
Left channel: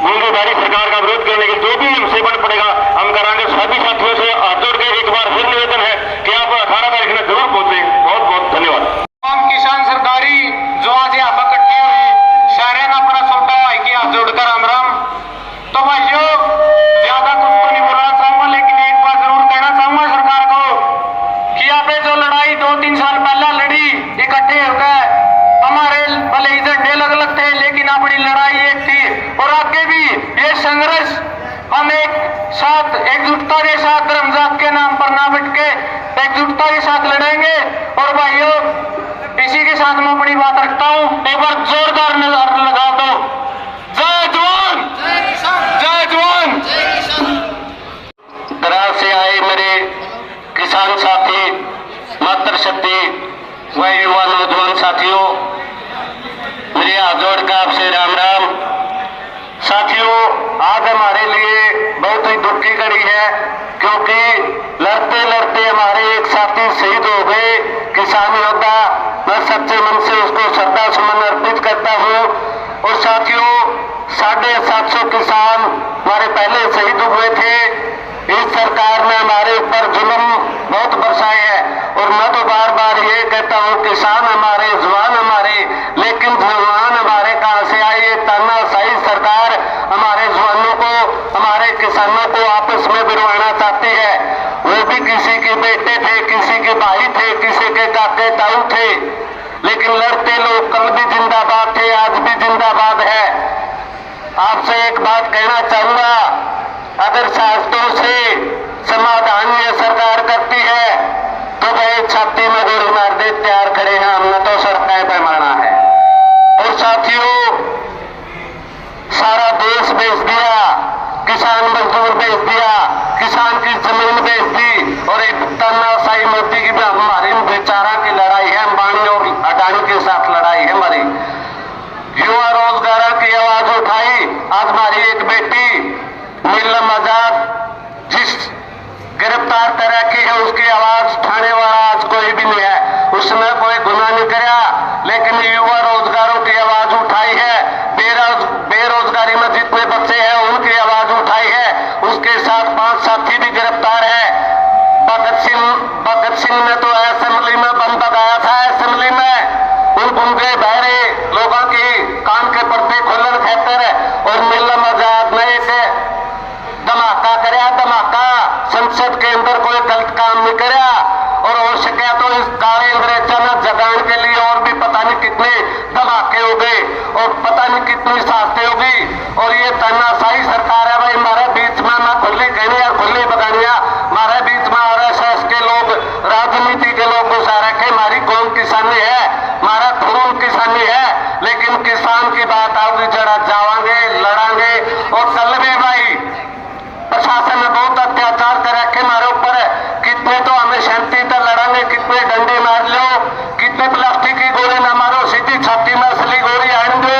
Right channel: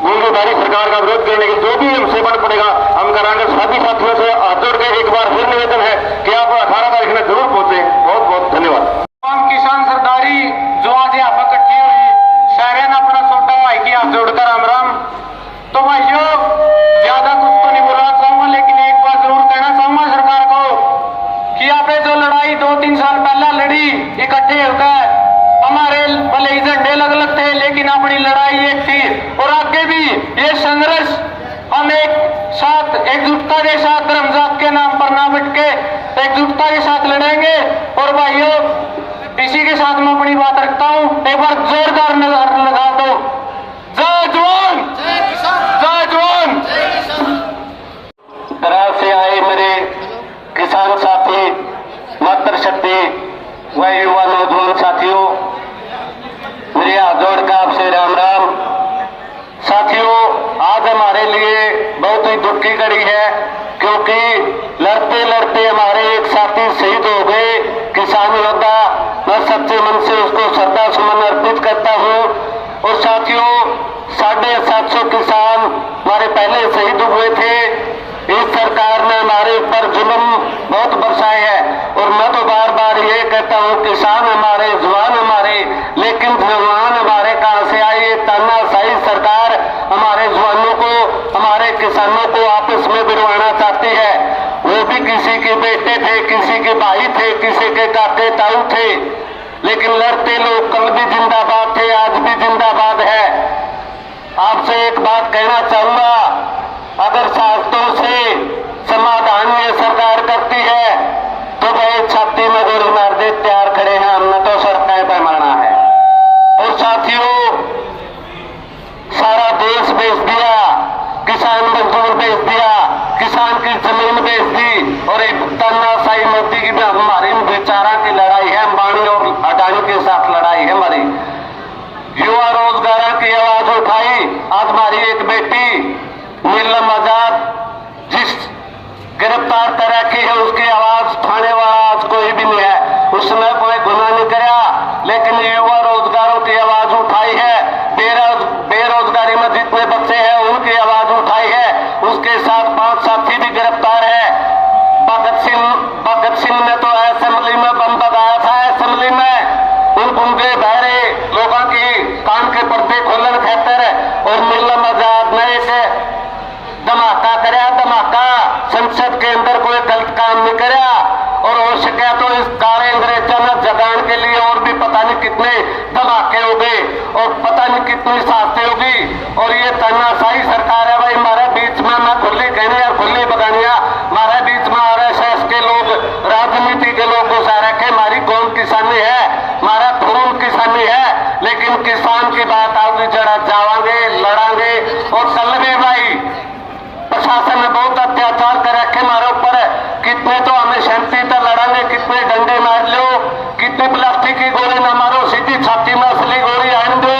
गूंगेदारी सरकार का विरोध करने के जो भी हमसे बन पड़ेगा हम कराएंगे। सभी साथियों से हाथ जोड़ के एक बार फिर निवेदन है कि आप 18 तारीख में जरूर पहुंचे। बहुत बहुत धन्यवाद। किसान सरकारी जो आज यहाँ पर इकट्ठी हुई सारे ने अपना छोटा भाई की हाथ जोड़कर राम राम। तो भाइयों ज्यादा कुछ तो नहीं बोलना चाहूंगा, लेकिन एक बात जरूर कहना चाहूंगा सरकार को कि आप ये जो लड़ाई 2-3 साल पहले लड़ी इकट्ठे होकर, हमारे भले ही झंडे अलग अलग थे लेकिन अपनी लड़ाई एक थी। और आगे भी ये संघर्ष हम एक साथ एकजुटता के साथ धर्म जात के नाम पर ना बैठ के एकजुटता के साथ लड़ेंगे। और भाइयों, इसी के साथ मैं अपनी बात रखता हूं। एक बार जोरदार नजर लगा दो, जय जवान जय जवान। दराज से आए मेरे किसान साथी, मातृशक्ति व युवा नौजवान साथियों, मेरे हाथ जोड़कर आपसे राम राम। साथियों, आज हमारे लिए बहुत ही दुख की घड़ी है, क्योंकि लड़ते लड़ते हमारे एक साथी शहीद हो गए, किसान योद्धा। मैं सच्चे मन से उसको श्रद्धा सुमन अर्पित करता हूँ। और साथियों, 750 किसान हमारे पहले शहीद हुए थे। इस सरकार ने हमारे ऊपर जुल्म बहुत बरसाए हैं। और मैं तो बार बार ये कहता हूँ, किसान हमारे, जवान हमारे, लेकिन जवान हमारे कहाँ से आए? ये तानाशाही सरकार हमारे जवानों को, हमारे किसानों को आपस में बिरवाना चाहती है। वो भी किसी के बेटे थे, किसी के भाई थे, किसी के काके ताऊ थे, लेकिन लड़ते लोग कल भी जिंदाबाद थे, आज भी जिंदाबाद है। आपसे एक बात कहना चाहूंगा, अगर शास्त्रों से समाधान ये सरकार करती है तो भाई छाती में गोली मार दे, तैयार खड़े हैं, हमने तो सड़कें पर मारना है। और साथियों, सारा देश बेच दिया, किसान मजदूर बेच दिया, किसान की जमीन बेच दी। और एक तानाशाही मोदी की भी हमारी बेचारा की लड़ाई है, अंबानी और अडानी के साथ लड़ाई है हमारी। युवा रोजगार की आवाज उठाई। आज हमारी एक बेटी नीलम आजाद जिस गिरफ्तार कर रखी है, उसकी आवाज उठाने वाला आज कोई भी नहीं है। उसने कोई गुनाह नहीं किया, लेकिन युवा रोजगारों की आवाज उठाई है। बेरोजगारी में जितने बच्चे हैं उनकी आवाज उठाई है। उसके साथ 5 साथी भी गिरफ्तार है। भगत सिंह ने तो असेंबली में बम लगाया था, असेंबली में उन गूंगे बहरे लोगों की कान के पर्दे खोलन खातिर। और नीलम आजाद ने एक धमाका कराया, धमाका। संसद के अंदर कोई गलत काम नहीं कराया। और हो सके तो इस काले अंग्रेजों ने जगाने के लिए और भी पता नहीं कितने धमाके हो गए और पता नहीं कितनी शास्ति होगी। और ये तानाशाही सरकार है भाई। हमारे बीच में मैं खुली कहने या खुली बगानिया, हमारे बीच में RSS के लोग, राजनीति के लोग घुसा रखे। हमारी कौम किसानी है, हमारा खून किसानी है, लेकिन किसान की बात आओगी जरा जावांगे, लड़ांगे। और कल भी भाई प्रशासन ने बहुत अत्याचार कर रखे हमारे ऊपर। कितने तो हमें शांति तक लड़ांगे, कितने डंडे मार लो, कितने प्लास्टिक की गोली न मारो, सीधी छाती में असली गोली आन दो,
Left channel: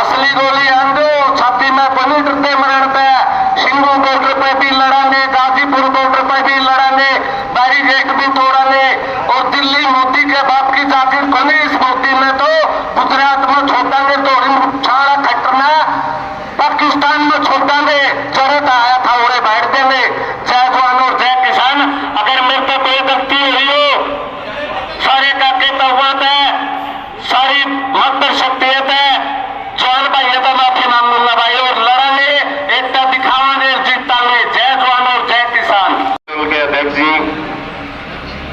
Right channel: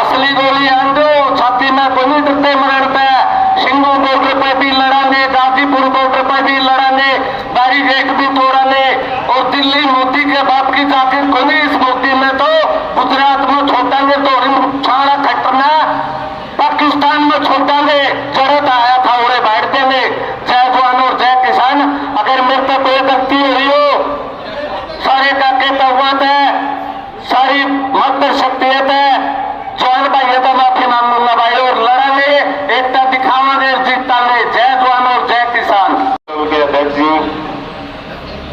असली गोली आन दो छाती में। कोई नहीं डरते मरण पे। सिंगू बॉर्डर पे भी लड़ांगे, गाजीपुर बॉर्डर पे भी लड़ांगे, बैरिकेड भी तोड़ांगे। और दिल्ली मोदी के बाप की जाकर को नहीं, इस मोदी ने तो गुजरात में छोड़ांगे, तो छाड़ा खटना पाकिस्तान में छोड़ांगे। जरूरत आया था उड़े बैठ देने। जय जवान और जय किसान। अगर मेरे को कोई गलती हुई हो, सारे काके तौबत है, सारी मत शक्तियत है, जवान भाई तो माफी मांगूंगा भाई। और लड़ांगे, एकता दिखावांगे, जीतांगे। जय जवान और जय किसान। के अध्यक्ष जी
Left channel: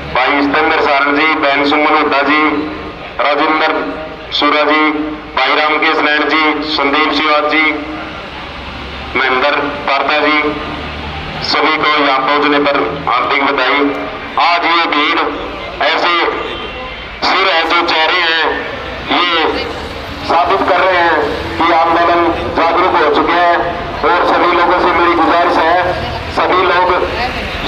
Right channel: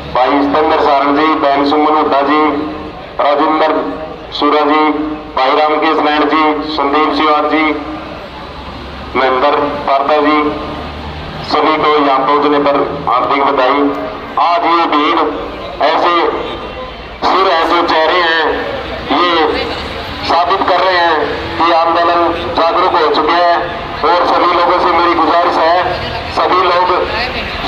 भाई स्तंभर सारंग जी, बहन सुमन हुड्डा जी, राजेंद्र सूरा जी, भाई रामकेश नैन जी, संदीप सिवाज जी, महेंद्र पारता जी, सभी को यहाँ पहुंचने पर हार्दिक बधाई। आज ये भीड़ ऐसे सिर है जो चेहरे हैं, ये साबित कर रहे हैं कि आंदोलन जागरूक हो चुके हैं। और सभी लोगों से मेरी गुजारिश है, सभी लोग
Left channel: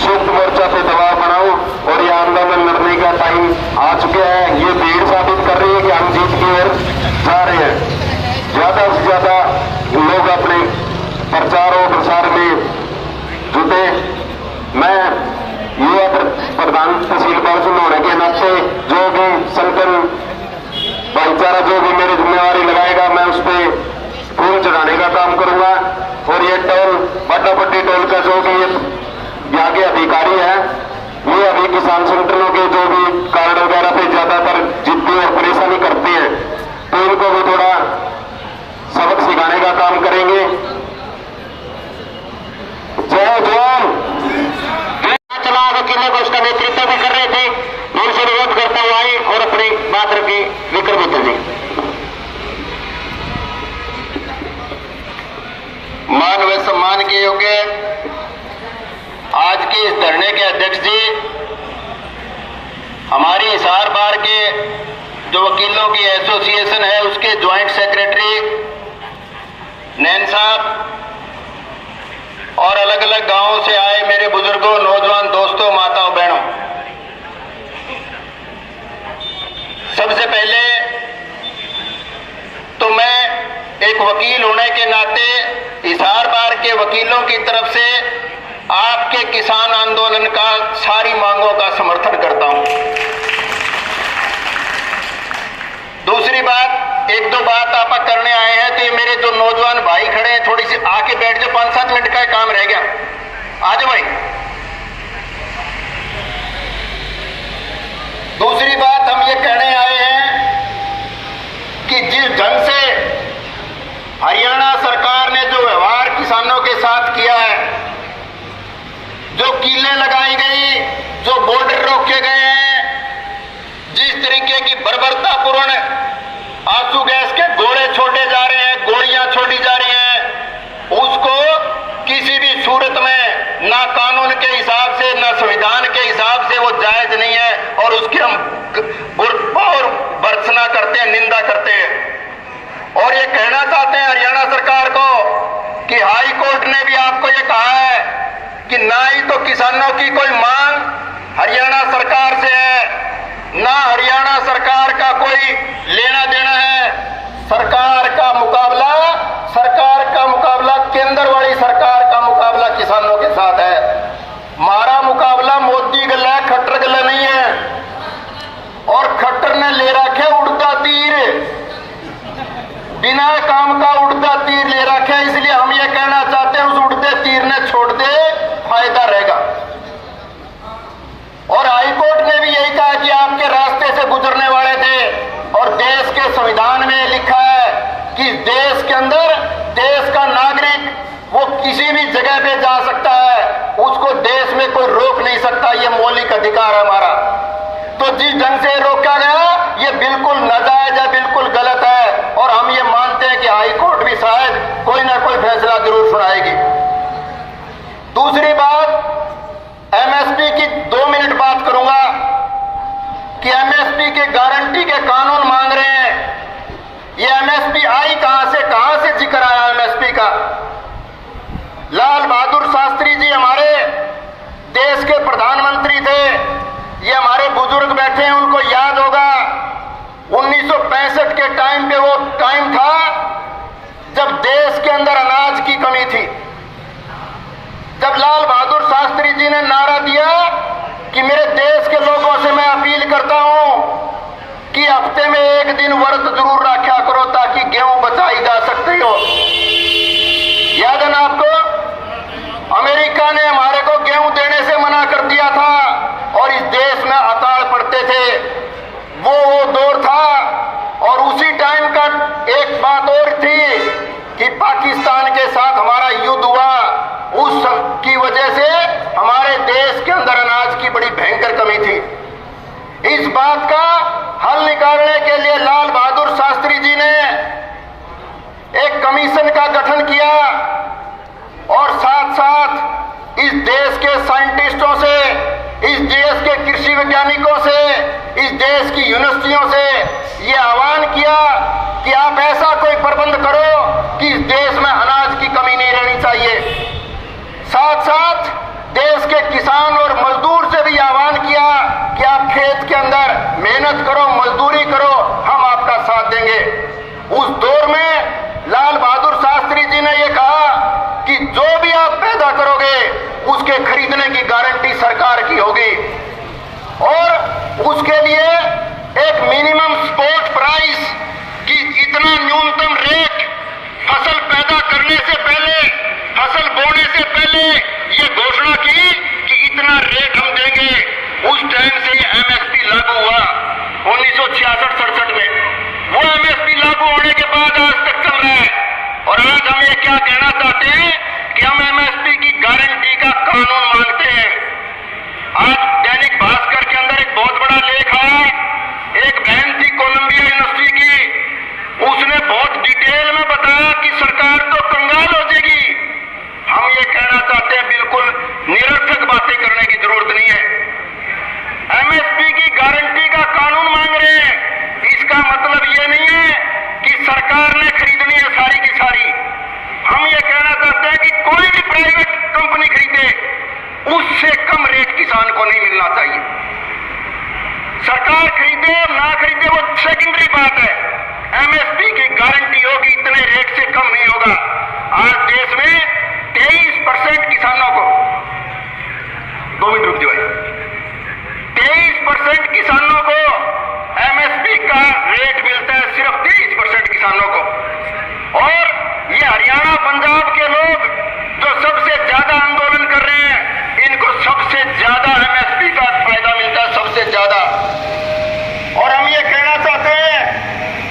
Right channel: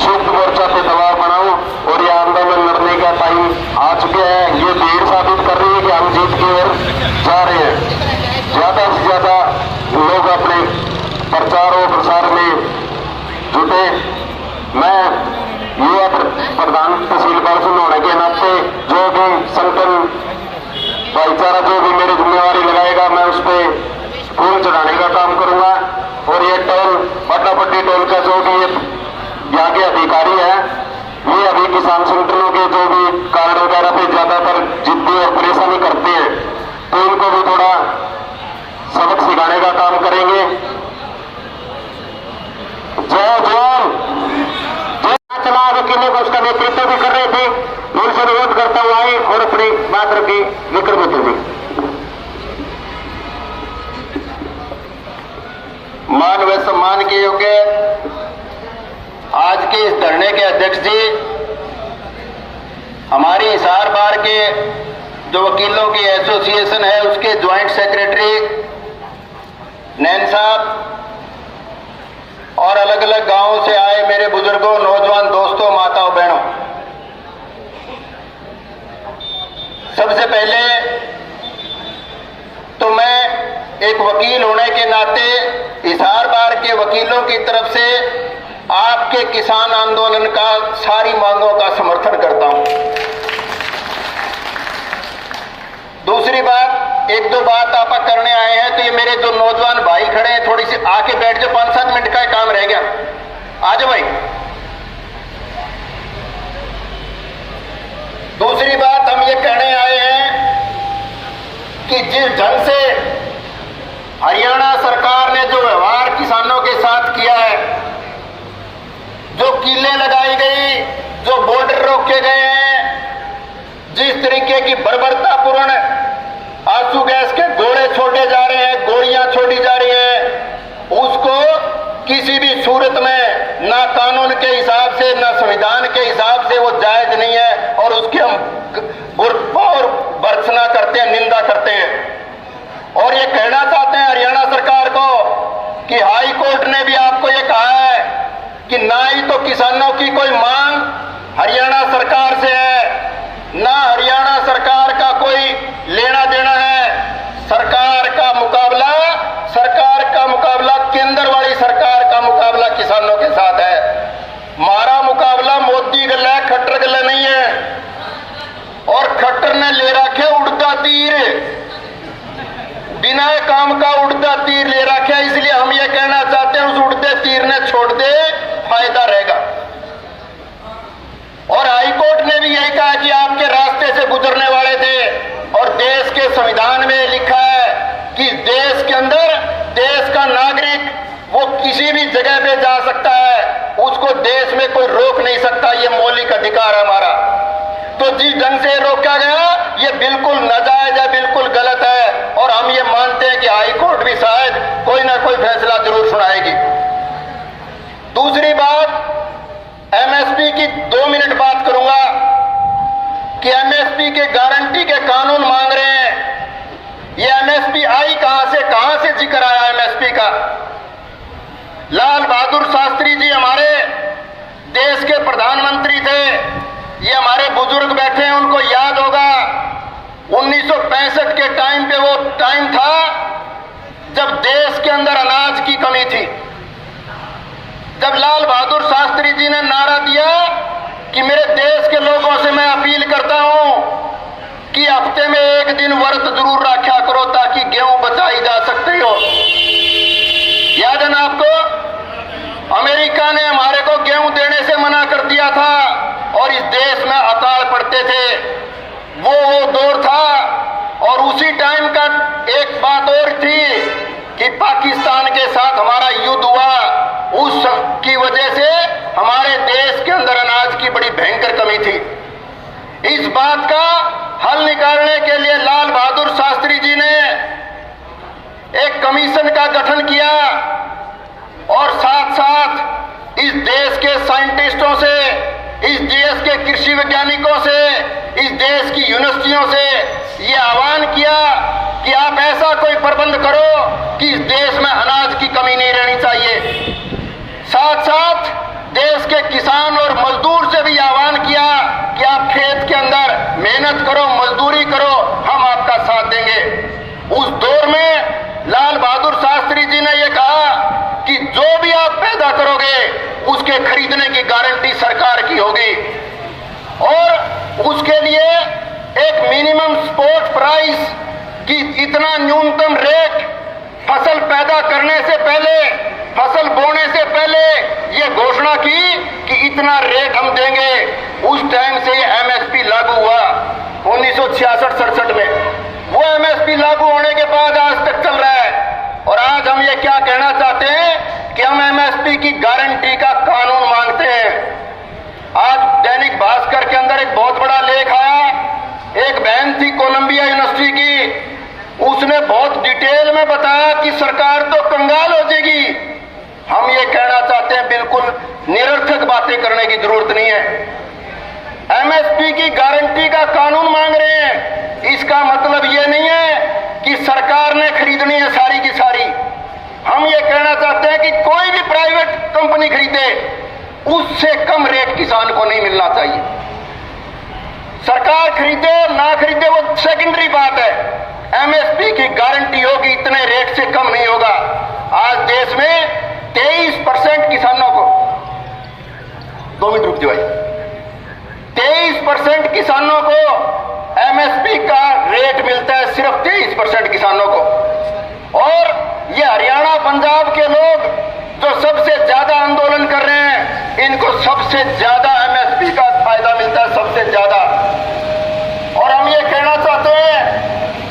शुद्ध मोर्चा पे दबाव बनाओ और ये आंदोलन लड़ने का टाइम आ चुका है। ये भीड़ साबित कर रही है कि हम जीत की ओर जा रहे हैं। ज्यादा से ज्यादा लोग अपने प्रचार और प्रसार में जुटे। मैं युवा प्रधान तहसील बारसून होने के नाते जो भी संगठन भाईचारा जो भी मेरी जिम्मेवारी लगाएगा, मैं उस पर फूल चढ़ाने का काम करूंगा। और ये टोल, पट्टापट्टी टोल का जो भी यहाँ के अधिकारी हैं, ये अभी किसान संगठनों के जो भी कार्ड वगैरह पे ज्यादातर जिद्दी और परेशानी करते हैं, तो इनको भी थोड़ा सबक सिखाने का काम करेंगे। जय जवान। चला वकीलों को उसका नेतृत्व भी कर रहे थे। के जो वकीलों की एसोसिएशन है उसके ज्वाइंट सेक्रेटरी नैन साहब और अलग अलग गांवों से आए मेरे बुजुर्गों, नौजवान दोस्तों, माताओं, बहनों, सबसे पहले तो मैं एक वकील होने के नाते हिसार बार के वकीलों की तरफ से आपके किसान आंदोलन का सारी मांगों का समर्थन करता हूं। दूसरी बात, एक दो बात आप करने आए हैं तो ये मेरे जो नौजवान भाई खड़े हैं, थोड़ी सी आके बैठ जाओ, 5-7 मिनट का काम रह गया, आ जाओ भाई। दूसरी बात हम ये कहने आए हैं कि जिस ढंग से हरियाणा सरकार ने जो व्यवहार किसानों के साथ किया है, जो कीलें लगाई गई, जो बॉर्डर रोके गए हैं, जिस तरीके की बर्बरतापूर्ण आंसू गैस के गोले छोड़े जा रहे हैं, गोलियां छोड़ी जा रही हैं, उसको किसी भी सूरत में ना कानून के हिसाब से ना संविधान के हिसाब से वो जायज नहीं है और उसकी हम भरपूर भर्त्सना करते हैं, निंदा करते हैं। और ये कहना चाहते हैं हरियाणा सरकार को कि हाई कोर्ट ने भी आपको ये कहा है कि ना ही तो किसानों की कोई मांग हरियाणा सरकार से है, ना हरियाणा सरकार का कोई लेना देना है। सरकार का मुकाबला केंद्र वाली सरकार का मुकाबला किसानों के साथ है। हमारा मुकाबला मोदी गला है, खट्टर गला नहीं है। और खट्टर ने ले रखे उड़ता तीर, बिना काम का उड़ता तीर ले रखे, इसलिए हम ये कहना चाहते हैं उस उड़ते तीर ने छोड़ दे, फायदा रहेगा। और हाईकोर्ट ने भी यही कहा कि आपके रास्ते से गुजरने वाले थे और देश के संविधान में लिखा है कि देश के अंदर देश का नागरिक वो किसी भी जगह पे जा सकता है, उसको देश में कोई रोक नहीं सकता, ये मौलिक अधिकार है हमारा। तो जिस ढंग से रोका गया ये बिल्कुल नाजायज है, बिल्कुल गलत है और हम ये मानते हैं कि हाईकोर्ट भी शायद कोई ना कोई फैसला जरूर सुनाएगी। दूसरी बात, एमएसपी की 2 मिनट बात करूंगा कि एमएसपी के गारंटी के कानून मांग रहे हैं। ये एमएसपी आई कहां से जिक्र आया एमएसपी का? लाल बहादुर शास्त्री जी हमारे देश के प्रधानमंत्री थे, ये हमारे बुजुर्ग बैठे हैं, उनको याद होगा 1965 के टाइम पे वो टाइम था जब देश के अंदर अनाज की कमी थी। जब लाल बहादुर शास्त्री जी ने नारा दिया कि मेरे देश के लोगों से मैं अपील करता हूं कि हफ्ते में 1 दिन व्रत जरूर रखा करो ताकि गेहूं बचाई जा सकती हो। याद है ना आपको? अमेरिका ने हमारे को गेहूं देने से मना कर दिया था और इस देश में अकाल पड़ते थे। वो दौर था। और उसी टाइम का एक बात और थी कि पाकिस्तान के साथ हमारा युद्ध हुआ, उस की वजह से हमारे देश के अंदर अनाज की बड़ी भयंकर कमी थी। इस बात का हल निकालने के लिए लाल बहादुर शास्त्री जी ने एक कमीशन का गठन किया और साथ साथ इस देश के साइंटिस्टों से, इस देश के कृषि वैज्ञानिकों से, इस देश की यूनिवर्सिटियों से ये आह्वान किया कि आप ऐसा कोई प्रबंध करो कि इस देश में अनाज की कमी नहीं रहनी चाहिए। साथ साथ देश के किसान और मजदूर से भी आह्वान किया कि आप खेत के अंदर मेहनत करो, मजदूरी करो, हम आपका साथ देंगे। उस दौर में लाल बहादुर शास्त्री जी ने यह कहा कि जो भी आप पैदा करोगे उसके खरीदने की गारंटी सरकार की होगी और उसके लिए एक मिनिमम सपोर्ट प्राइस की इतना न्यूनतम रेट फसल पैदा करने से पहले, फसल बोने से पहले ये घोषणा की कि इतना रेट हम देंगे। उस टाइम से ये एमएसपी लागू हुआ 1966-67 में। वो एमएसपी लागू होने के बाद आज तक चल रहा है और आज हम ये क्या कहना चाहते हैं कि हम एमएसपी की गारंटी का कानून मांगते हैं। आज दैनिक भास्कर के अंदर एक बहुत बड़ा लेख आया, एक बहन थी कोलंबिया यूनिवर्सिटी की, उसने बहुत डिटेल में बताया कि सरकार तो कंगाल हो जाएगी। हम ये कहना चाहते हैं बिल्कुल निरर्थक बातें करने की जरूरत नहीं है। एमएसपी की गारंटी का कानून मांग सरकार ने खरीदनी है सारी की सारी। हम ये कहना चाहते हैं कि कोई भी प्राइवेट कंपनी खरीदे उससे कम रेट किसान को नहीं मिलना चाहिए। सरकार खरीदे और ना खरीदे वो सेकेंडरी बात है, एमएसपी की गारंटी होगी इतने रेट से कम नहीं होगा। आज देश में 23% किसानों को, 2 मिनट रुक जाओ भाई, 23% किसानों को एमएसपी का रेट मिलता है, सिर्फ 23% किसानों को। और ये हरियाणा पंजाब के लोग जो सबसे ज्यादा आंदोलन कर रहे हैं, इनको सबसे ज्यादा एमएसपी का फायदा मिलता है, सबसे ज्यादा। और हम ये कहना चाहते हैं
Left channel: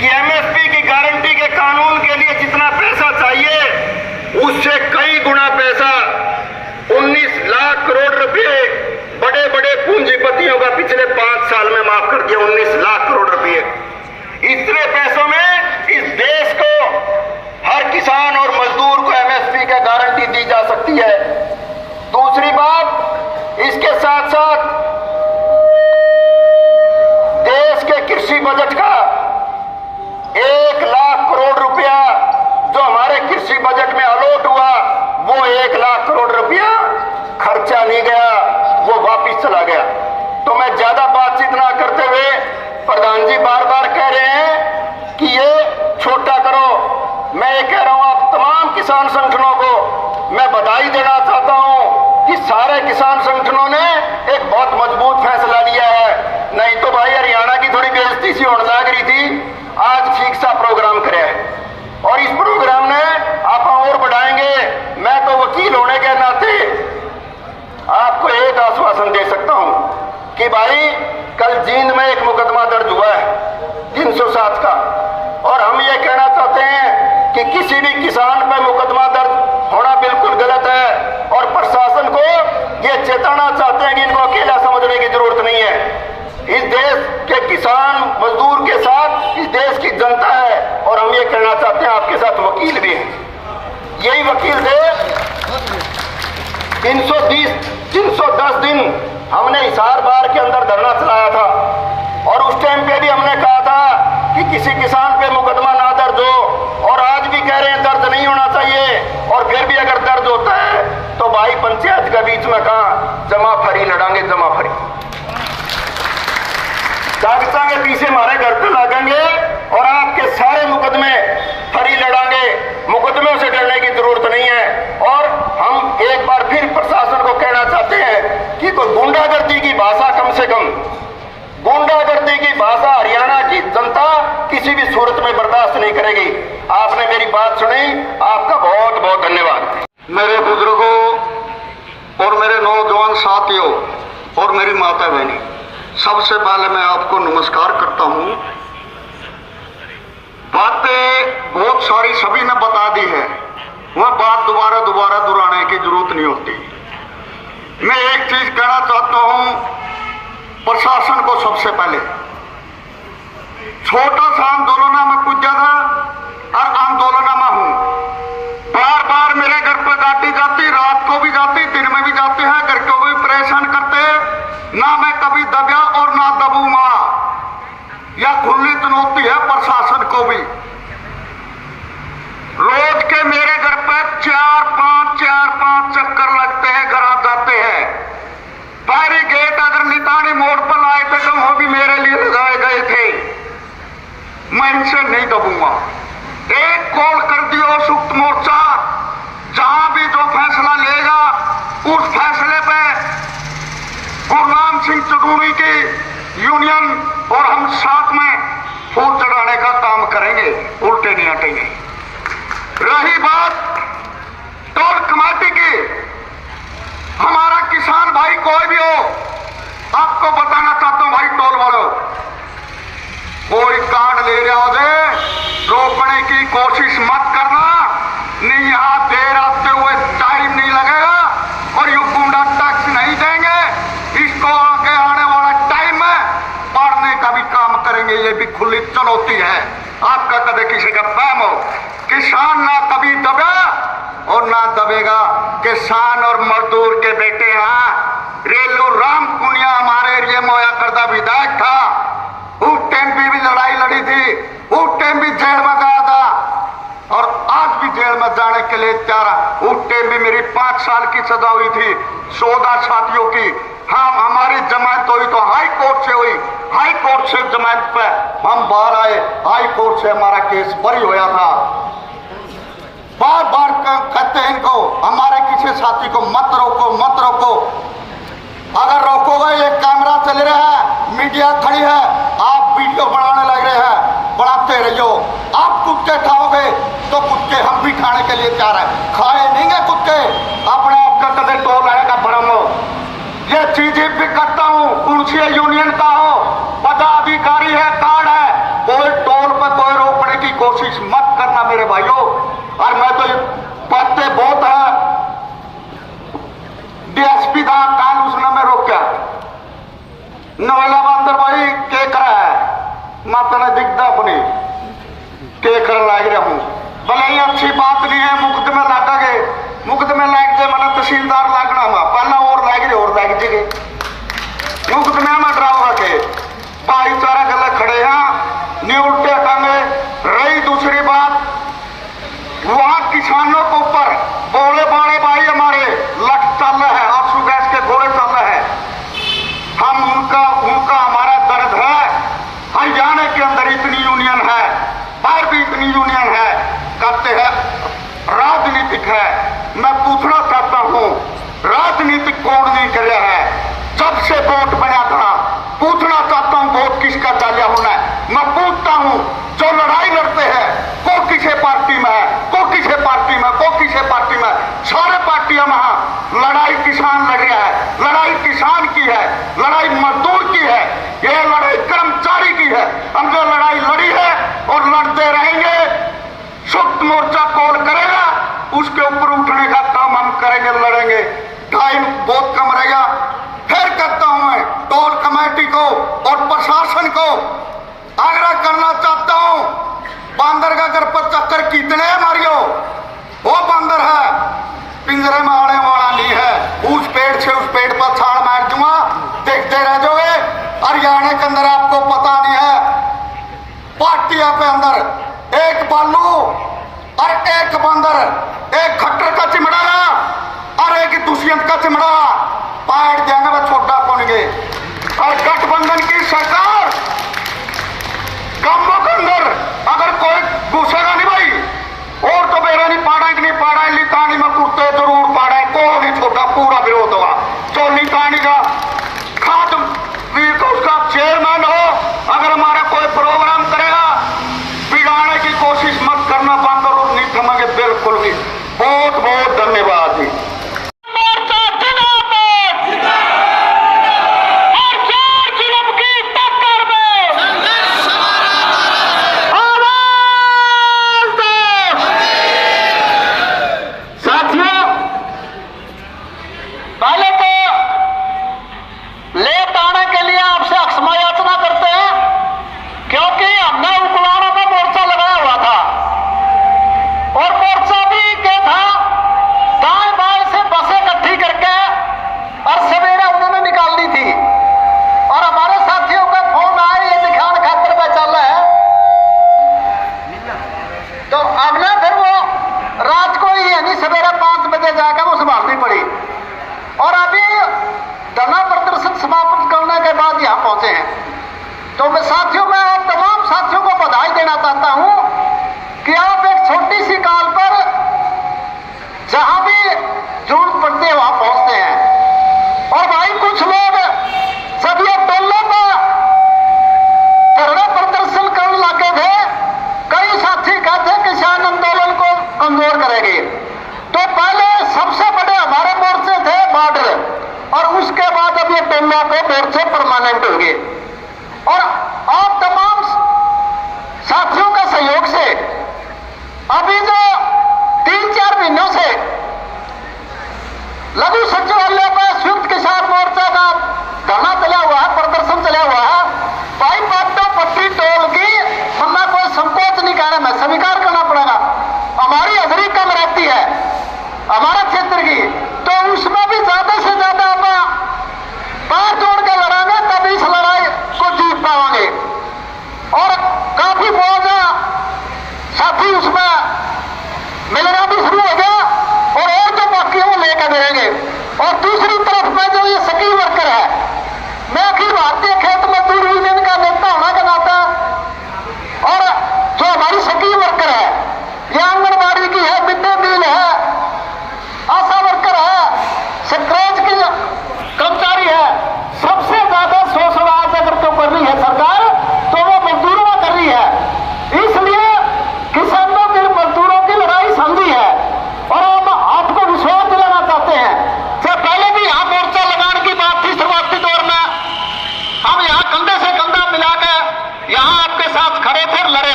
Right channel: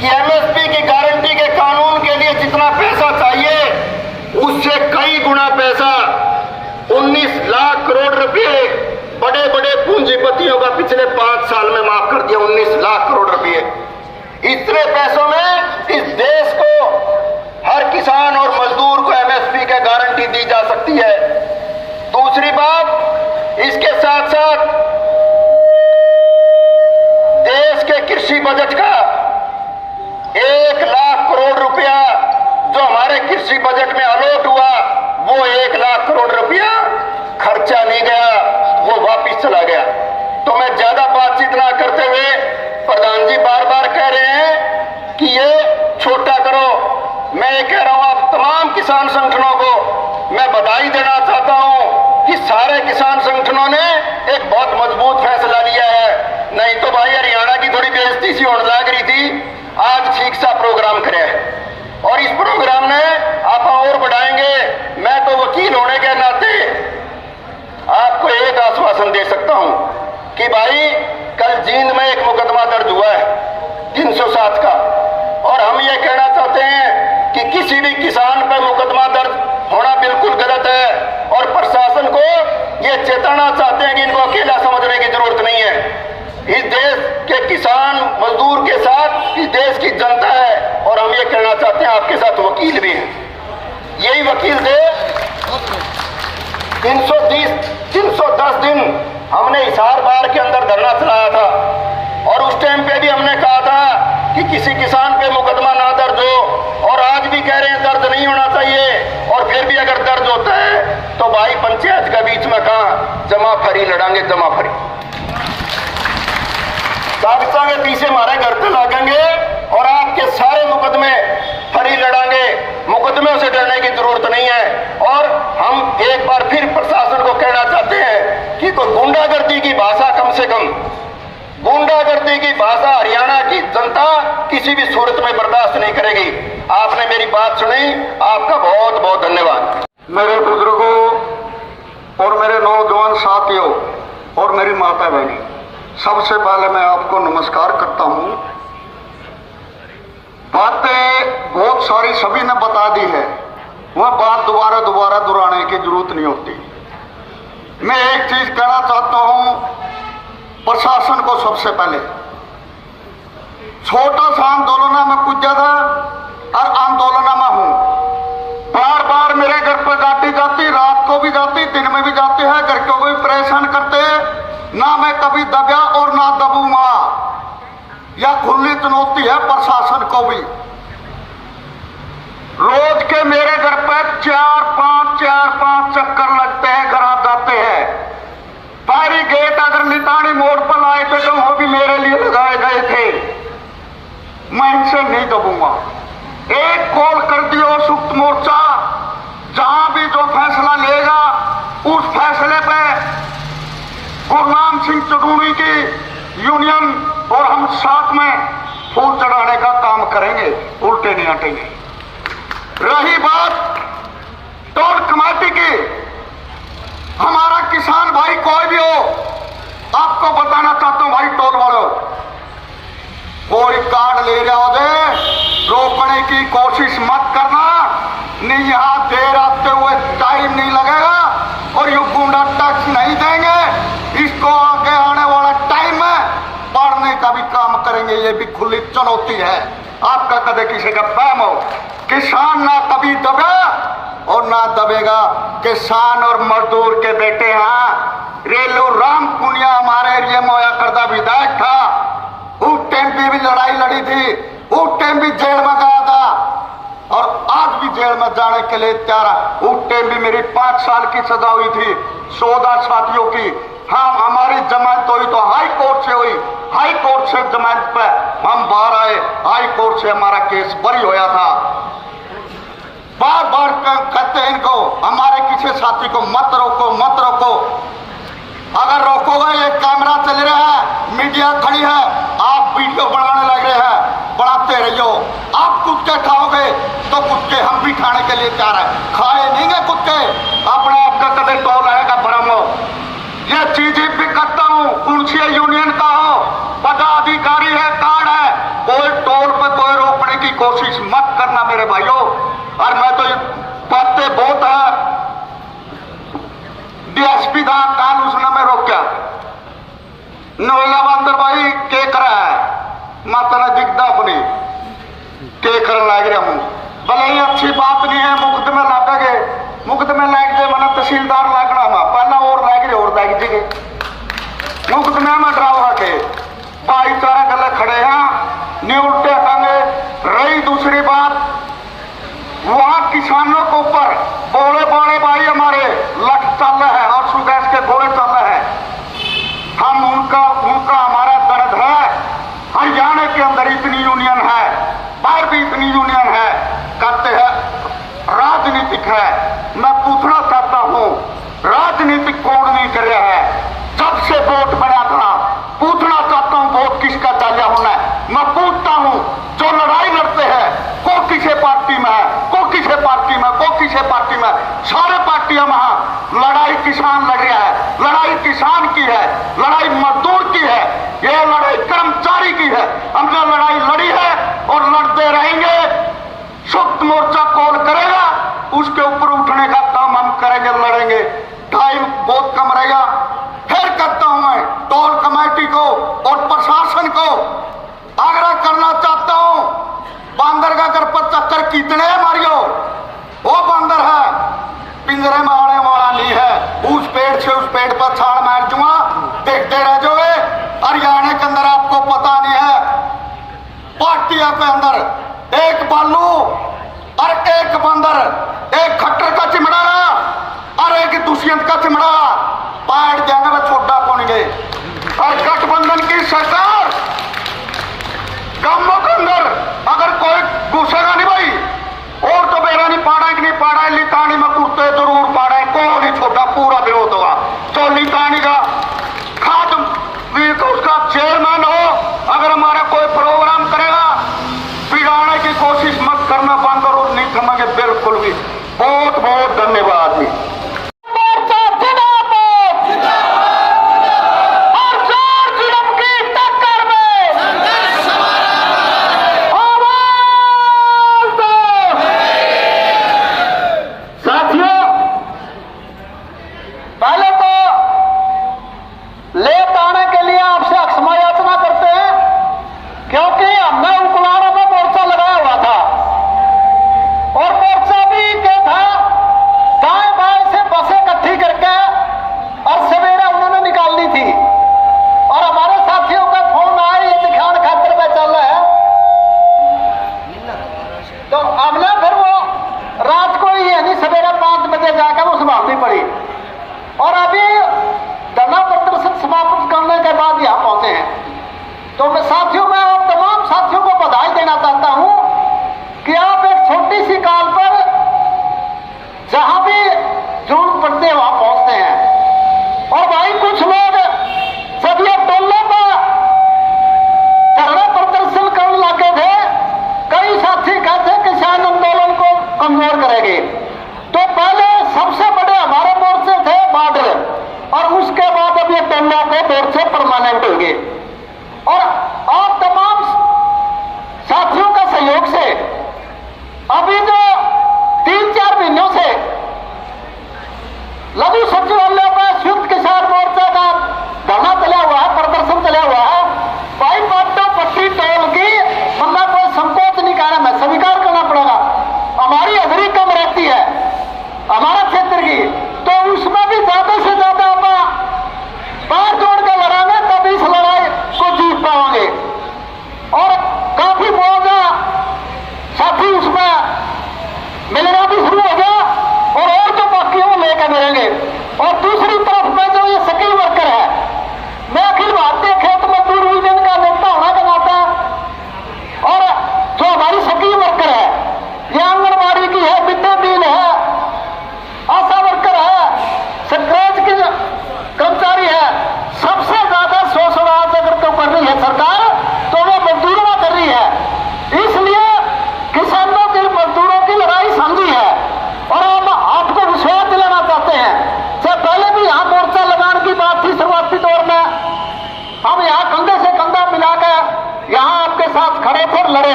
कि एमएसपी की गारंटी के कानून के लिए जितना पैसा चाहिए उससे कई गुना पैसा 19 लाख करोड़ रुपए बड़े बड़े पूंजीपतियों का पिछले 5 साल में माफ कर दिया। 19 लाख करोड़ रुपए, इतने पैसों में इस देश को हर किसान और मजदूर को एमएसपी की गारंटी दी जा सकती है। दूसरी बात, इसके साथ साथ देश के कृषि बजट का 1 लाख करोड़ रुपया जो हमारे कृषि बजट में अलॉट हुआ, वो 1 लाख करोड़ रुपया खर्चा नहीं गया, वो वापिस चला गया। तो मैं ज्यादा बातचीत ना करते हुए, प्रधान जी बार बार कह रहे हैं कि ये छोटा करो। मैं ये कह रहा हूं आप तमाम किसान संगठनों को मैं बधाई देना चाहता हूं कि सारे किसान संगठनों ने एक बहुत मजबूत फैसला लिया है। नहीं तो भाई हरियाणा की थोड़ी बेइज्जती सी होने लग रही थी, आज ठीक सा प्रोग्राम करे है और इस प्रोग्राम ने आप और बढ़ाएंगे। मैं तो वकील होने के नाते आपको एक आश्वासन दे सकता हूं कि भाई कल जींद में एक मुकदमा दर्ज हुआ है 307 का, और हम ये कहना चाहते हैं कि किसी भी किसान पर मुकदमा दर्ज होना बिल्कुल गलत है और प्रशासन को ये चेताना चाहते हैं कि इनको अकेला समझने की जरूरत नहीं है। इस देश के किसान मजदूर के साथ इस देश की जनता है और हम ये कहना चाहते हैं आपके साथ वकील भी हैं। यही वकील थे 310 दिन हमने हिसार बार के अंदर धरना चलाया था और उस टाइम पे भी हमने कहा था कि किसी किसान पे मुकदमा ना दर्ज हो, और आज भी कह रहे हैं दर्ज नहीं होना चाहिए। और फिर भी अगर दर्ज होता है तो भाई पंचायत के बीच में कहा जमा फरी लड़ांगे, जमा फरी कागजा के पीछे हमारे घर पे लगेंगे और आपके सारे मुकदमे फरी लड़ांगे। मुकदमे से डरने की जरूरत नहीं है। और हम एक बार फिर प्रशासन को कहना चाहते हैं कि कोई गुंडागर्दी की भाषा, कम से कम गुंडागर्दी की भाषा हरियाणा की जनता किसी भी सूरत में बर्दाश्त नहीं करेगी। आपने मेरी बात सुनी, आपका बहुत बहुत धन्यवाद। मेरे बुजुर्गों और मेरे नौजवान साथियों और मेरी माता बहनी, सबसे पहले मैं आपको नमस्कार करता हूं। बातें बहुत सारी सभी ने बता दी है, वह बात दोबारा दोहराने की जरूरत नहीं होती। मैं एक चीज कहना चाहता हूं प्रशासन को। सबसे पहले छोटा सा आंदोलन में कुछ ज्यादा और आंदोलन में हूं। बार बार मेरे घर पर गाड़ी जाती, रात को भी जाती, दिन में भी जाते हैं, घर को भी परेशान करते हैं। ना मैं कभी दबा और ना दबूंगा, यह खुली चुनौती है प्रशासन को भी। रोज के मेरे घर पर 4-5 चक्कर लगते हैं, घर आ जाते हैं। पारी गेट अगर नितानी मोड़ पर आए थे तो वो भी मेरे लिए लगाए गए थे। मैं इनसे नहीं दबूंगा। एक कॉल कर दियो सुप्त मोर्चा, जहां भी जो फैसला लेगा उस फैसले पे गुरनाम सिंह चौधरी की यूनियन और हम साथ में फूल चढ़ाने का काम करेंगे, उल्टे नहीं हटेंगे। रही बात टोल कमेटी की, हमारा किसान भाई कोई भी हो, आपको बताना चाहता हूं भाई टोल वालों, कोई कार्ड ले रहा हो रोकने की कोशिश मत करना। नहीं यहां देर आते हुए टाइम नहीं लगेगा और ये गुंडा टैक्स नहीं देंगे। इसको आगे आने वाला टाइम में पढ़ने का भी काम करेंगे। ये भी खुली चुनौती है। आपका कभी किसी का पैम हो, किसान ना कभी दबे और ना दबेगा। किसान और मजदूर के बेटे हैं। रेलू राम पुनिया हमारे एरिया में होया करता विधायक था, उस टाइम भी लड़ाई लड़ी थी, उस टाइम भी जेल में गया था। के लिए तैयार है। उस टाइम भी मेरी 5 साल की सजा हुई थी 14 साथियों की। हाँ, हमारी जमानत हुई तो हाई कोर्ट से हुई, हाई कोर्ट से जमानत पे हम बाहर आए, हाई कोर्ट से हमारा केस बरी होया था। बार बार कहते हैं इनको, हमारे किसी साथी को मत रोको, मत रोको। अगर रोकोगे, ये कैमरा चल रहा है, मीडिया खड़ी है, आप वीडियो बनाने लग रहे हैं, बनाते रहियो। आप कुत्ते खाओगे तो कुत्ते हम भी खाने के लिए तैयार है। खाए नहीं है कुत्ते, अपने आप का कदे टोल रहेगा भरम। ये चीजें भी करता हूँ, पुलिसिया यूनियन का हो, पदाधिकारी है, कार्ड है, कोई टोल पर कोई रोकने की कोशिश मत करना मेरे भाइयों। और मैं तो बातें बहुत है, डीएसपी का कान उसने में रोक्या नोला बंदर भाई के करा है, माता ने दिखता अपनी के कर लाग रहा हूं। भले ही अच्छी बात नहीं है, मुफ्त में लागे, मुफ्त में लाग जाए मैंने तहसीलदार लागना हुआ, पहला और लाग रहे और लाग जाएगी, मुफ्त में मैं डराओगा के भाईचारा गले खड़े हैं, न्यूट्टे टांगे। रही दूसरी बात, वहां किसानों के ऊपर बोले बाड़े भाई हमारे लट चल रहा है, आंसू गैस के गोले चल रहे हैं। हम उनका हमारा दर्द है। हरियाणा के अंदर इतनी यूनियन है, बाहर भी इतनी यूनियन है, कहते हैं राजनीतिक है। मैं पूछना चाहता हूं, राजनीतिक कौन नहीं कर रहा है? जब से वोट बना था, पूछना चाहता हूं वोट किसका चाहिए होना है। मैं पूछता हूं, जो लड़ाई लड़ते हैं को किसे पार्टी में है, को किसे पार्टी में, को किसे पार्टी में, सारे पार्टियों में लड़ाई किसान लड़ रहा है। लड़ाई किसान की है, लड़ाई मजदूर की है, ये लड़ाई कर्मचारी की है। हम जो लड़ाई लड़ी है और लड़ते रहेंगे, सुप्त मोर्चा कौन करेगा, उसके ऊपर उठने का काम हम करेंगे, लड़ेंगे। टाइम बहुत कम रहेगा। फिर करता हूं मैं टोल कमेटी को और प्रशासन को आग्रह करना चाहता हूं, बंदर का घर पर चक्कर कितने है मारियो, वो बंदर है, पिंजरे में आने वाला नहीं है। उस पेड़ से उस पेड़ पर छाल मार दूंगा, देखते रह जाओगे। हरियाणा के अंदर आपको पता नहीं है, पार्टियों के अंदर एक बालू और एक बंदर, एक खट्टर का चिमड़ा और एक दुष्यंत का चिमड़ा, पैर जाएंगे वो छोटा कौनगे। और गठबंधन की सरकार गांवों के अंदर अगर कोई घुसेगा नहीं भाई, और तो मेरा नहीं पाड़ा, एक नहीं पाड़ा, लितानी में कुत्ते जरूर पाड़ा है, कोई नहीं छोटा, पूरा विरोध होगा। तो लितानी का खाद भी तो उसका चेयरमैन हो, अगर हमारा कोई प्रोग्राम करेगा, बिगाड़ने की कोशिश मत करना, बंद करो, नहीं थमेंगे बिल्कुल भी। बहुत बहुत धन्यवाद जी। और अभी धरना प्रदर्शन समाप्त करने के बाद यहाँ पहुंचे हैं। तो मैं साथियों, मैं आप तमाम साथियों को बधाई देना चाहता हूं कि आप एक छोटी सी काल पर जहां भी जरूरत पड़ती है वहां पहुंचते हैं। और भाई कुछ लोग जब ये टोलों पर धरना प्रदर्शन करने लगे थे, कई साथी कहते किसान आंदोलन को कमजोर करेंगे। तो पहले सबसे बड़े हमारे मोर्चे थे बॉर्डर, और उसके बाद अब ये टोला को मोर्चे परमानेंट हो गए। और आप तमाम साथियों का सहयोग से अभी जो 3-4 महीनों से लघु सचिवालय पर संयुक्त किसान मोर्चा का धरना चला हुआ है, प्रदर्शन चला हुआ है। भाई पाटा पट्टी टोल की मतलब कोई संकोच नहीं करना, मैं स्वीकार करना पड़ेगा। हमारी हाजिरी कम रहती है हमारा क्षेत्र की, तो उसमें भी ज्यादा से ज्यादा हम पांच जोड़ के लड़ाएंगे, तभी इस लड़ाई को जीत पाएंगे। और काफी बहुत साथी उसमें मिलना भी शुरू हो गया।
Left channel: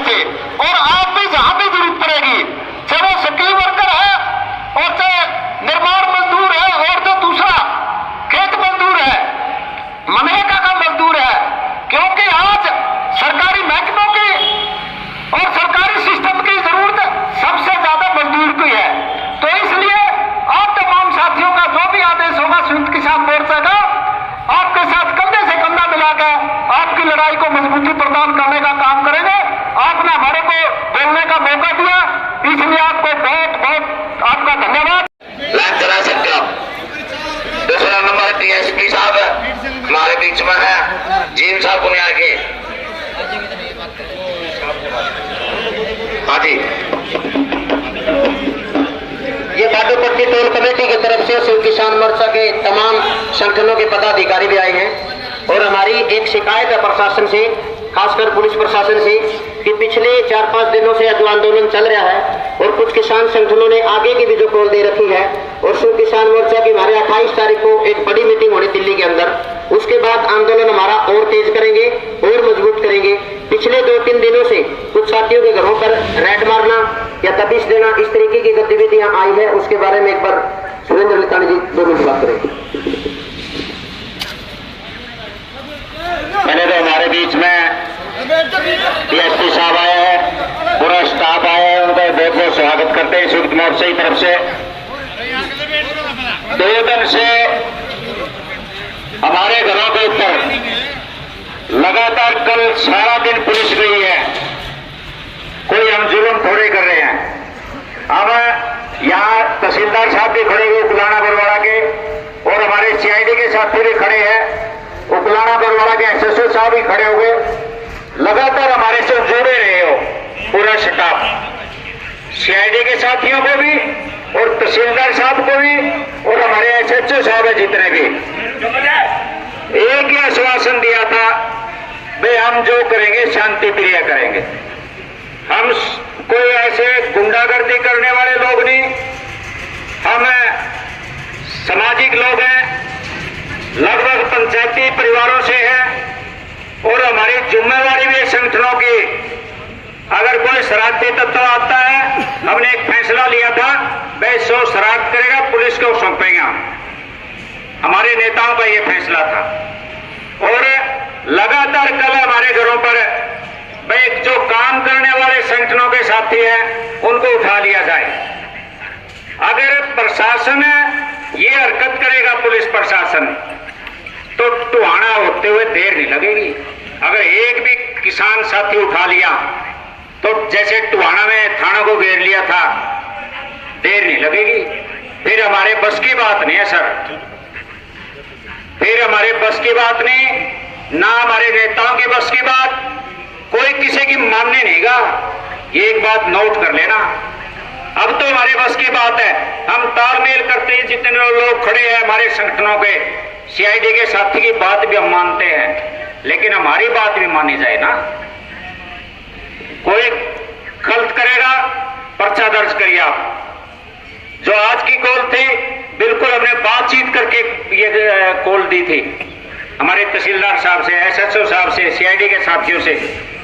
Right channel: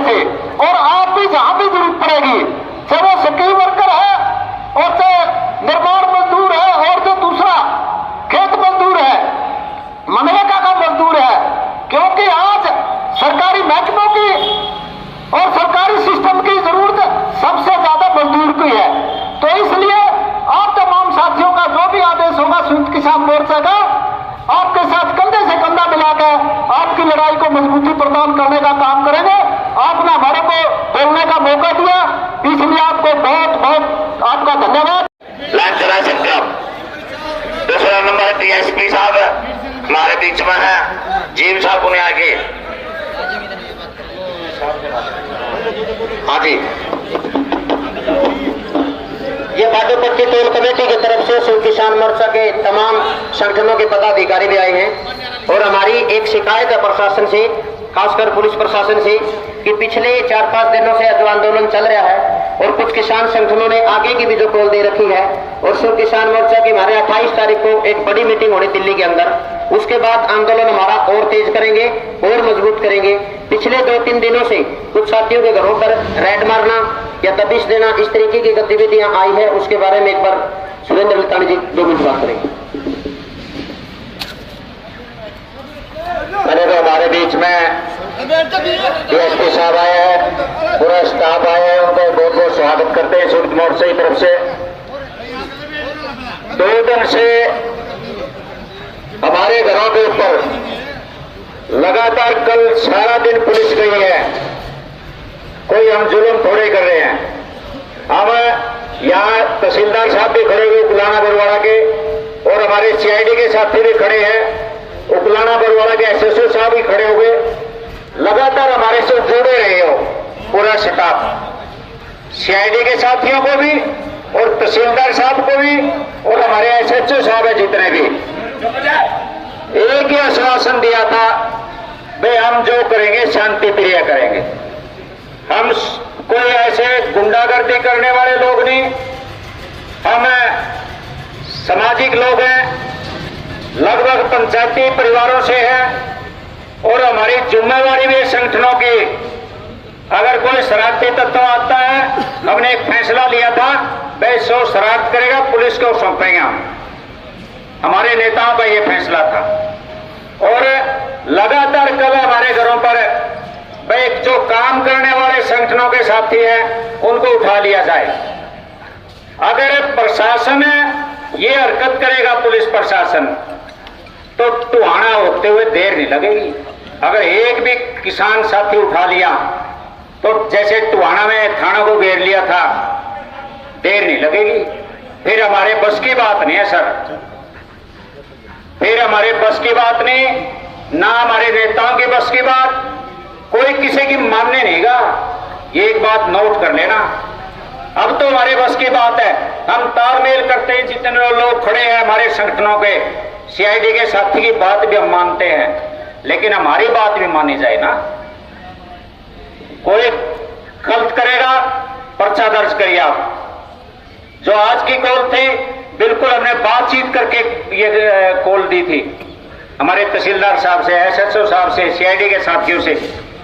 थे। और आप भी जहां भी जरूरत पड़ेगी, चाहे वो स्किल वर्कर है और चाहे निर्माण मजदूर है और जो दूसरा खेत मजदूर है, मनरेगा का मजदूर है, क्योंकि आज सरकारी महकमों की और सरकारी सिस्टम की जरूरत सबसे ज्यादा मजदूर की है। तो इसलिए आप तमाम साथियों का जो भी आदेश होगा संयुक्त किसान मोर्चा का, आपके साथ कंधे से कंधा मिलाकर आपकी लड़ाई को मजबूती प्रदान करने का काम करेंगे। आपने हमारे को बोलने का मौका दिया, इसलिए आपको बहुत बहुत आपका धन्यवाद। लाइन चला सकते हो। दूसरा नंबर डीएसपी साहब हमारे बीच में है, जीव साहब को आगे। हाँ जी, ये बादूपट्टी टोल कमेटी की तरफ से संयुक्त किसान मोर्चा के तमाम संगठनों के पदाधिकारी भी आए हैं और हमारी एक शिकायत है प्रशासन से, खासकर पुलिस प्रशासन से, कि पिछले 4-5 दिनों से जो आंदोलन चल रहा है और कुछ किसान संगठनों ने आगे की भी जो कॉल दे रखी है और संयुक्त किसान मोर्चा की हमारे 28 तारीख को एक बड़ी मीटिंग होनी दिल्ली के अंदर, उसके बाद आंदोलन हमारा और तेज करेंगे और मजबूत करेंगे। पिछले 2-3 दिनों से कुछ साथियों के घरों पर रेड मारना या दबिश देना, इस तरीके की गतिविधियां आई है, उसके बारे में एक बार सुरेंद्र लितानी जी जो मुझे बात करेंगे। मैंने तो हमारे बीच में डीएसपी साहब आए हैं, पूरा स्टाफ आया है, उनका बहुत बहुत स्वागत करते हैं संयुक्त मोर्चा की तरफ से। 2 दिन से हमारे घरों के ऊपर लगातार कल सारा दिन पुलिस गई है, कोई हम जुल्म थोड़े कर रहे हैं। हम यहाँ तहसीलदार साहब भी खड़े हुए उकलाना बरवाड़ा के और हमारे सीआईडी के साथी भी खड़े हैं, उकलाना बरवाड़ा के एसएसओ साहब भी खड़े हुए, लगातार हमारे से जुड़े रहे हो पूरा स्टाफ, सीआईडी के साथियों को भी और तहसीलदार साहब को भी और हमारे एसएचओ साहब है जितने भी, एक ही आश्वासन दिया था, भाई हम जो करेंगे शांति प्रिय करेंगे, हम कोई ऐसे गुंडागर्दी करने वाले लोग नहीं, हम सामाजिक लोग हैं, लगभग पंचायती परिवारों से हैं और हमारी जिम्मेवारी भी संगठनों की, अगर कोई शरारती तत्व आता है, हमने एक फैसला लिया था, भाई 100 शरारत करेगा पुलिस को सौंपेंगे हम, हमारे नेताओं का ये फैसला था। और लगातार कल हमारे घरों पर भाई जो काम करने वाले संगठनों के साथी हैं उनको उठा लिया जाए। अगर प्रशासन ये हरकत करेगा पुलिस प्रशासन तो टुहाना होते हुए देर नहीं लगेगी। अगर एक भी किसान साथी उठा लिया तो जैसे टुहाना में थाना को घेर लिया था, देर नहीं लगेगी। फिर हमारे बस की बात नहीं है सर, फिर हमारे बस की बात नहीं, ना हमारे नेताओं की बस की बात, कोई किसी की मानने नहीं गा। ये एक बात नोट कर लेना, अब तो हमारे बस की बात है, हम तालमेल करते हैं, जितने लोग खड़े हैं हमारे संगठनों के, सीआईडी के साथी की बात भी हम मानते हैं, लेकिन हमारी बात भी मानी जाए ना। कोई गलत करेगा पर्चा दर्ज करिए आप। जो आज की कॉल थी बिल्कुल हमने बातचीत करके ये कॉल दी थी हमारे तहसीलदार साहब से, एसएचओ साहब से, सीआईडी के साथियों से,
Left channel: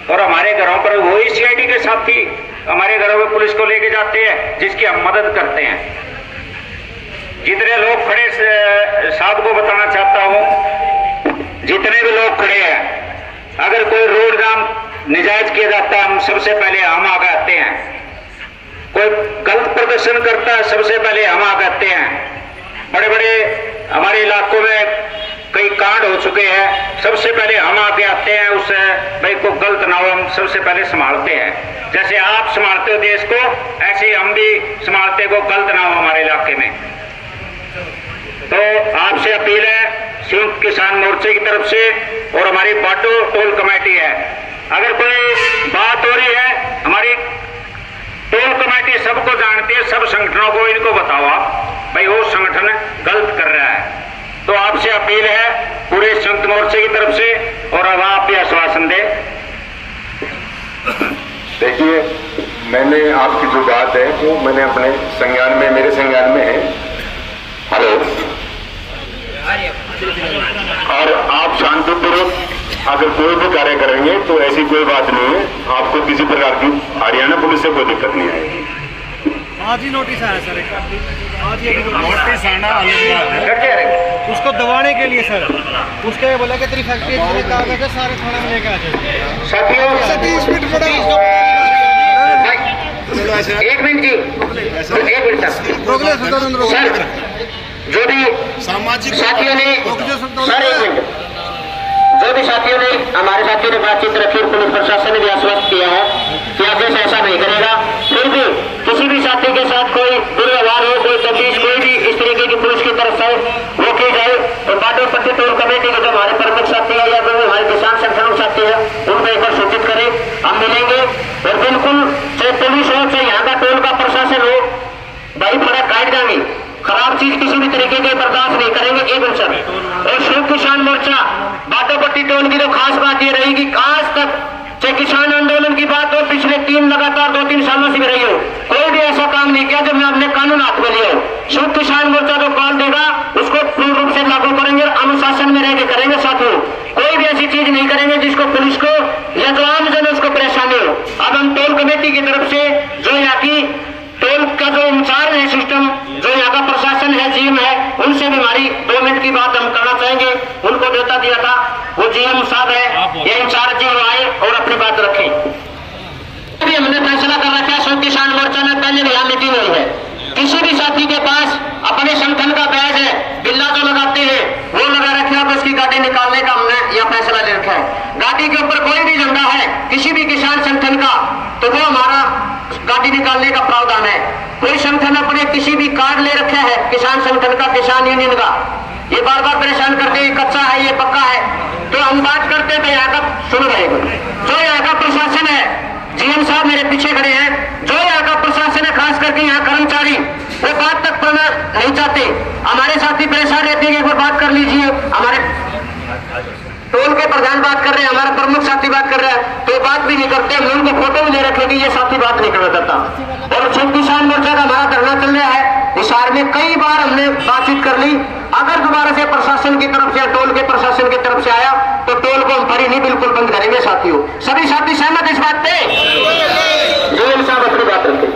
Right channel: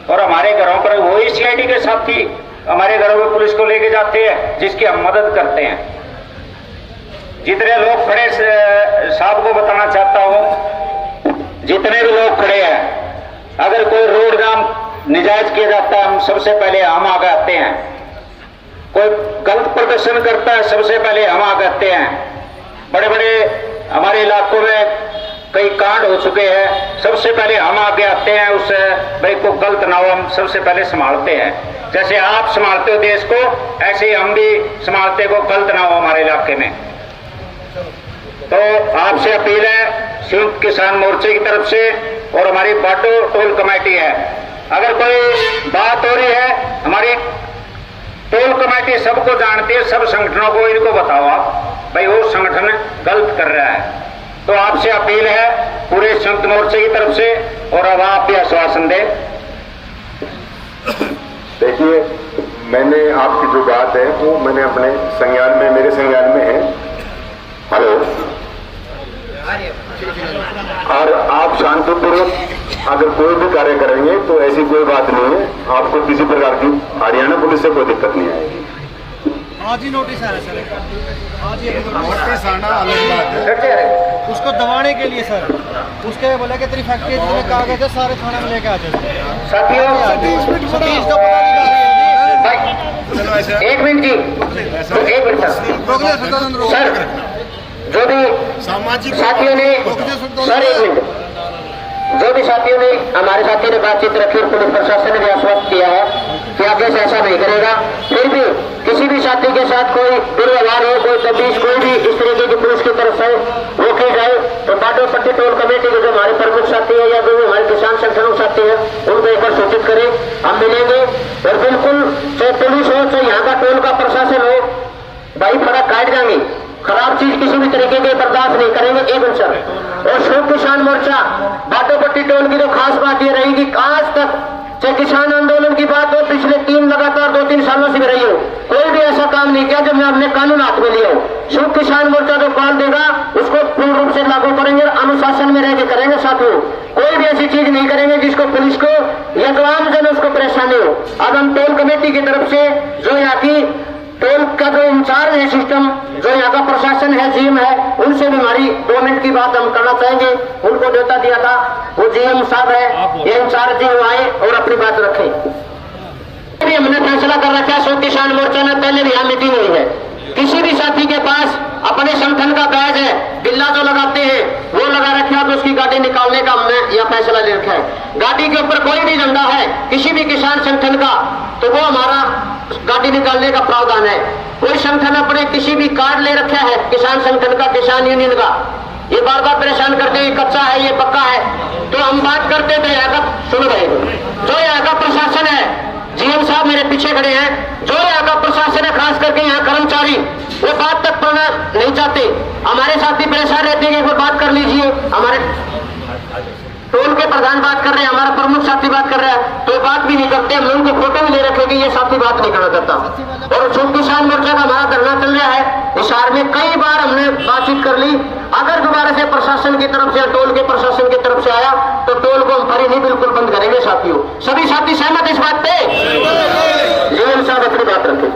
और हमारे घरों पर वही सीआईडी के साथी हमारे घरों में पुलिस को लेके जाते हैं जिसकी हम मदद करते हैं। जितने लोग खड़े साहब को बताना चाहता हूं, जितने भी लोग खड़े हैं, अगर कोई रोड जाम निजायज किया जाता है, हम सबसे पहले हम आगे आते हैं। कोई गलत प्रदर्शन करता है, सबसे पहले हम आगे आते हैं। बड़े बड़े हमारे इलाकों में कई कांड हो चुके हैं, सबसे पहले हम आगे आते हैं, उस भाई को गलत ना हो हम सबसे पहले संभालते हैं। जैसे आप संभालते हो देश को, ऐसे ही हम भी संभालते को गलत ना हो हमारे इलाके में। तो आपसे अपील है संयुक्त किसान मोर्चे की तरफ से और हमारी बाटो टोल कमेटी है, अगर कोई बात हो रही है, हमारी टोल कमेटी सबको जानती है, सब संगठनों को इनको बताओ आप भाई वो संगठन गलत कर रहा है। तो आपसे अपील है पूरे संयुक्त मोर्चे की तरफ से, और अब आप भी आश्वासन दें। देखिए, मैंने आपकी जो बात है वो मैंने अपने संज्ञान में, मेरे संज्ञान में है। हेलो, और आप शांतिपूर्वक अगर कोई भी कार्य करेंगे तो ऐसी कोई बात नहीं है, आपको किसी प्रकार की हरियाणा पुलिस से कोई दिक्कत नहीं आएगी। आज ही नोटिस आया सर, आज ही अभी नोटिस आना अलग बात है। उसको दबाने के लिए सर, उसके में बोला कि तेरी फैक्ट्री जितने कागज है सारे थाना में लेके आ जाए। साथियों 30 मिनट पड़ा एक मिनट जी, एक मिनट सर, जो भी सामाजिक साथियों ने सर एक मिनट, जो भी साथियों ने हमारे साथियों ने बातचीत रखी, पुलिस प्रशासन ने भी आश्वस्त किया है कि आगे से ऐसा नहीं करेगा। फिर भी किसी भी साथी के साथ कोई दुर्व्यवहार हो, कोई तफ्तीश कोई भी इस तरीके की पुलिस की तरफ से वो की जाए तो बाटोपट्टी टोल कमेटी के जो हमारे प्रमुख साथी है या जो भी हमारे किसान संगठनों के साथी है उनको एक बार सूचित करें, हम मिलेंगे। और बिल्कुल चाहे पुलिस हो चाहे यहाँ का टोल का प्रशासन हो, भाई फर्क काट देंगे, खराब चीज किसी भी तरीके के बर्दाश्त नहीं करेंगे एवं सर। और संयुक्त किसान मोर्चा बाटोपट्टी टोल की तो खास बात ये रहेगी, आज तक चाहे किसान आंदोलन की बात हो, पिछले 2-3 सालों से भी रही हो, कोई भी ऐसा काम नहीं किया जब मैं अपने कानून हाथ में लिया हो। संयुक्त किसान मोर्चा जो कॉल देगा उसको पूर्ण रूप से लागू करेंगे, अनुशासन में रहकर करेंगे साथियों। कोई भी ऐसी चीज नहीं करेंगे जिसको पुलिस को या जो आम जन उसको परेशानी हो। अब हम टोल कमेटी की तरफ से जो यहाँ की टोल का जो इंचार्ज है सिस्टम, जो यहाँ का प्रशासन है, जीएम है, उनसे भी हमारी 2 मिनट की बात हम करना चाहेंगे। उनको देता दिया था, वो जीएम साहब है, ये इंचार्ज जी आए और अपनी बात रखें। अभी हमने फैसला कर रखा है, संयुक्त किसान मोर्चा में पहले भी यहाँ मीटिंग हुई है, किसी भी साथी के पास अपने संगठन का बैज है, बिल्ला जो लगाते हैं वो लगा रखे है, तो उसकी गाड़ी निकालने का हमने यह फैसला ले रखा है। गाड़ी के ऊपर कोई भी झंडा है किसी भी किसान संगठन का तो वो हमारा गाड़ी निकालने का प्रावधान है। कोई संगठन अपने किसी भी कार्ड ले रखा है किसान संगठन का, किसान यूनियन का, ये बार बार परेशान करते हैं, कच्चा है ये पक्का है, तो हम बात करते तो यहाँ का सुन रहे हो। जो यहाँ का प्रशासन है, जीएम साहब मेरे पीछे खड़े हैं, जो यहाँ का प्रशासन है खास करके यहाँ कर्मचारी, वो बात तक करना नहीं चाहते। हमारे साथी परेशान रहते हैं, वो बात कर लीजिए, हमारे टोल के प्रधान बात कर रहे हैं, हमारा प्रमुख साथी बात कर रहा है, तो बात भी नहीं करते। हम उनको फोटो भी नहीं रखे कि ये साथी बात नहीं करना चाहता। और संयुक्त किसान मोर्चा का हमारा धरना चल रहा है, हिसार में कई बार हमने बातचीत कर ली। अगर दोबारा से प्रशासन की तरफ से, टोल के प्रशासन की तरफ से आया तो टोल को हम फरी नहीं बिल्कुल बंद करेंगे साथियों। सभी साथी सहमत इस बात पे? जीवन साहब अपनी बात रखें।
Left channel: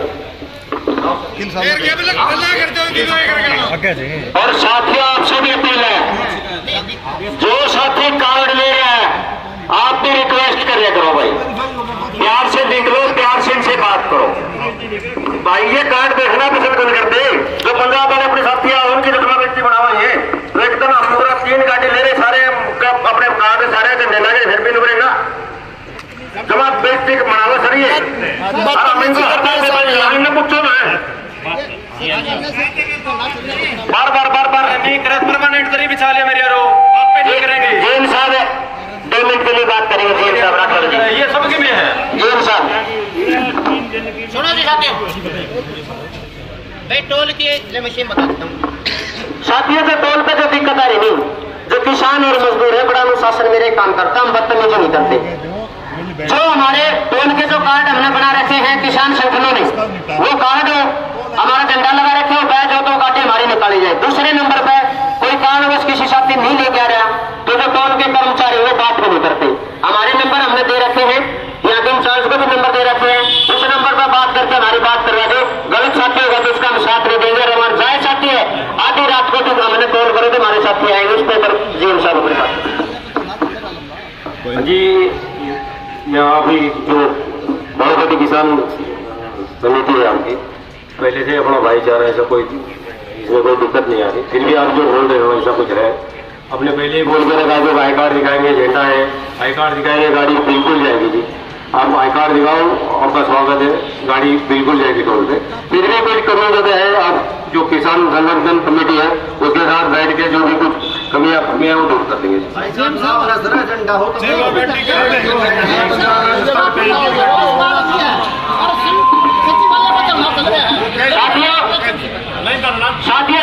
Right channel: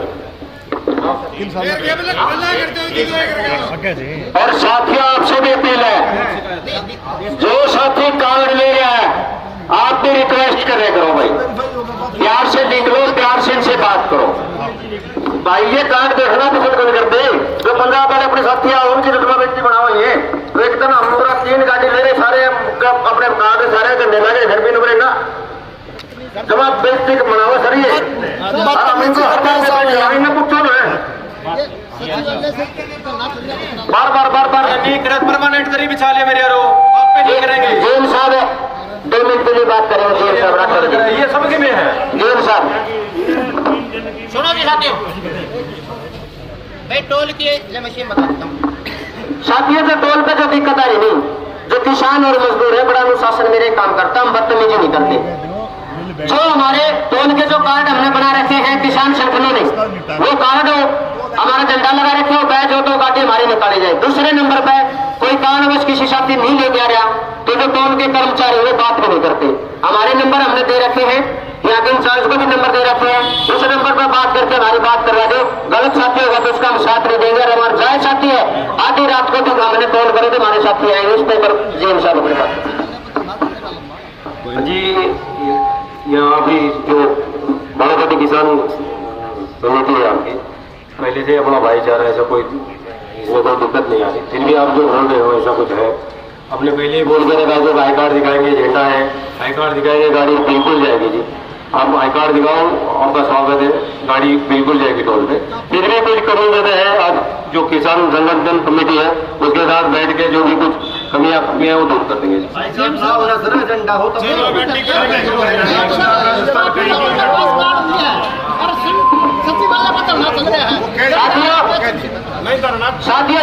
और साथियों आपसे भी अपील है, जो साथी कार्ड ले रहा है आप भी रिक्वेस्ट कर रहे करो भाई, प्यार से देख लो, प्यार से इनसे बात करो भाई। ये कार्ड देखना पसंद कौन करते, जो पंजाब वाले अपने साथी आए उनकी रकमा व्यक्ति बनाओ ये, तो एक दिन हम पूरा 3 गाड़ी ले रहे सारे अपने बना के सारे झंडे ले रहे, फिर भी नहीं बनेगा जब आप व्यक्ति बनाओ सर। ये पूछो ना बार नहीं करे, परमानेंट तरी बिछा लिया मेरे यारो, आप पे नहीं करेंगे। जेल साहब 2 मिनट के लिए बात करेंगे, जेल साहब बात करेंगे, ये सबके में है। जेल साहब सुनो जी साथियों, भाई टोल की मशीन बता देता हूँ साथियों। जो टोल पे जो दिक्कत आ रही नहीं, जो किसान और मजदूर है बड़ा अनुशासन मेरे काम करता, हम बदतमीजी नहीं करते। जो हमारे टोल के जो कार्ड हमने बना रखे हैं किसान संगठनों ने, वो कार्ड हमारा झंडा लगा रखे हो, बैच हो तो गाड़ी हमारी निकाली जाए। दूसरे नंबर पर कोई कारणवश किसी साथी नहीं लेके आ रहा तो जो टोल के कर्मचारी वो बात भी नहीं करते। हमारे नंबर हमने दे रखे हैं, यहाँ के इंचार्ज को भी नंबर दे रखे हैं, उस नंबर पर बात करके हमारी बात करवा दे। गलत साथी होगा तो उसका हम साथ नहीं देंगे। हमारे जाए साथी है आधी रात को तो हमने टोल करो तो हमारे साथी आएंगे, उस पर जीएम साहब अपने पास जी। यहाँ भी जो बहुत बड़ी किसान समिति है आपकी, पहले से अपना भाईचारा ऐसा कोई दिक्कत नहीं आ रही, फिर भी आप जो बोल रहे हो ऐसा कुछ है। अपने पहले ही बोल के रखा जो आई कार्ड दिखाएंगे, झंडा है, आई कार्ड दिखाएंगे, गाड़ी बिल्कुल जाएगी जी। आप आई कार्ड दिखाओ, आपका स्वागत है, गाड़ी बिल्कुल जाएगी टोल पे। फिर भी कुछ कमी ज्यादा है, आप जो किसान संगठन कमेटी है उसके साथ बैठ के जो भी कुछ कमियां वो दूर कर देंगे। साथियों